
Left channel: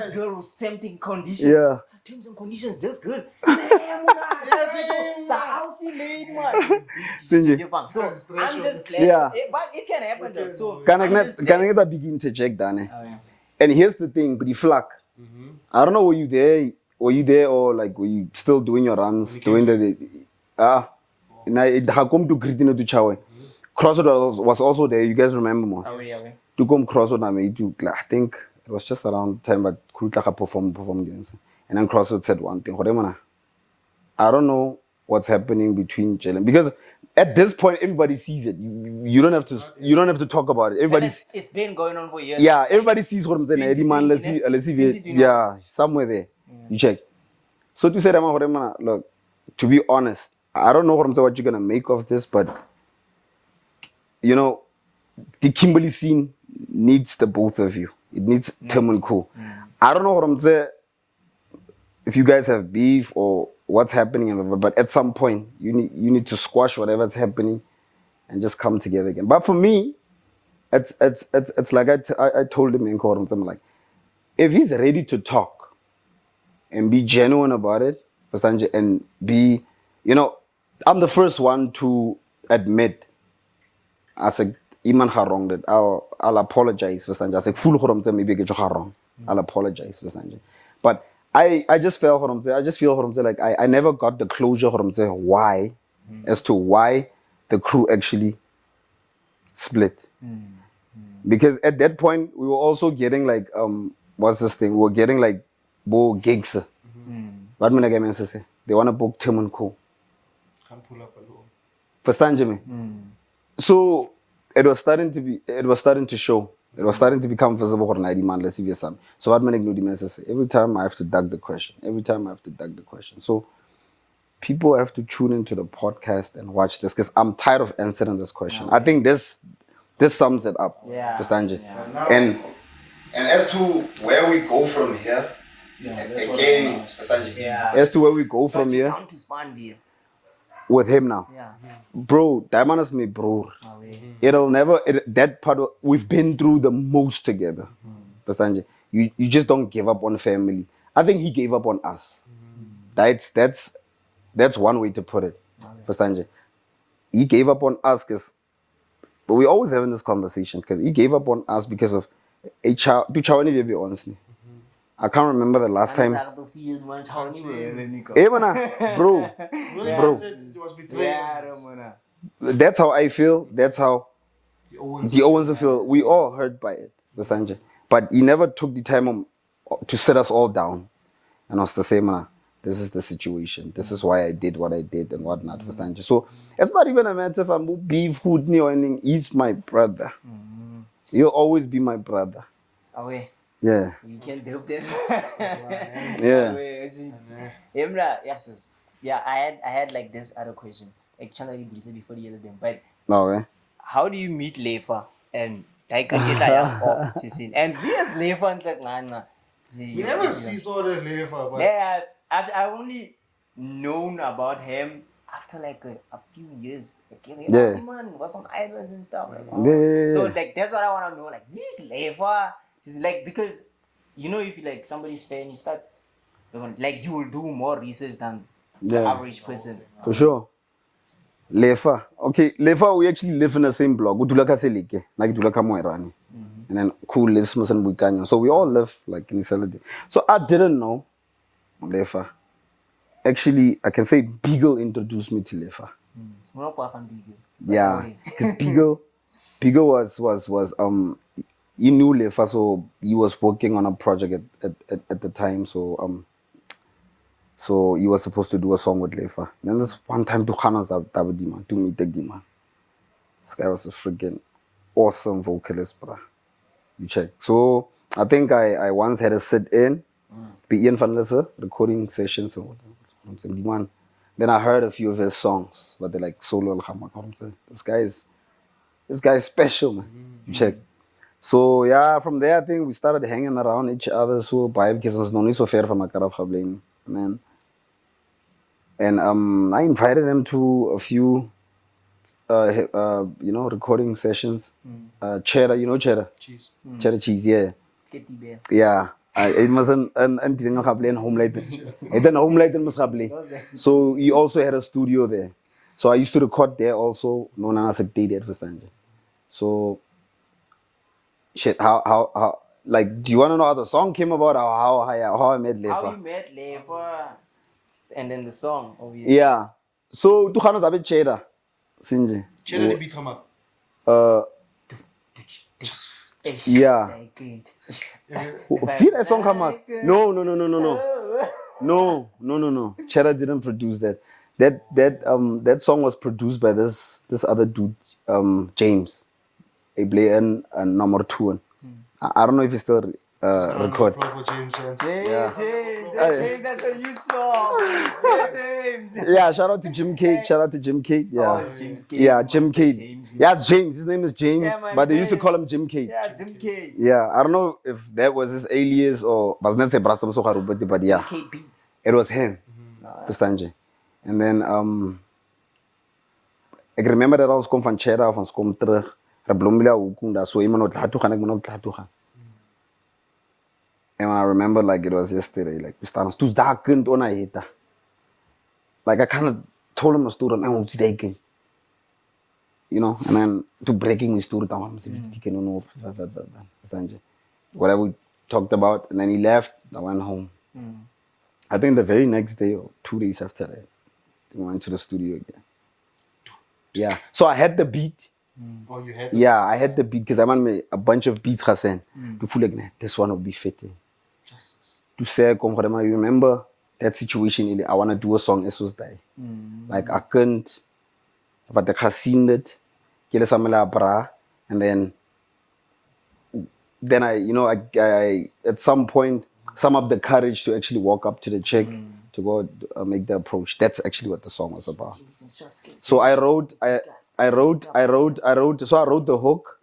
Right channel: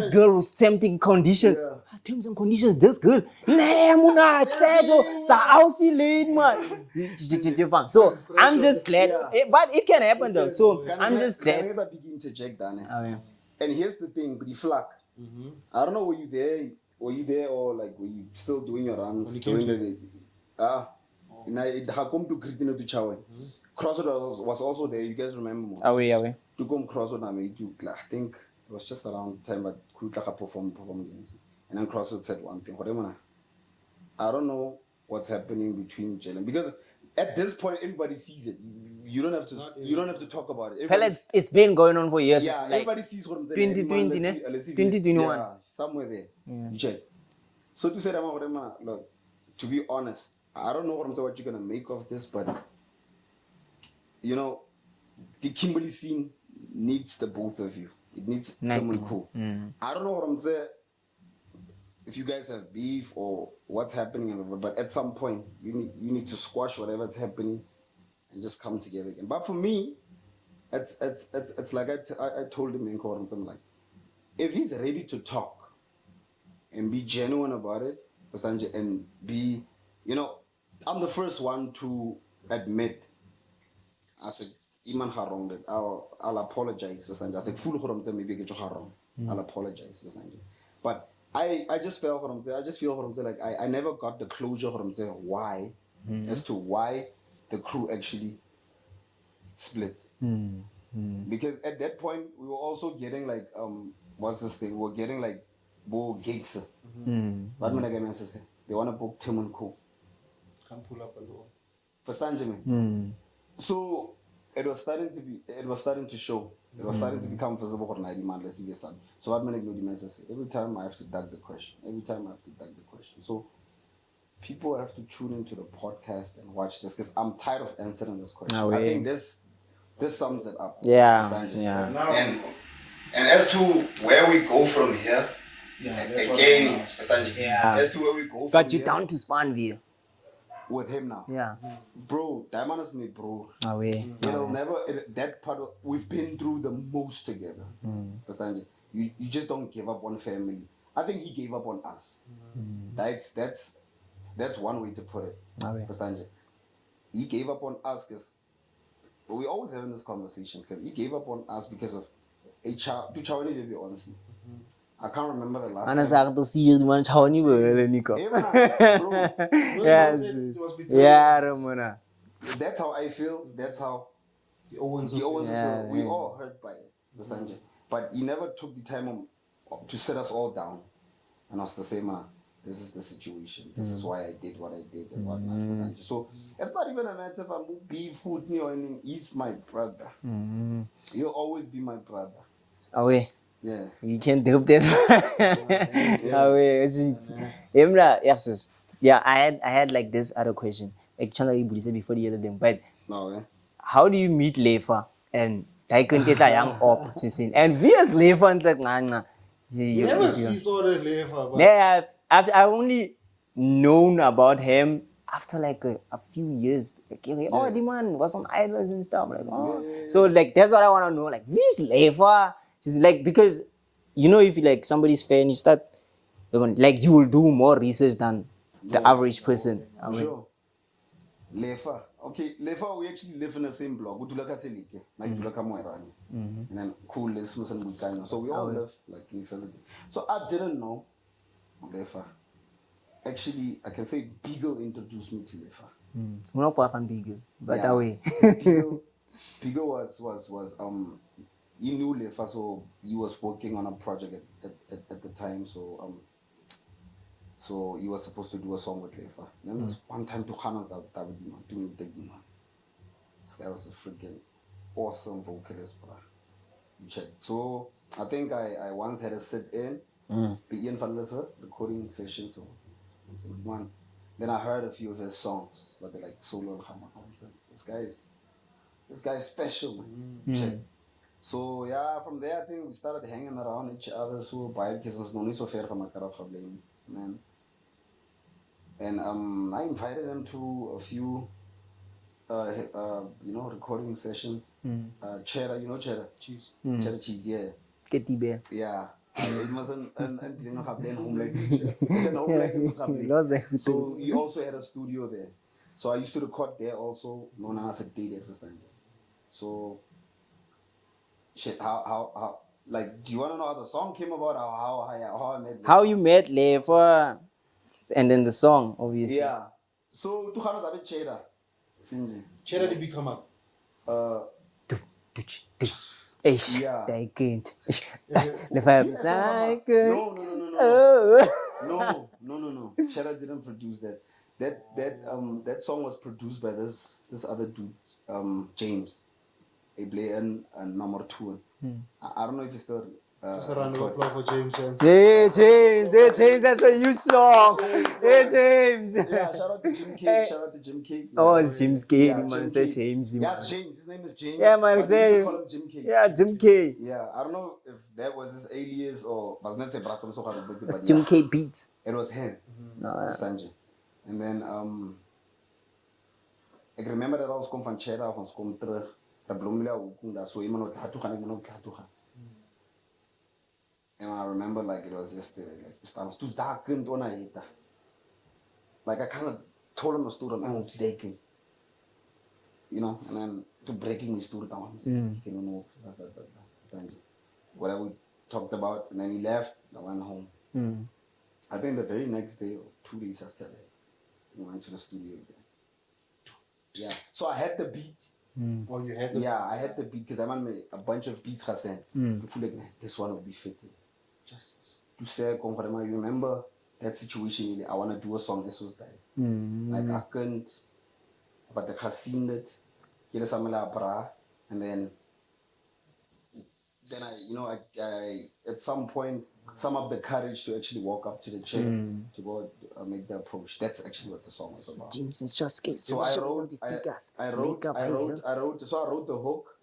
girl was tempting conditions. Terms and conditions, this girl. So I'm just glad. But it can happen though. So can I begin to check that? And here's the thing, but the flag. I don't know, were you there or like were you still doing your runs? Doing come to Kritina to Chawe. Crossroad was also there. You guys remember more? To come Crossroad, I think it was just around the time, but Khool performed games. And then Crossroad said one thing. I don't know what's happening between Jalen because at this point everybody sees it. You don't have to. You don't have to talk about it. But Everybody. it's been going on for years. Yeah, like, everybody sees what I'm saying. Eddie man, let's see, 2021. yeah, somewhere there. You check. So to say that, look, to be honest, I don't know what you're gonna make of this, but you know, the Kimberley scene needs the both of you. It needs Tim and Khool. I don't know what I'm saying. If you guys have beef or what's happening, but at some point you need to squash whatever's happening and just come together again. But for me, it's like I told him in court, I'm like, if he's ready to talk and be genuine about it, and be, you know, I'm the first one to admit as a iman wrong that I'll apologize for Sanjay. I said, full maybe get wrong. I'll apologize for Sanjay. But I just feel for him. I just feel for him like I never got the closure for him why, as to why the crew actually split. Because at that point we were also getting like what's this thing? We were getting like gigs. What mean I say? They want to book Tim and Khool. Can't pull up alone. For Sanjay. So it was starting to show. It was starting to become visible for an ID man. Let's see if some. So what many do say? Every time I have to dug the question. So people have to tune into the podcast and watch this because I'm tired of answering this question. I think this sums it up. Yeah. For Sanjay. Yeah. And as to where we go from here, again, Sanjay. Yeah. As to where we go from But you're here down to Spanville. with him now. Yeah. Bro, Diamond is my bro. It'll never, that part, we've been through the most together. Sanjay, you just don't give up on family. I think he gave up on us. That's one way to put it. Sanjay, he gave up on us because, but we always having this conversation because he gave up on us because of a child. Do child be honestly? I can't remember the last time. Hey, man, bro. Yeah, Ramona. That's how I feel. That's how the Owens feel. We all hurt by it, Sanjay. But he never took the time to sit us all down and us to say, man, this is the situation. This is why I did what I did and whatnot, Sanjay. So it's not even a matter if I'm beef, food, or anything. He's my brother. He'll always be my brother. Away. Yeah. You can't help that. Yeah. Yes. Yeah, I had like this other question. Actually, before the other thing, but No, how do you meet Lefa and Daai kunt jy young op to see? And we as Lefa and like nah. You never see sort of Lefa, but Yeah, I've only known about him after like a few years. Like, Yeah. the man was on islands and stuff. Like, wow. Yeah. So like that's what I want to know. Like this Lefa, just like because you know if you like somebody's fan, you start like you will do more research than the average person. For sure. Lefa. Okay, Lefa, we actually live in the same block. We do like Selike, like do like Moerani. And then Khool lives in Bukanyo. So we all live like in Selike. So I didn't know Lefa. Actually, I can say Beagle introduced me to Lefa. Yeah. Beagle was he knew Lefa, so he was working on a project at the time. So he was supposed to do a song with Lefa. And then this one time to Khanas Tabadima, to meet Dima. This guy was a freaking awesome vocalist, bro. You check. So I think I once had a sit-in, be Ian Van Lesser, recording sessions. So I'm saying, man. Then I heard a few of his songs, but they're like solo al-Khamak. I'm saying, this guy is special, man. You check. So yeah, from there I think we started hanging around each other. So by because it's not so fair from Makarab Khablain, man. And I invited him to a few, recording sessions. Cheddar, you know Cheddar? cheese. Cheddar cheese, yeah. Kitty bear. Yeah. It was an homelight. It's an homelight. So he also had a studio there. So I used to record there also, known as a day for Sanjay. So shit, how like do you wanna know how the song came about or how I met Lefa? How you met Lefa and then the song, obviously. Yeah. So tu khana zabe Cheddar. Sinje. Cheddar be come up. Yeah. They good. Feel that song come out. No. Cheddar didn't produce that. That song was produced by this other dude, James. Ablayan and number 2. I don't know if he still record. James, that's a new song. Hey, James. Yeah, shout out to Jim K. Yeah. Oh, it's James K. Yeah, Jim K. James. Yeah, James. His name is James, Yeah, man, but they used to James. call him Jim K. Yeah, Jim K. Yeah, I don't know if that was his alias or but yeah, Jim K Beats. it was him. Sanjay. And then I remember that I was coming from Cheddar from Skom terug. Rablombila ukunda so iman tlatuga. And I remember like it was yesterday, like we started to darkened on I hit. Like I kind of told him a story, man, what's taking? You know, and then to breaking his story down. Whatever we talked about, and then he left. I went home. I think the very next day or 2 days after that, we went to the studio again. Yeah, so I had the beat. Oh, you had. Yeah, I had the beat because I made a bunch of beats. Hassan, to feel like man, this one will be fitting. To say, you remember that situation? I want to do a song. Esos Daai. Like I couldn't, but I seen it. And then I at some point sum up the courage to actually walk up to the chick to go make the approach. That's actually what the song was about. So I wrote the hook.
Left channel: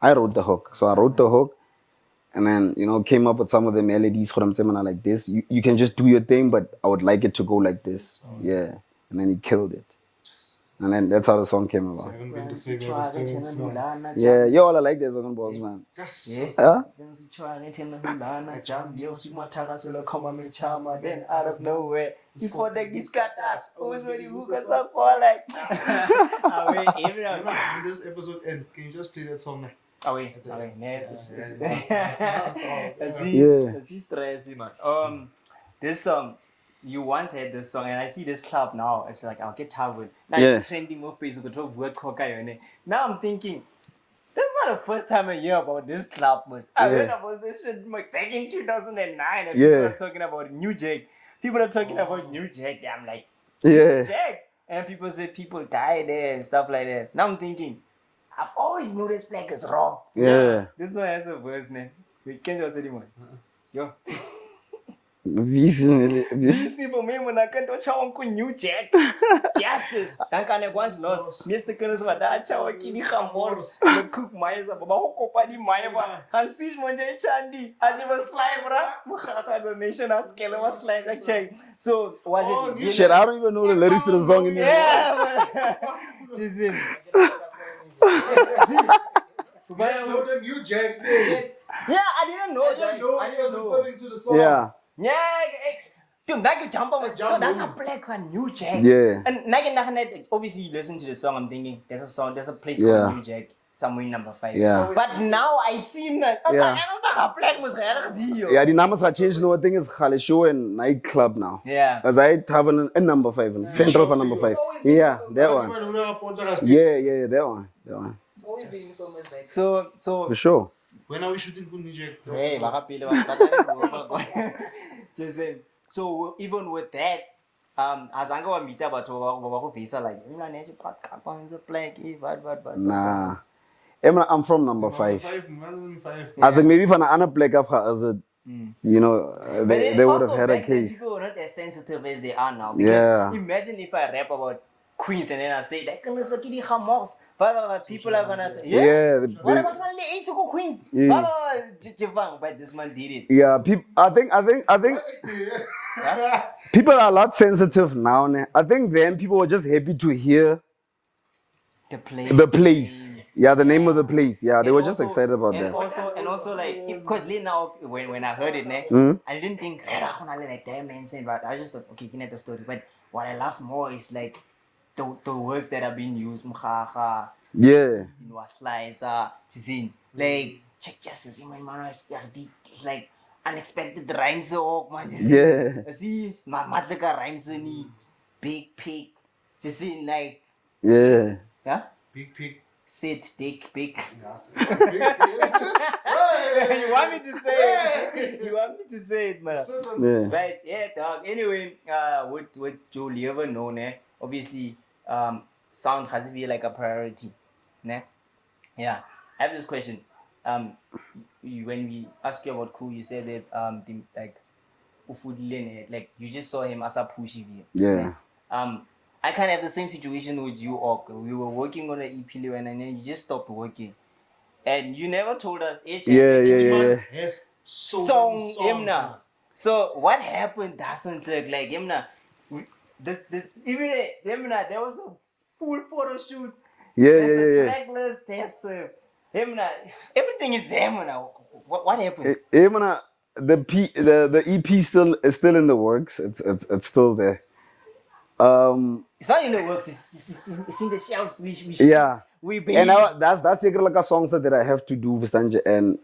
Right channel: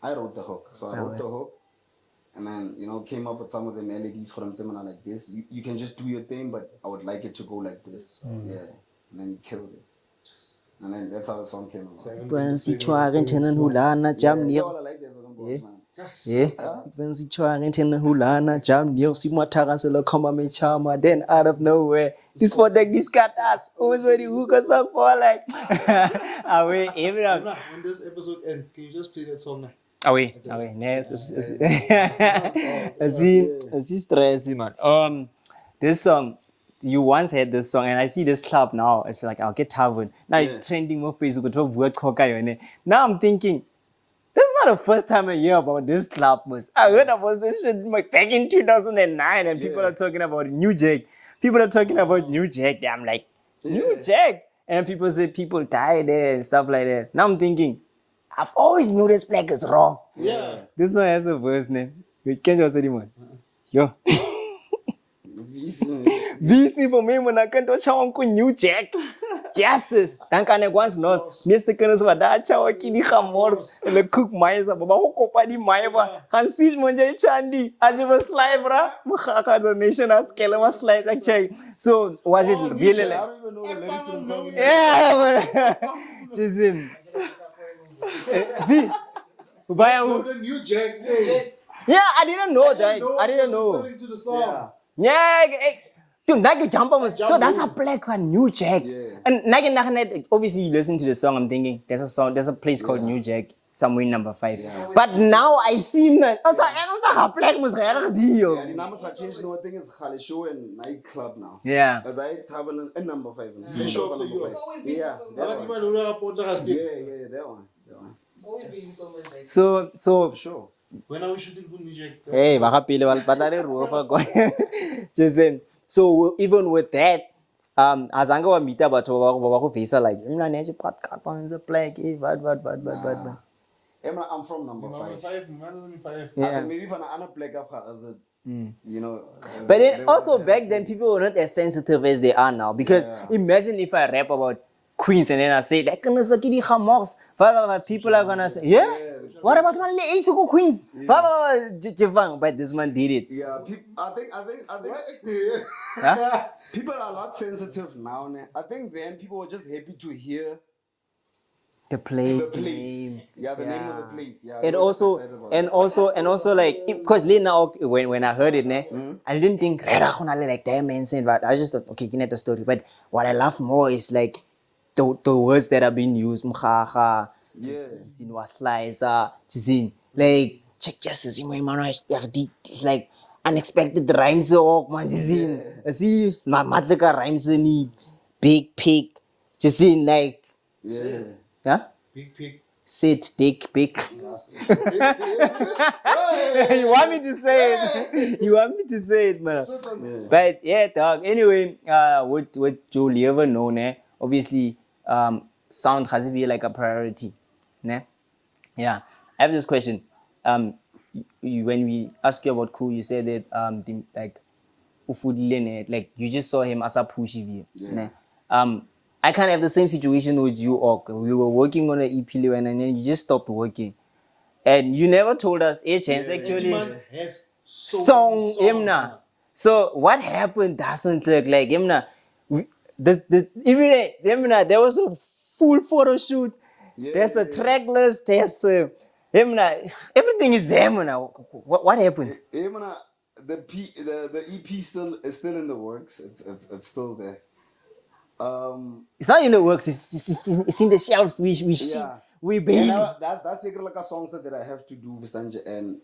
I wrote the hook. So I wrote the hook, and then came up with some of the melodies for them seminar like this. You can just do your thing, but I would like it to go like this. Yeah, and then he killed it. And then that's how the song came about. Yeah, you all like that song, boss, man. Then out of nowhere, this for this got us. Always when you hook us up for like. When this episode ends, can you just play that song now? Away. Stressy, man. This song. You once had this song, and I see this club now. It's like, I'll get Tavern. Now it's trending on Facebook. Now I'm thinking, this is not the first time I hear about this club. I heard about this shit back in 2009, and people are talking about New Jack. People are talking about New Jack. I'm like, New Jack. And people say people die there and stuff like that. Now I'm thinking, I've always knew this black is wrong. Yeah. This one has a verse name. We can't just anymore. Yo. VC for me when I can't touch Uncle New Jack. Justice. Dan kan ek once lost. Meeste kinders wat daar chow kini gamor. Le cook mais ba hoko pa di mai ba. Kan sis mo jay chandi. Aje was slide bra. Mukha donation as kele was slide like check. So was it really? Shit, I don't even know the lyrics to the song in there. Yeah. Jizim. The New Jack. Yeah, I didn't know that. I didn't know. Yeah. Yeah, dude, so that's a black one, New Jack. Yeah. And obviously you listen to the song, I'm thinking there's a place called New Jack somewhere in number 5. Yeah. But now I see that. I was like, that's not a black music. Yeah, the numbers have changed. No, I think it's Khale Show and nightclub now. Yeah. Because I have a number 5, central for number 5. Yeah, that one. Yeah, that one. So for sure. When are we shooting for New Jack? Hey, so even with that, azange wa meet about ba face like mna neje podcast black but Nah. I'm from number 5. 5. I think maybe for an other black up as a but they then also had back a then case. people were not as sensitive as they are now, because imagine if I rap about Queens and then I say that gonna suck the Hamas. People are gonna say, what about one late to go Queens? But this man did it. Yeah, people. I think. People are a lot sensitive now. I think then people were just happy to hear the place. Yeah, the name of the place. Yeah, they were just excited about and that. And also like, because now when I heard it, I didn't think like that man saying, but I just thought, okay, you know the story. But what I love more is like the words that have been used. Was slice, like check just it's like unexpected rhymes man. See, my matlika rhymes ni big pig. Just like Big pig. sit, dick, pic. Yes. You want me to say it? You want me to say it, man? Yeah. But yeah, dog. Anyway, what Joel ever know, ne? Obviously, sound has to be like a priority, ne? Yeah. I have this question. When we asked you about Khool, you said that like you just saw him as a pushy. Yeah. I kind of have the same situation with you, Ok. We were working on an EP and then you just stopped working. And you never told us H has Yeah, actually yeah. Yes. So song many songs, him na. man. So what happened doesn't look like him na. Even him na, there was a full photo shoot. Yeah, There's yeah, a yeah. track list. There's him na. Everything is there na. What happened? The EP is still in the works. It's still there. It's not in the works. It's in the shelves. Yeah. We And now that's like a song that I have to do with Sanjay and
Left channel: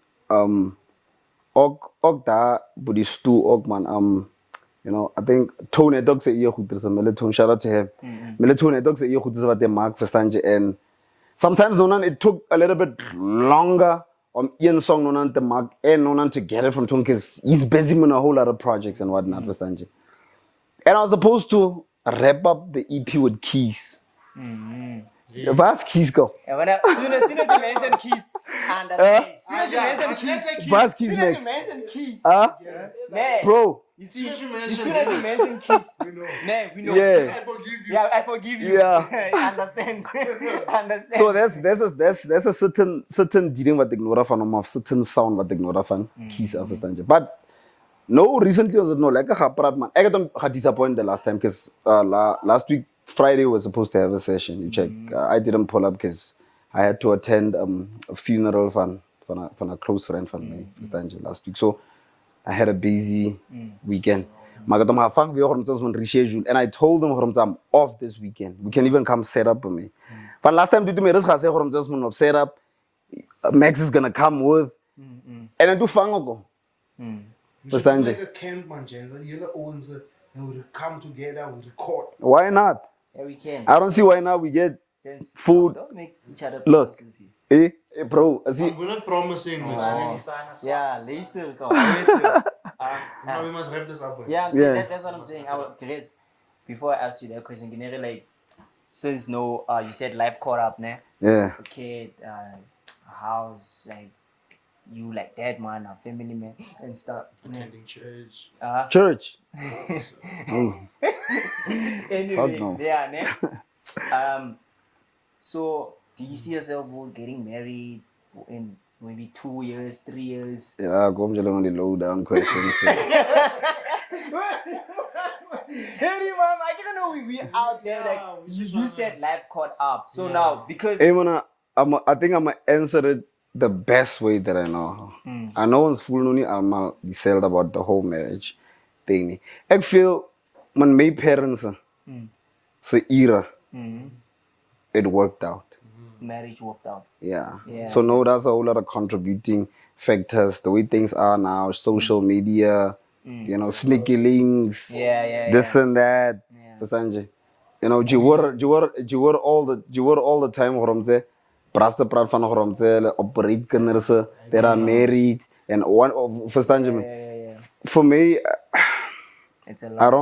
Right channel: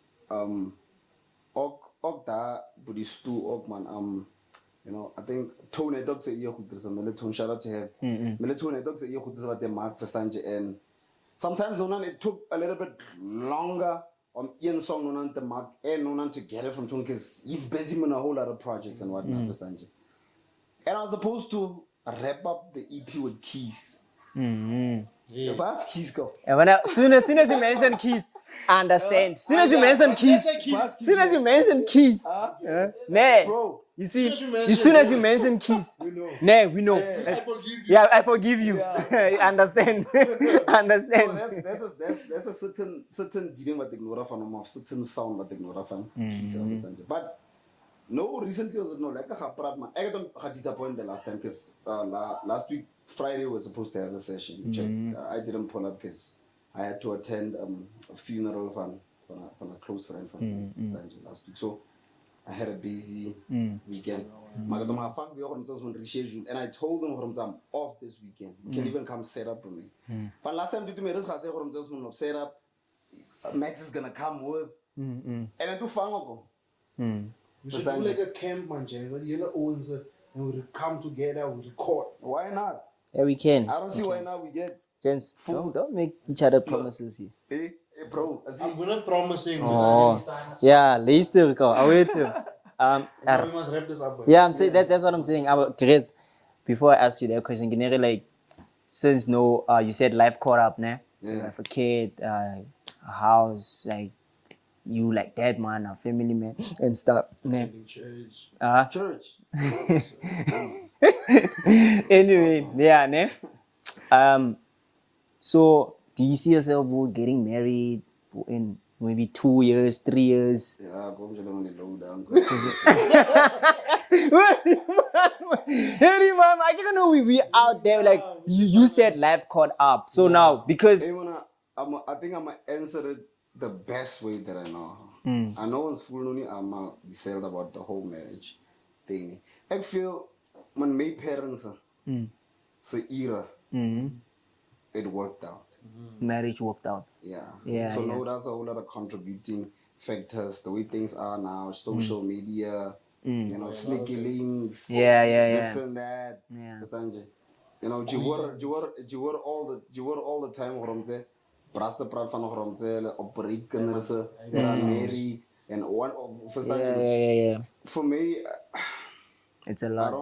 da budi stu man you know, I think Tony Dog say you goed is a Melatonin, shout out to him. Melatonin Dog say you goed is what they mark for Sanjay and sometimes nonan it took a little bit longer on Ian song nonan to mark and nonan to get it from Tony because he's busy with a whole lot of projects and whatnot for Sanjay. And I was supposed to wrap up the EP with keys. Yeah. Where's keys go? And soon as you mention keys, I understand. Soon as you mention keys, Where's keys? soon as you mention keys, nah, Bro. you see, As soon as you mention as soon as you mention keys, nah, we know. Yeah. I forgive you. Yeah, I forgive you. Yeah. I understand. Understand. So there's a certain dealing what ignore fan of certain sound what ignore fan keys of Sanjay. But no, recently was no like a haprat man. I got disappointed the last time because last week Friday was supposed to have a session. You check. I didn't pull up because I had to attend a funeral for a close friend for me Sanjay last week. So I had a busy weekend. And I told them I'm off this weekend. We can even come set up with me. But last time did me set up. Max is gonna come with and I do fango. We should do like a camp, man, Jen. You know, owns it, and we come together, we record. Why not? Yeah, we can. I don't see why not we get Gents, food. Don't make each other Look. promises here. Bro, I see. We're not promising. Oh, yeah, later, go. I wait to. Now we must wrap this up. Man. Yeah, I'm saying Yeah. that's what I'm saying. Chris, before I ask you that question, can you like, since no, you said life caught up, ne? Yeah. A kid, a house, like you like that man, a family man, and stuff. Ne? Attending church. Church. Anyway, Oh, no. yeah, ne? So do you see yourself getting married in maybe 2 years, 3 years? Yeah, go on the low down questions. Hey, mom, I didn't know we out there. Like you said, life caught up. So now because Hey, man, I think I'm gonna answer it the best way that I know. I know it's full noni I'm said about the whole marriage thing. I feel when my parents so era it worked out. marriage worked out. Yeah. Yeah, So no, that's a whole lot of contributing factors. The way things are now, social media, you know, sneaky links, Yeah. this and that. Yeah. For Sanjay. You know, you were all the time from there. Brasta praat van from there, operate kinders that are married and one for Sanjay. Yeah. For me, It's a lot.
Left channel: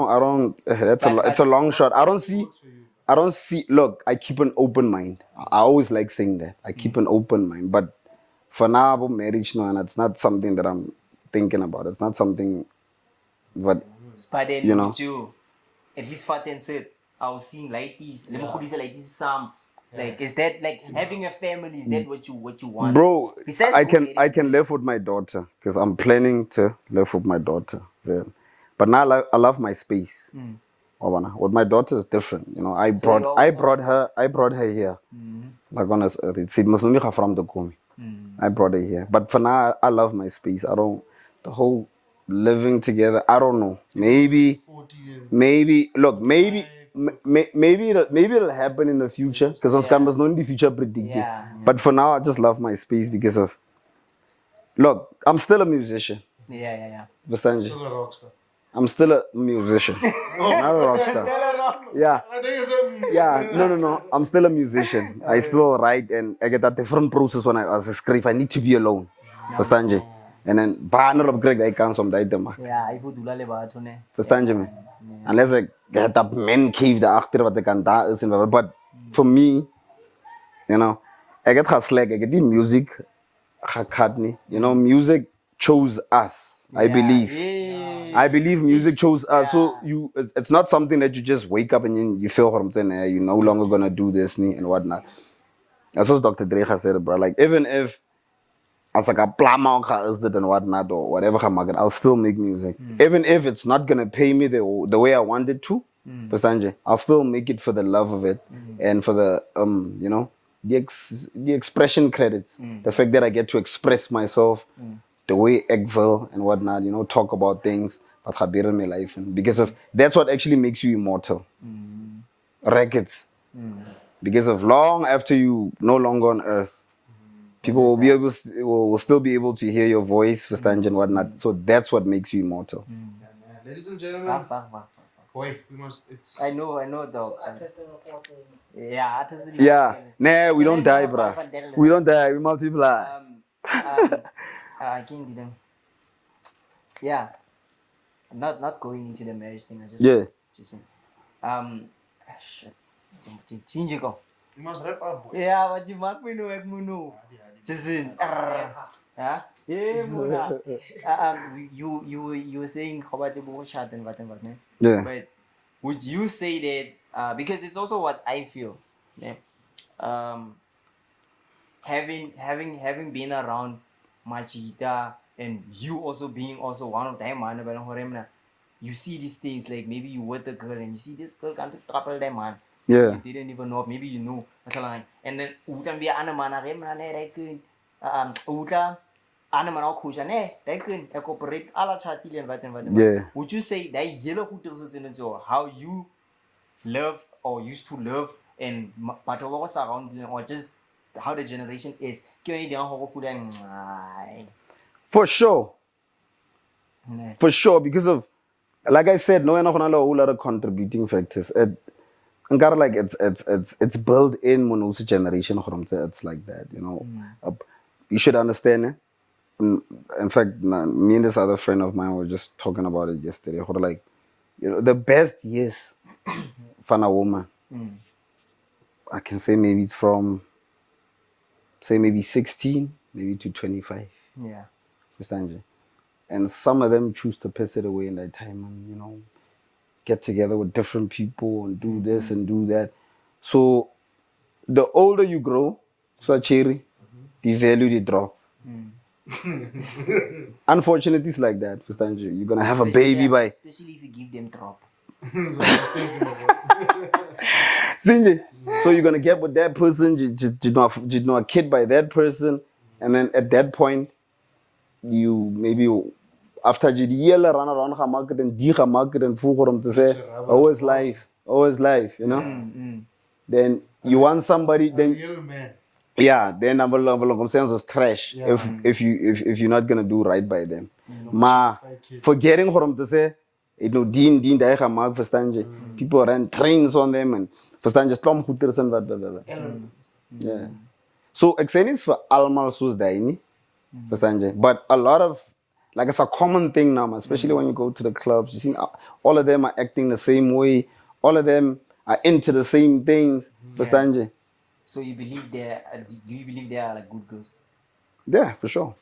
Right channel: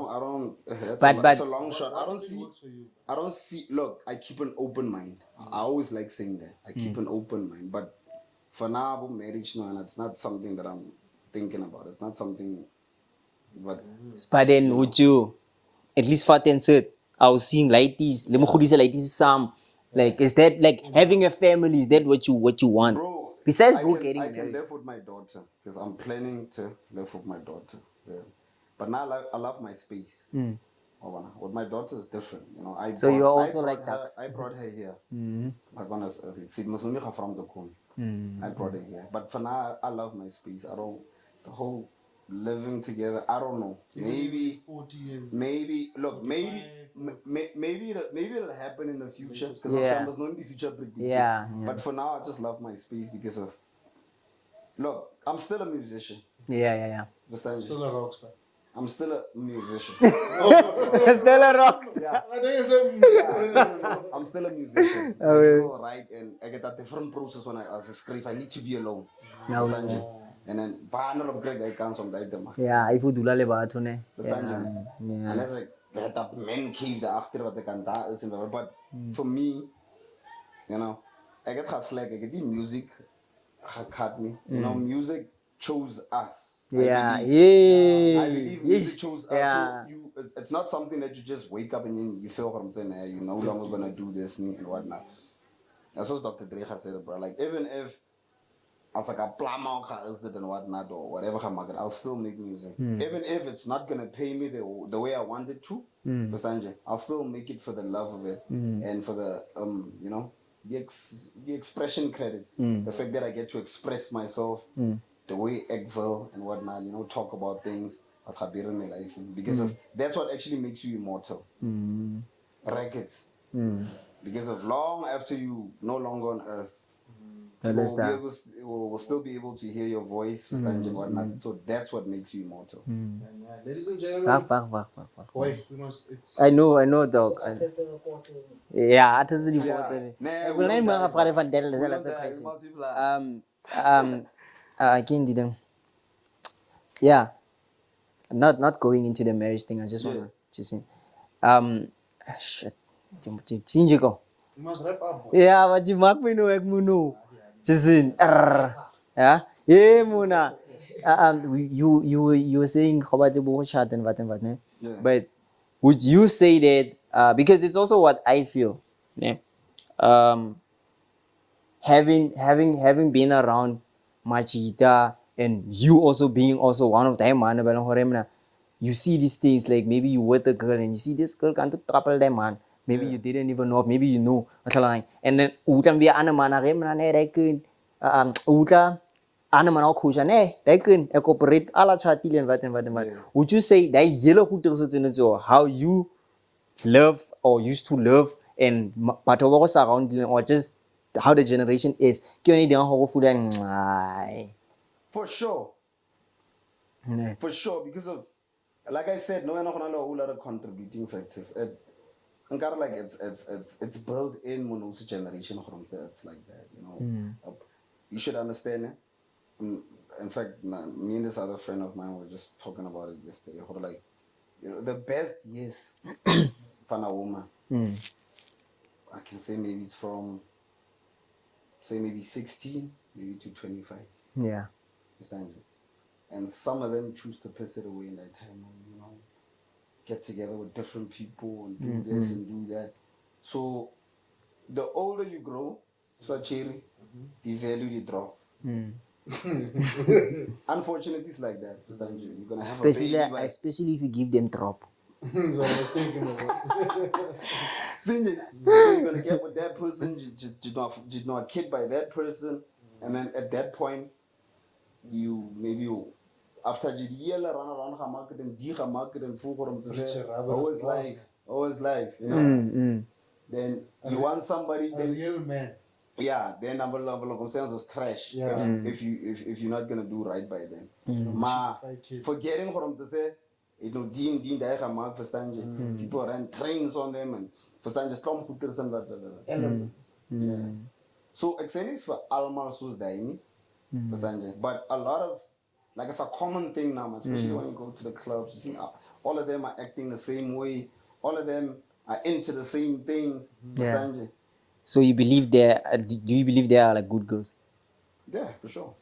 it's a long shot. I don't see. Look, I keep an open mind. I always like saying that. I keep an open mind. But for now, about marriage, no, and it's not something that I'm thinking about. It's not something. But But then you know. with you, at least Fat and said, I was seeing like this. Let me put this like this. Some like is that like having a family? Is that what you want, bro, Besides I can live with my daughter because I'm planning to live with my daughter. Yeah. But now I love my space. With my daughter is different. You know, I So brought you're her here. Like honest, it's from the Kumi. I brought her here. But for now, I love my space. I don't the whole living together. I don't know. Maybe look. Maybe it'll happen in the future because those cameras not in the future predict. Yeah. But for now, I just love my space because of. Look, I'm still a musician. Yeah. Understand you? Still a rock star. I'm still a musician. Not a rock star. Still a rock. Yeah. I think it's Yeah, no. I'm still a musician. I still write and I get a different process when I as a script. I need to be alone. Verstaan je? En dan banner op krijg ik kans om dat te maken. Ja, I voel dula le batho ne. Verstaan je me? Unless I get that man cave daarachter wat ik aan daar is en wat. But for me, you know, I get geslag. I get die music gekat nie. You know, music chose us. I believe. Yeah. I believe music chose us. So Yeah. it's not something that you just wake up and you feel what I'm saying. You're no longer gonna do this and whatnot. That's what Dr. Dre said, bro. Like even if as like a plama is that and whatnot or whatever, I'll still make music. Even if it's not gonna pay me the way I want it to, I'll still make it for the love of it and for the you know the expression credits. The fact that I get to express myself. The way Eggville and whatnot, you know, talk about things that happen in my life. And because of that's what actually makes you immortal. Records. Because of long after you no longer on earth, people will be able will still be able to hear your voice, and whatnot. So that's what makes you immortal. Ladies and gentlemen, Fuck. boy, we must. It's I know, dog. Yeah, artists. Yeah. Nah, we don't die, bro. We don't die. We multiply. Again, didn't. Yeah, not going into the marriage thing. I just Yeah. just saying. Shit. Change go. we must wrap up. Boy. Yeah, but you mark me no ek muno. Just in. Yeah. Yeah, muna. You were saying how about the chat and what, ne? Yeah. But would you say that because it's also what I feel, yeah. Having been around Machita and you also being also one of them, man, you see these things like maybe you with a girl and you see this girl can't trouble them, man. Maybe Yeah. you didn't even know, maybe you know. And then utan be ana man uta ana man ook goed nee, they can cooperate alla chatile and what. Yeah. Would you say that yellow goed is in it how you love or used to love and but was around you or just how the generation is? For sure. For sure, because of like I said, no, a whole lot of contributing factors. And kind of like it's built in Monosi generation. It's like that, you know. You should understand it. In fact, me and this other friend of mine were just talking about it yesterday. Like, you know, the best years for a woman, I can say maybe it's from, say maybe 16, maybe to 25. Yeah. Understand you? And some of them choose to piss it away in that time and, you know, get together with different people and do this and do that. So the older you grow, so cherry, the value they drop. Unfortunately, it's like that. Understand you? You're gonna have a baby by. Especially if you give them drop. So you're gonna get with that person, you know a kid by that person, and then at that point, you maybe after you run around the market and full to say always life, you know. Then you want somebody, then Real man. yeah, then I'm saying it's trash if you're not gonna do right by them. Ma forgetting for them to say, you know, Dean die gemaakt, verstaan je? People run trains on them and verstaan je stomgoeders en wat. Yeah. So ek sê nie vir almal soos daai nie. Verstaan je? But a lot of like it's a common thing now, especially when you go to the clubs. You see all of them are acting the same way. All of them are into the same things. Verstaan je? So you believe do you believe they are like good girls? Yeah, for sure.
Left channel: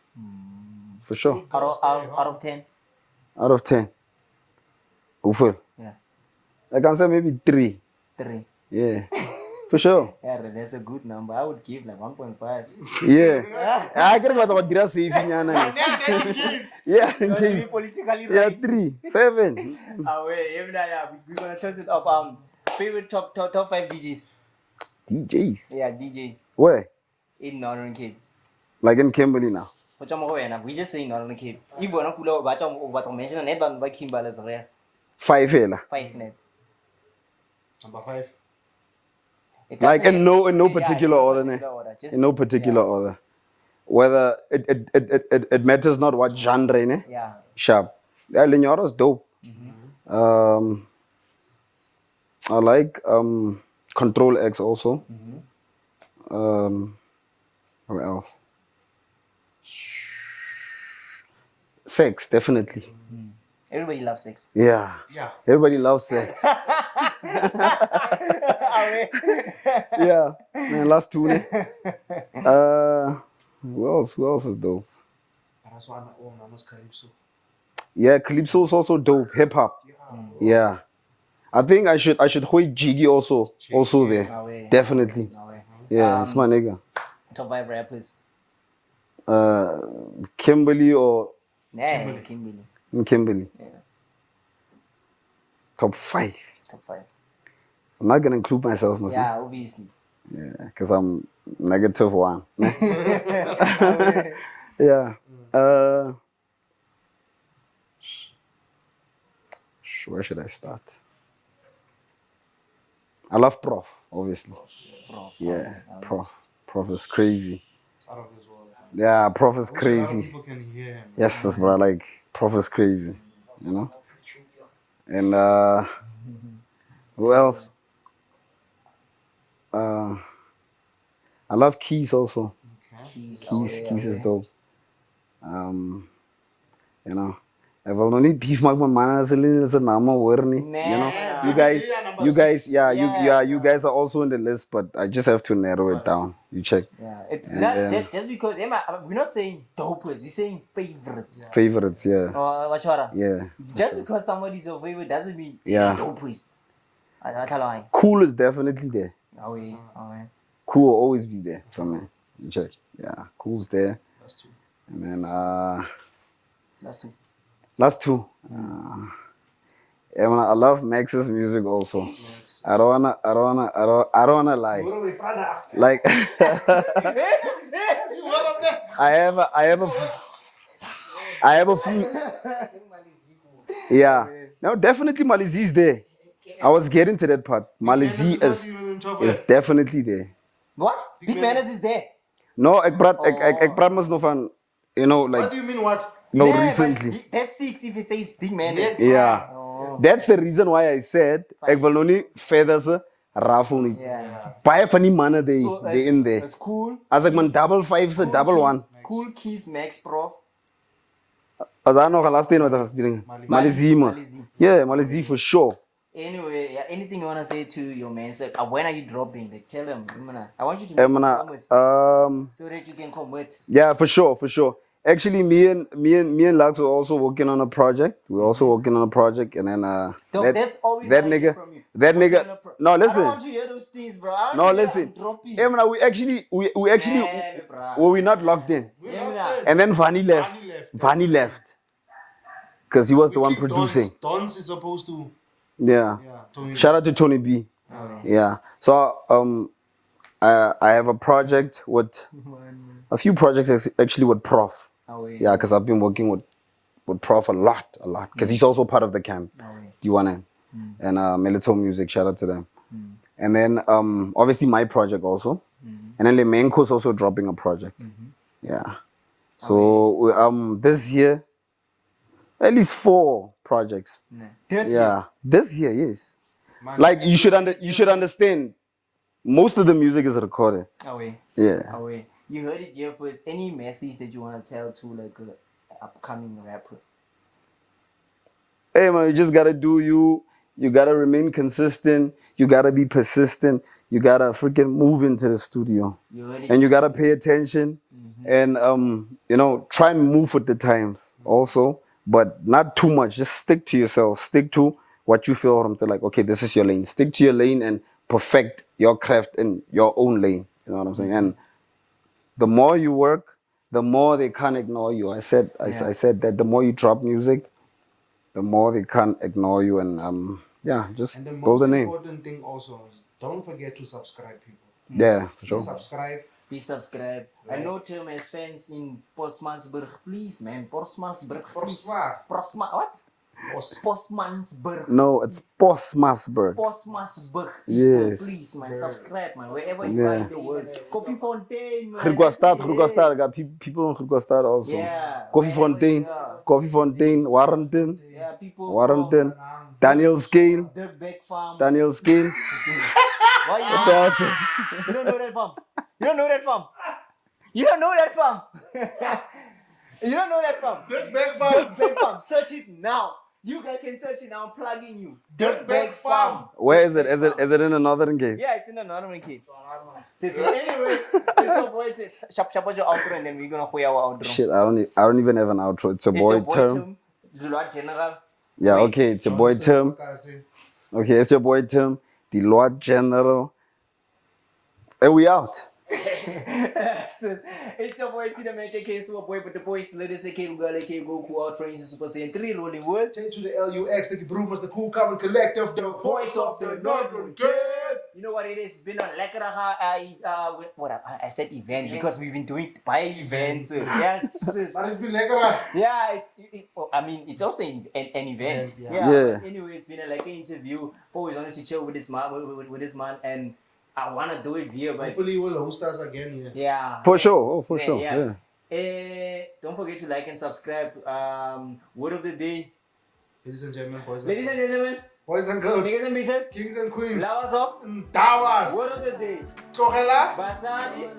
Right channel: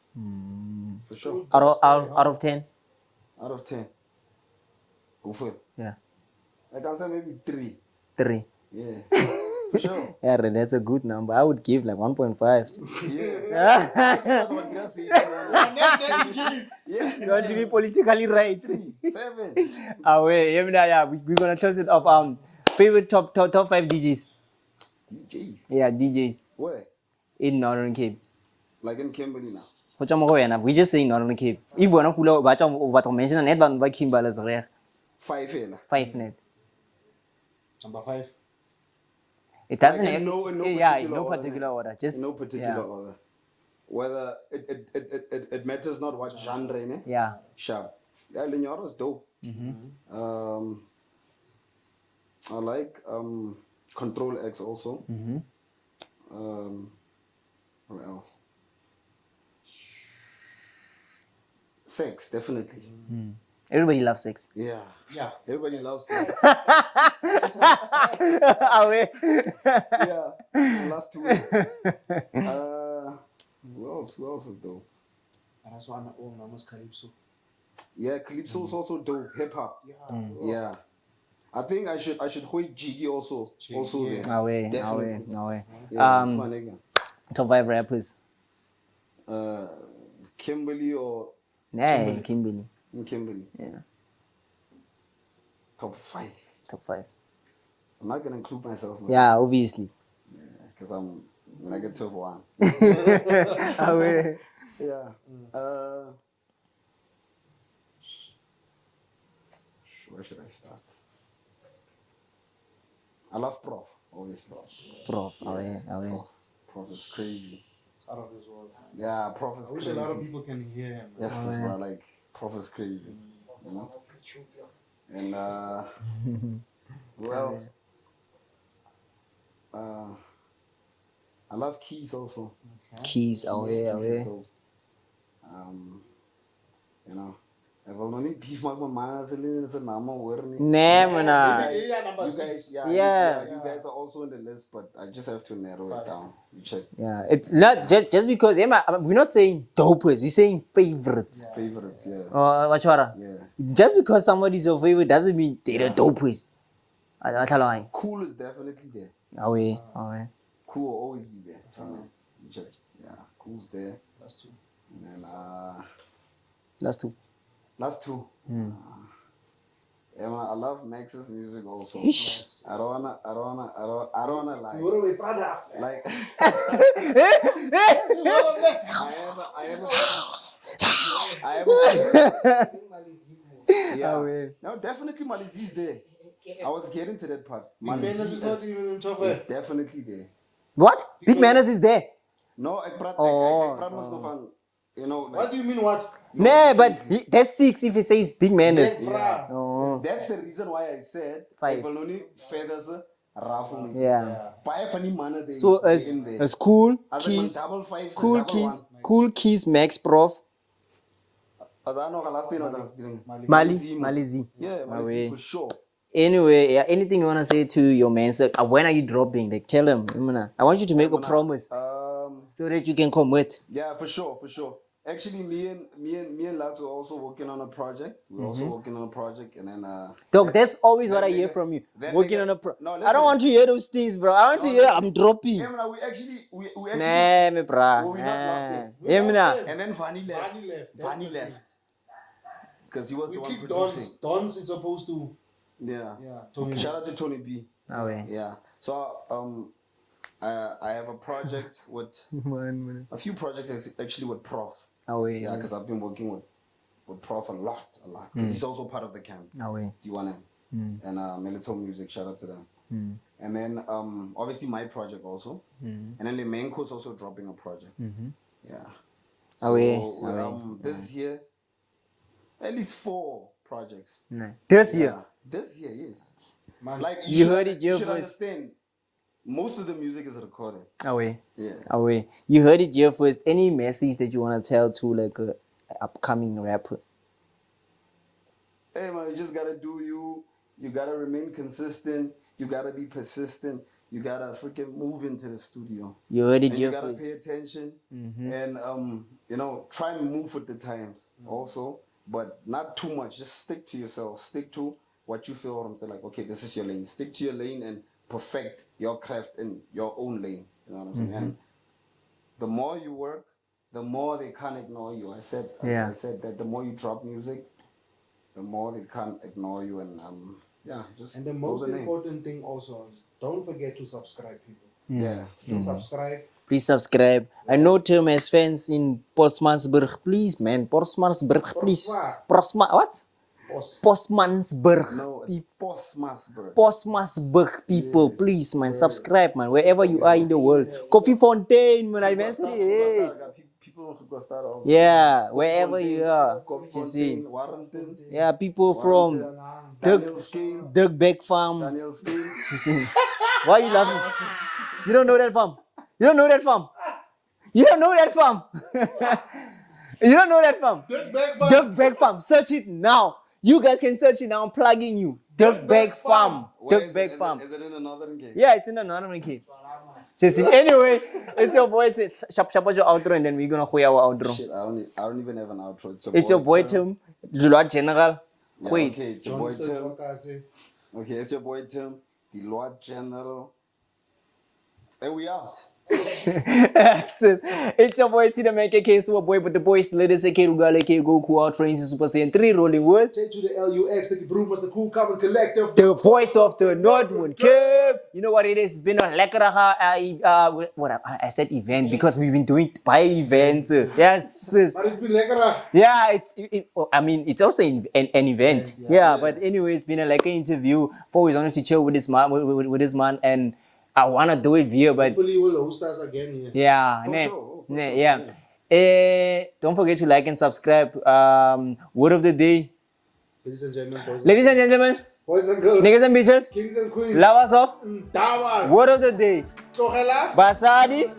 For sure. Out of 10? Out of 10. Hoeveel? Yeah. I can say maybe 3. 3. Yeah. For sure. Yeah, that's a good number. I would give like 1.5. Yeah. I get what grass saving. Yeah. You want to be politically Yeah, right. 3, 7. Yeah, we're gonna toss it off. Favorite top 5 DJs. DJs. Yeah, DJs Where? in Northern Cape. Like in Kimberley now. We just say Northern Cape. If we're not full of what mention net by Kimberley is rare. 5 hela. 5 net. Number 5. Like in no particular order. Just, In no particular order. Whether it matters not what genre, ne? Yeah. Sharp. Yeah, Lenyoro's dope. I like Control X also. What else? Sex, definitely. Everybody loves sex. Yeah. Yeah. Everybody loves sex. Yeah. Man, last two. Who else? Who else is dope? That's why I must Calypso. Yeah, Calypso is also dope. Hip hop. Yeah. I think I should hold Jiggy also there. Definitely. Yeah, it's my nigga. Top 5 rappers. Kimberley or Nah, Kimberley. Kimberley. Yeah. Top 5. Top 5. I'm not gonna include myself. Yeah, obviously. Yeah, because I'm -1. Yeah. Where should I start? I love Prof, obviously. Prof. Yeah, Prof. Prof is crazy. It's out of this world. Yeah, Prof is I wish a lot of crazy. people can hear him. Yes, that's bro. Like Prof is crazy. You know. And who else? I love Keys also. Keys. Keys is dope. You know, I will not need beef mag my man as a little nama hoor nie. You guys, you guys are also in the list, but I just have to narrow it down. You check. Yeah, it's not just because we're not saying dopers, we're saying favorites. Favorites, yeah. Yeah. Just because somebody's your favorite doesn't mean they're dopers. Khool is definitely there. Khool will always be there for me. You check. Yeah, Khool's there. And then Last two. Yeah, man, I love Max's music also. I don't wanna lie. Like I have a few. Yeah. No, definitely Malizi is there. I was getting to that part. Malizi is definitely there. What? Big Manners is there. No, ek praat mos nog van, you know, like. What do you mean what? No, recently. But that's 6 if he says Big Manners. Yeah. That's the reason why I said ek wil nou nie verder se raffle nie. Yeah. Baie van die manne they in there. It's Khool. As ek man double 5 se double 1. Khool, Keys, Max, Prof. As daar nog 'n laaste een wat ek gesien het. Malizi. Yeah, Malizi for sure. Anyway, yeah, anything you want to say to your man? So, when are you dropping? Like, tell him. I want you to make a promise so that you can commit. Yeah, for sure. Actually, me and Lux were also working on a project. We're also working on a project, and then that's always what I hear from you. That nigga. No, listen. I don't want to hear those things, bro. I want to hear I'm dropping. Yeah, man, we actually we're not locked in. Yeah, and then Vanny left. Because he was the one producing. Dons is supposed to. Yeah. Shout out to Tony B. Yeah. So I have a project with a few projects actually with Prof. Yeah, because I've been working with Prof a lot. Because he's also part of the camp. D1M. And Melito Music, shout out to them. And then obviously my project also. And then Lemenko's also dropping a project. Yeah. So this year, at least 4 projects. This year? This year, yes. Man, like you should understand, most of the music is recorded. Yeah. You heard it here first. Any message that you want to tell to like a upcoming rapper? Hey man, you just gotta do you. You gotta remain consistent. You gotta be persistent. You gotta freaking move into the studio. You heard it. And you gotta pay attention. And you know, try and move with the times also. But not too much. Just stick to yourself. Stick to what you feel. I'm saying, like, okay, this is your lane. Stick to your lane and perfect your craft in your own lane. You know what I'm saying? And the more you work, the more they can't ignore you. I said that the more you drop music, the more they can't ignore you. And just and the build most a name. important thing also is don't forget to subscribe, people. Yeah, for sure. Please subscribe. I know Tim has fans in Portsmouthburg. Please, man. Portsmouthburg, please. What? Postmansburg. No, it's Postmasburg. Postmansburg people, Yes. please, man, subscribe, man, wherever you are in the world. Coffee Fontaine, man. Grugastad, got people in Grugastad also. Yeah, Coffee wherever Fontaine, you are. Coffee You see. Fontaine, Warrington, Yeah, people Warrington, from Daniel Scale, Dirkbeck Farm. Daniel Scale. You see. Why you laughing? You don't know that farm. You don't know that farm. You don't know that farm. You don't know that farm. Dirkbeck Farm. Search it now. You guys can search it now. I'm plugging you. Dirkbeck Farm. Where is it? Dirkbeck Farm. Is it in the Northern Gate? Yeah, it's in the Northern Gate. Anyway, it's your boy. Shop your outro, and then we're gonna play our outro. Shit, I don't even have an outro. It's Your boy Tim. Tim. The Lord General. Yeah, Wait. okay, it's your boy Tim. Okay, it's your boy Tim, the Lord General. And we out. It's your boy Tina man KK Super Boy, but the boys ladies AK Rugale K Go Cool Out Trains Super Saiyan 3 Rolling Wood. Take to the LUX, StukkieBroer, the Cool Carbon Collective. The voice of the Northwood Cape. You know what it is? It's been a lekkere I said event because we've been doing by events. Yes. But it's been lekker. Yeah, it's also an event. Yeah, Yeah. but anyway, it's been a lekker interview. Always wanted to chill with this man, with this man, and I wanna do it here, but Hopefully you will host us again here. yeah, For man. sure. Oh, for Man, sure. yeah. Don't forget to like and subscribe. Word of the day, Ladies and gentlemen, ladies and gentlemen, boys and girls, niggas and bitches, kings and queens, lovers of Dawas, word of the day, Togela, Basadi.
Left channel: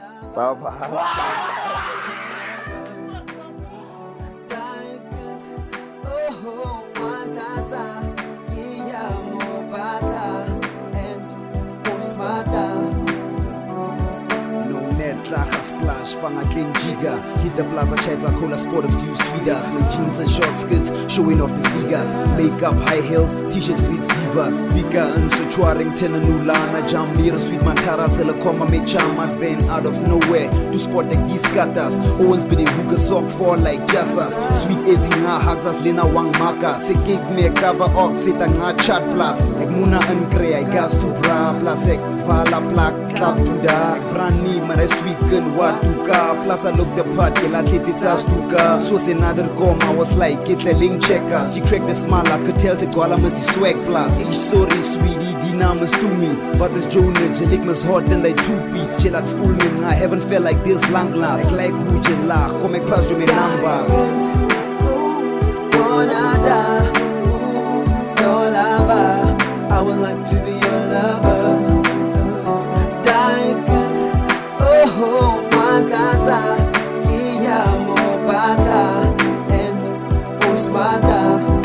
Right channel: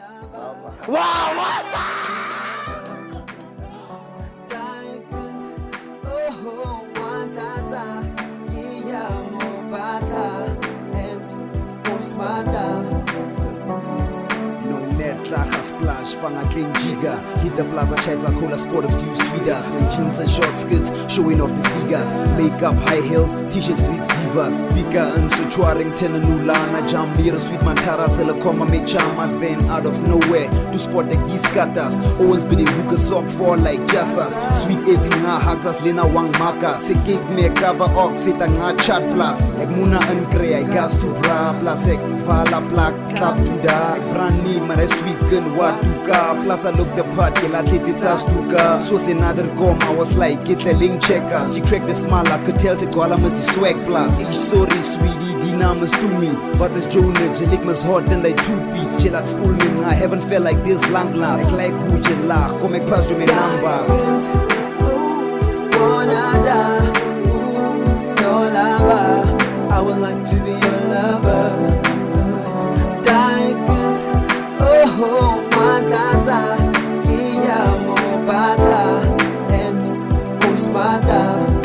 No net, Lacha splash, Pangaking Giga. Hit the plaza, chase a cola, scored a few sweeters. With jeans and short skirts, showing off the figures. Makeup, high heels, t-shirts, reads divas. Vika and Suchuaring, Tenanulana, Jam, Mira, Sweet Mantara, Selakoma, Mechama. Then out of nowhere, to spot the Giskatas. Always bidding hookah sock for like Jassas. Sweet Ezinga, Haxas, Lena Wang Maka. Sekik me cover ox, Sitanga chat plus. Egmuna and Grey, I gas to bra, plus ek vala plak, clap to da. Brani, man, I sweet gun, what to ka. Plus I look the part, get at it, it's as to ka. So say another gom, I was like, get the link checkers. She cracked the smile, I could tell, say, Gola must the swag plus. Ich sorry, sweetie, Dina must do me. But this Jonah, Jelik must hot and like 2-piece. Chill at full me, I haven't felt like this long last. Like who you laugh, come make pass you me numbers. I would like to be your lover. Diamond, oh, Magata, Guillermo Bata, and Osmata.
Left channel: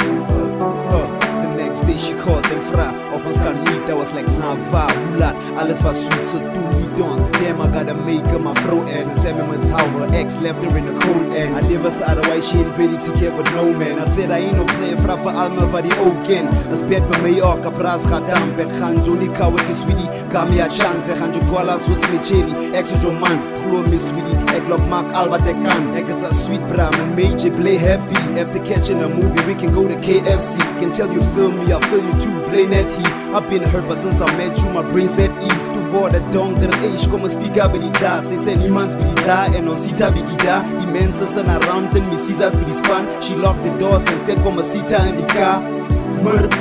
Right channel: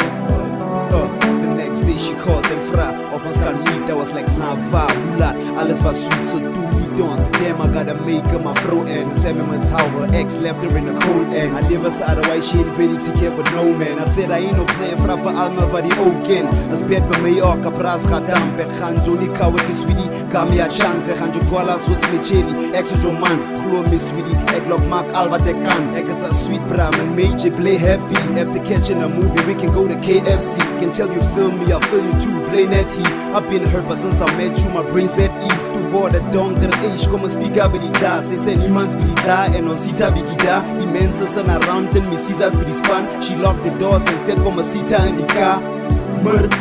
The next day she called them fra. Of ons kan meet, that was like Nava, Hulat. Alles was sweet, so do me dance. Damn, I gotta make her my bro. And say me was how her ex left her in the cold end. I never said otherwise she ain't ready to get with no man. I said I ain't no player fra for Alma for the Oken. As bed by me or Capras Khadam, Bet Khan Johnny Cow with the sweetie. Kamia chance, Khanjo Kuala Swiss Micheli. Ex with your man, Khlo Miss Sweetie. Egg love Mark Alba Tekan. Egg is a sweet bram and major play happy. After catching a movie, we can go to KFC. Can tell you feel me, I'll feel you too. Play net heat. I've been hurt, but since I met you, my brain's at ease. To board a donker age, come and speak up with the da. Say, send man's be da, and on Sita be da. Immense and around, then me Caesars be the span. She locked the doors and said, come and Sita in the car.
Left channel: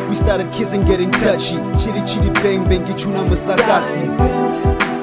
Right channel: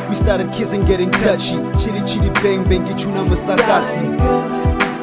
We started kissing, getting touchy. Chitty chitty bang bang, get you numbers like I see.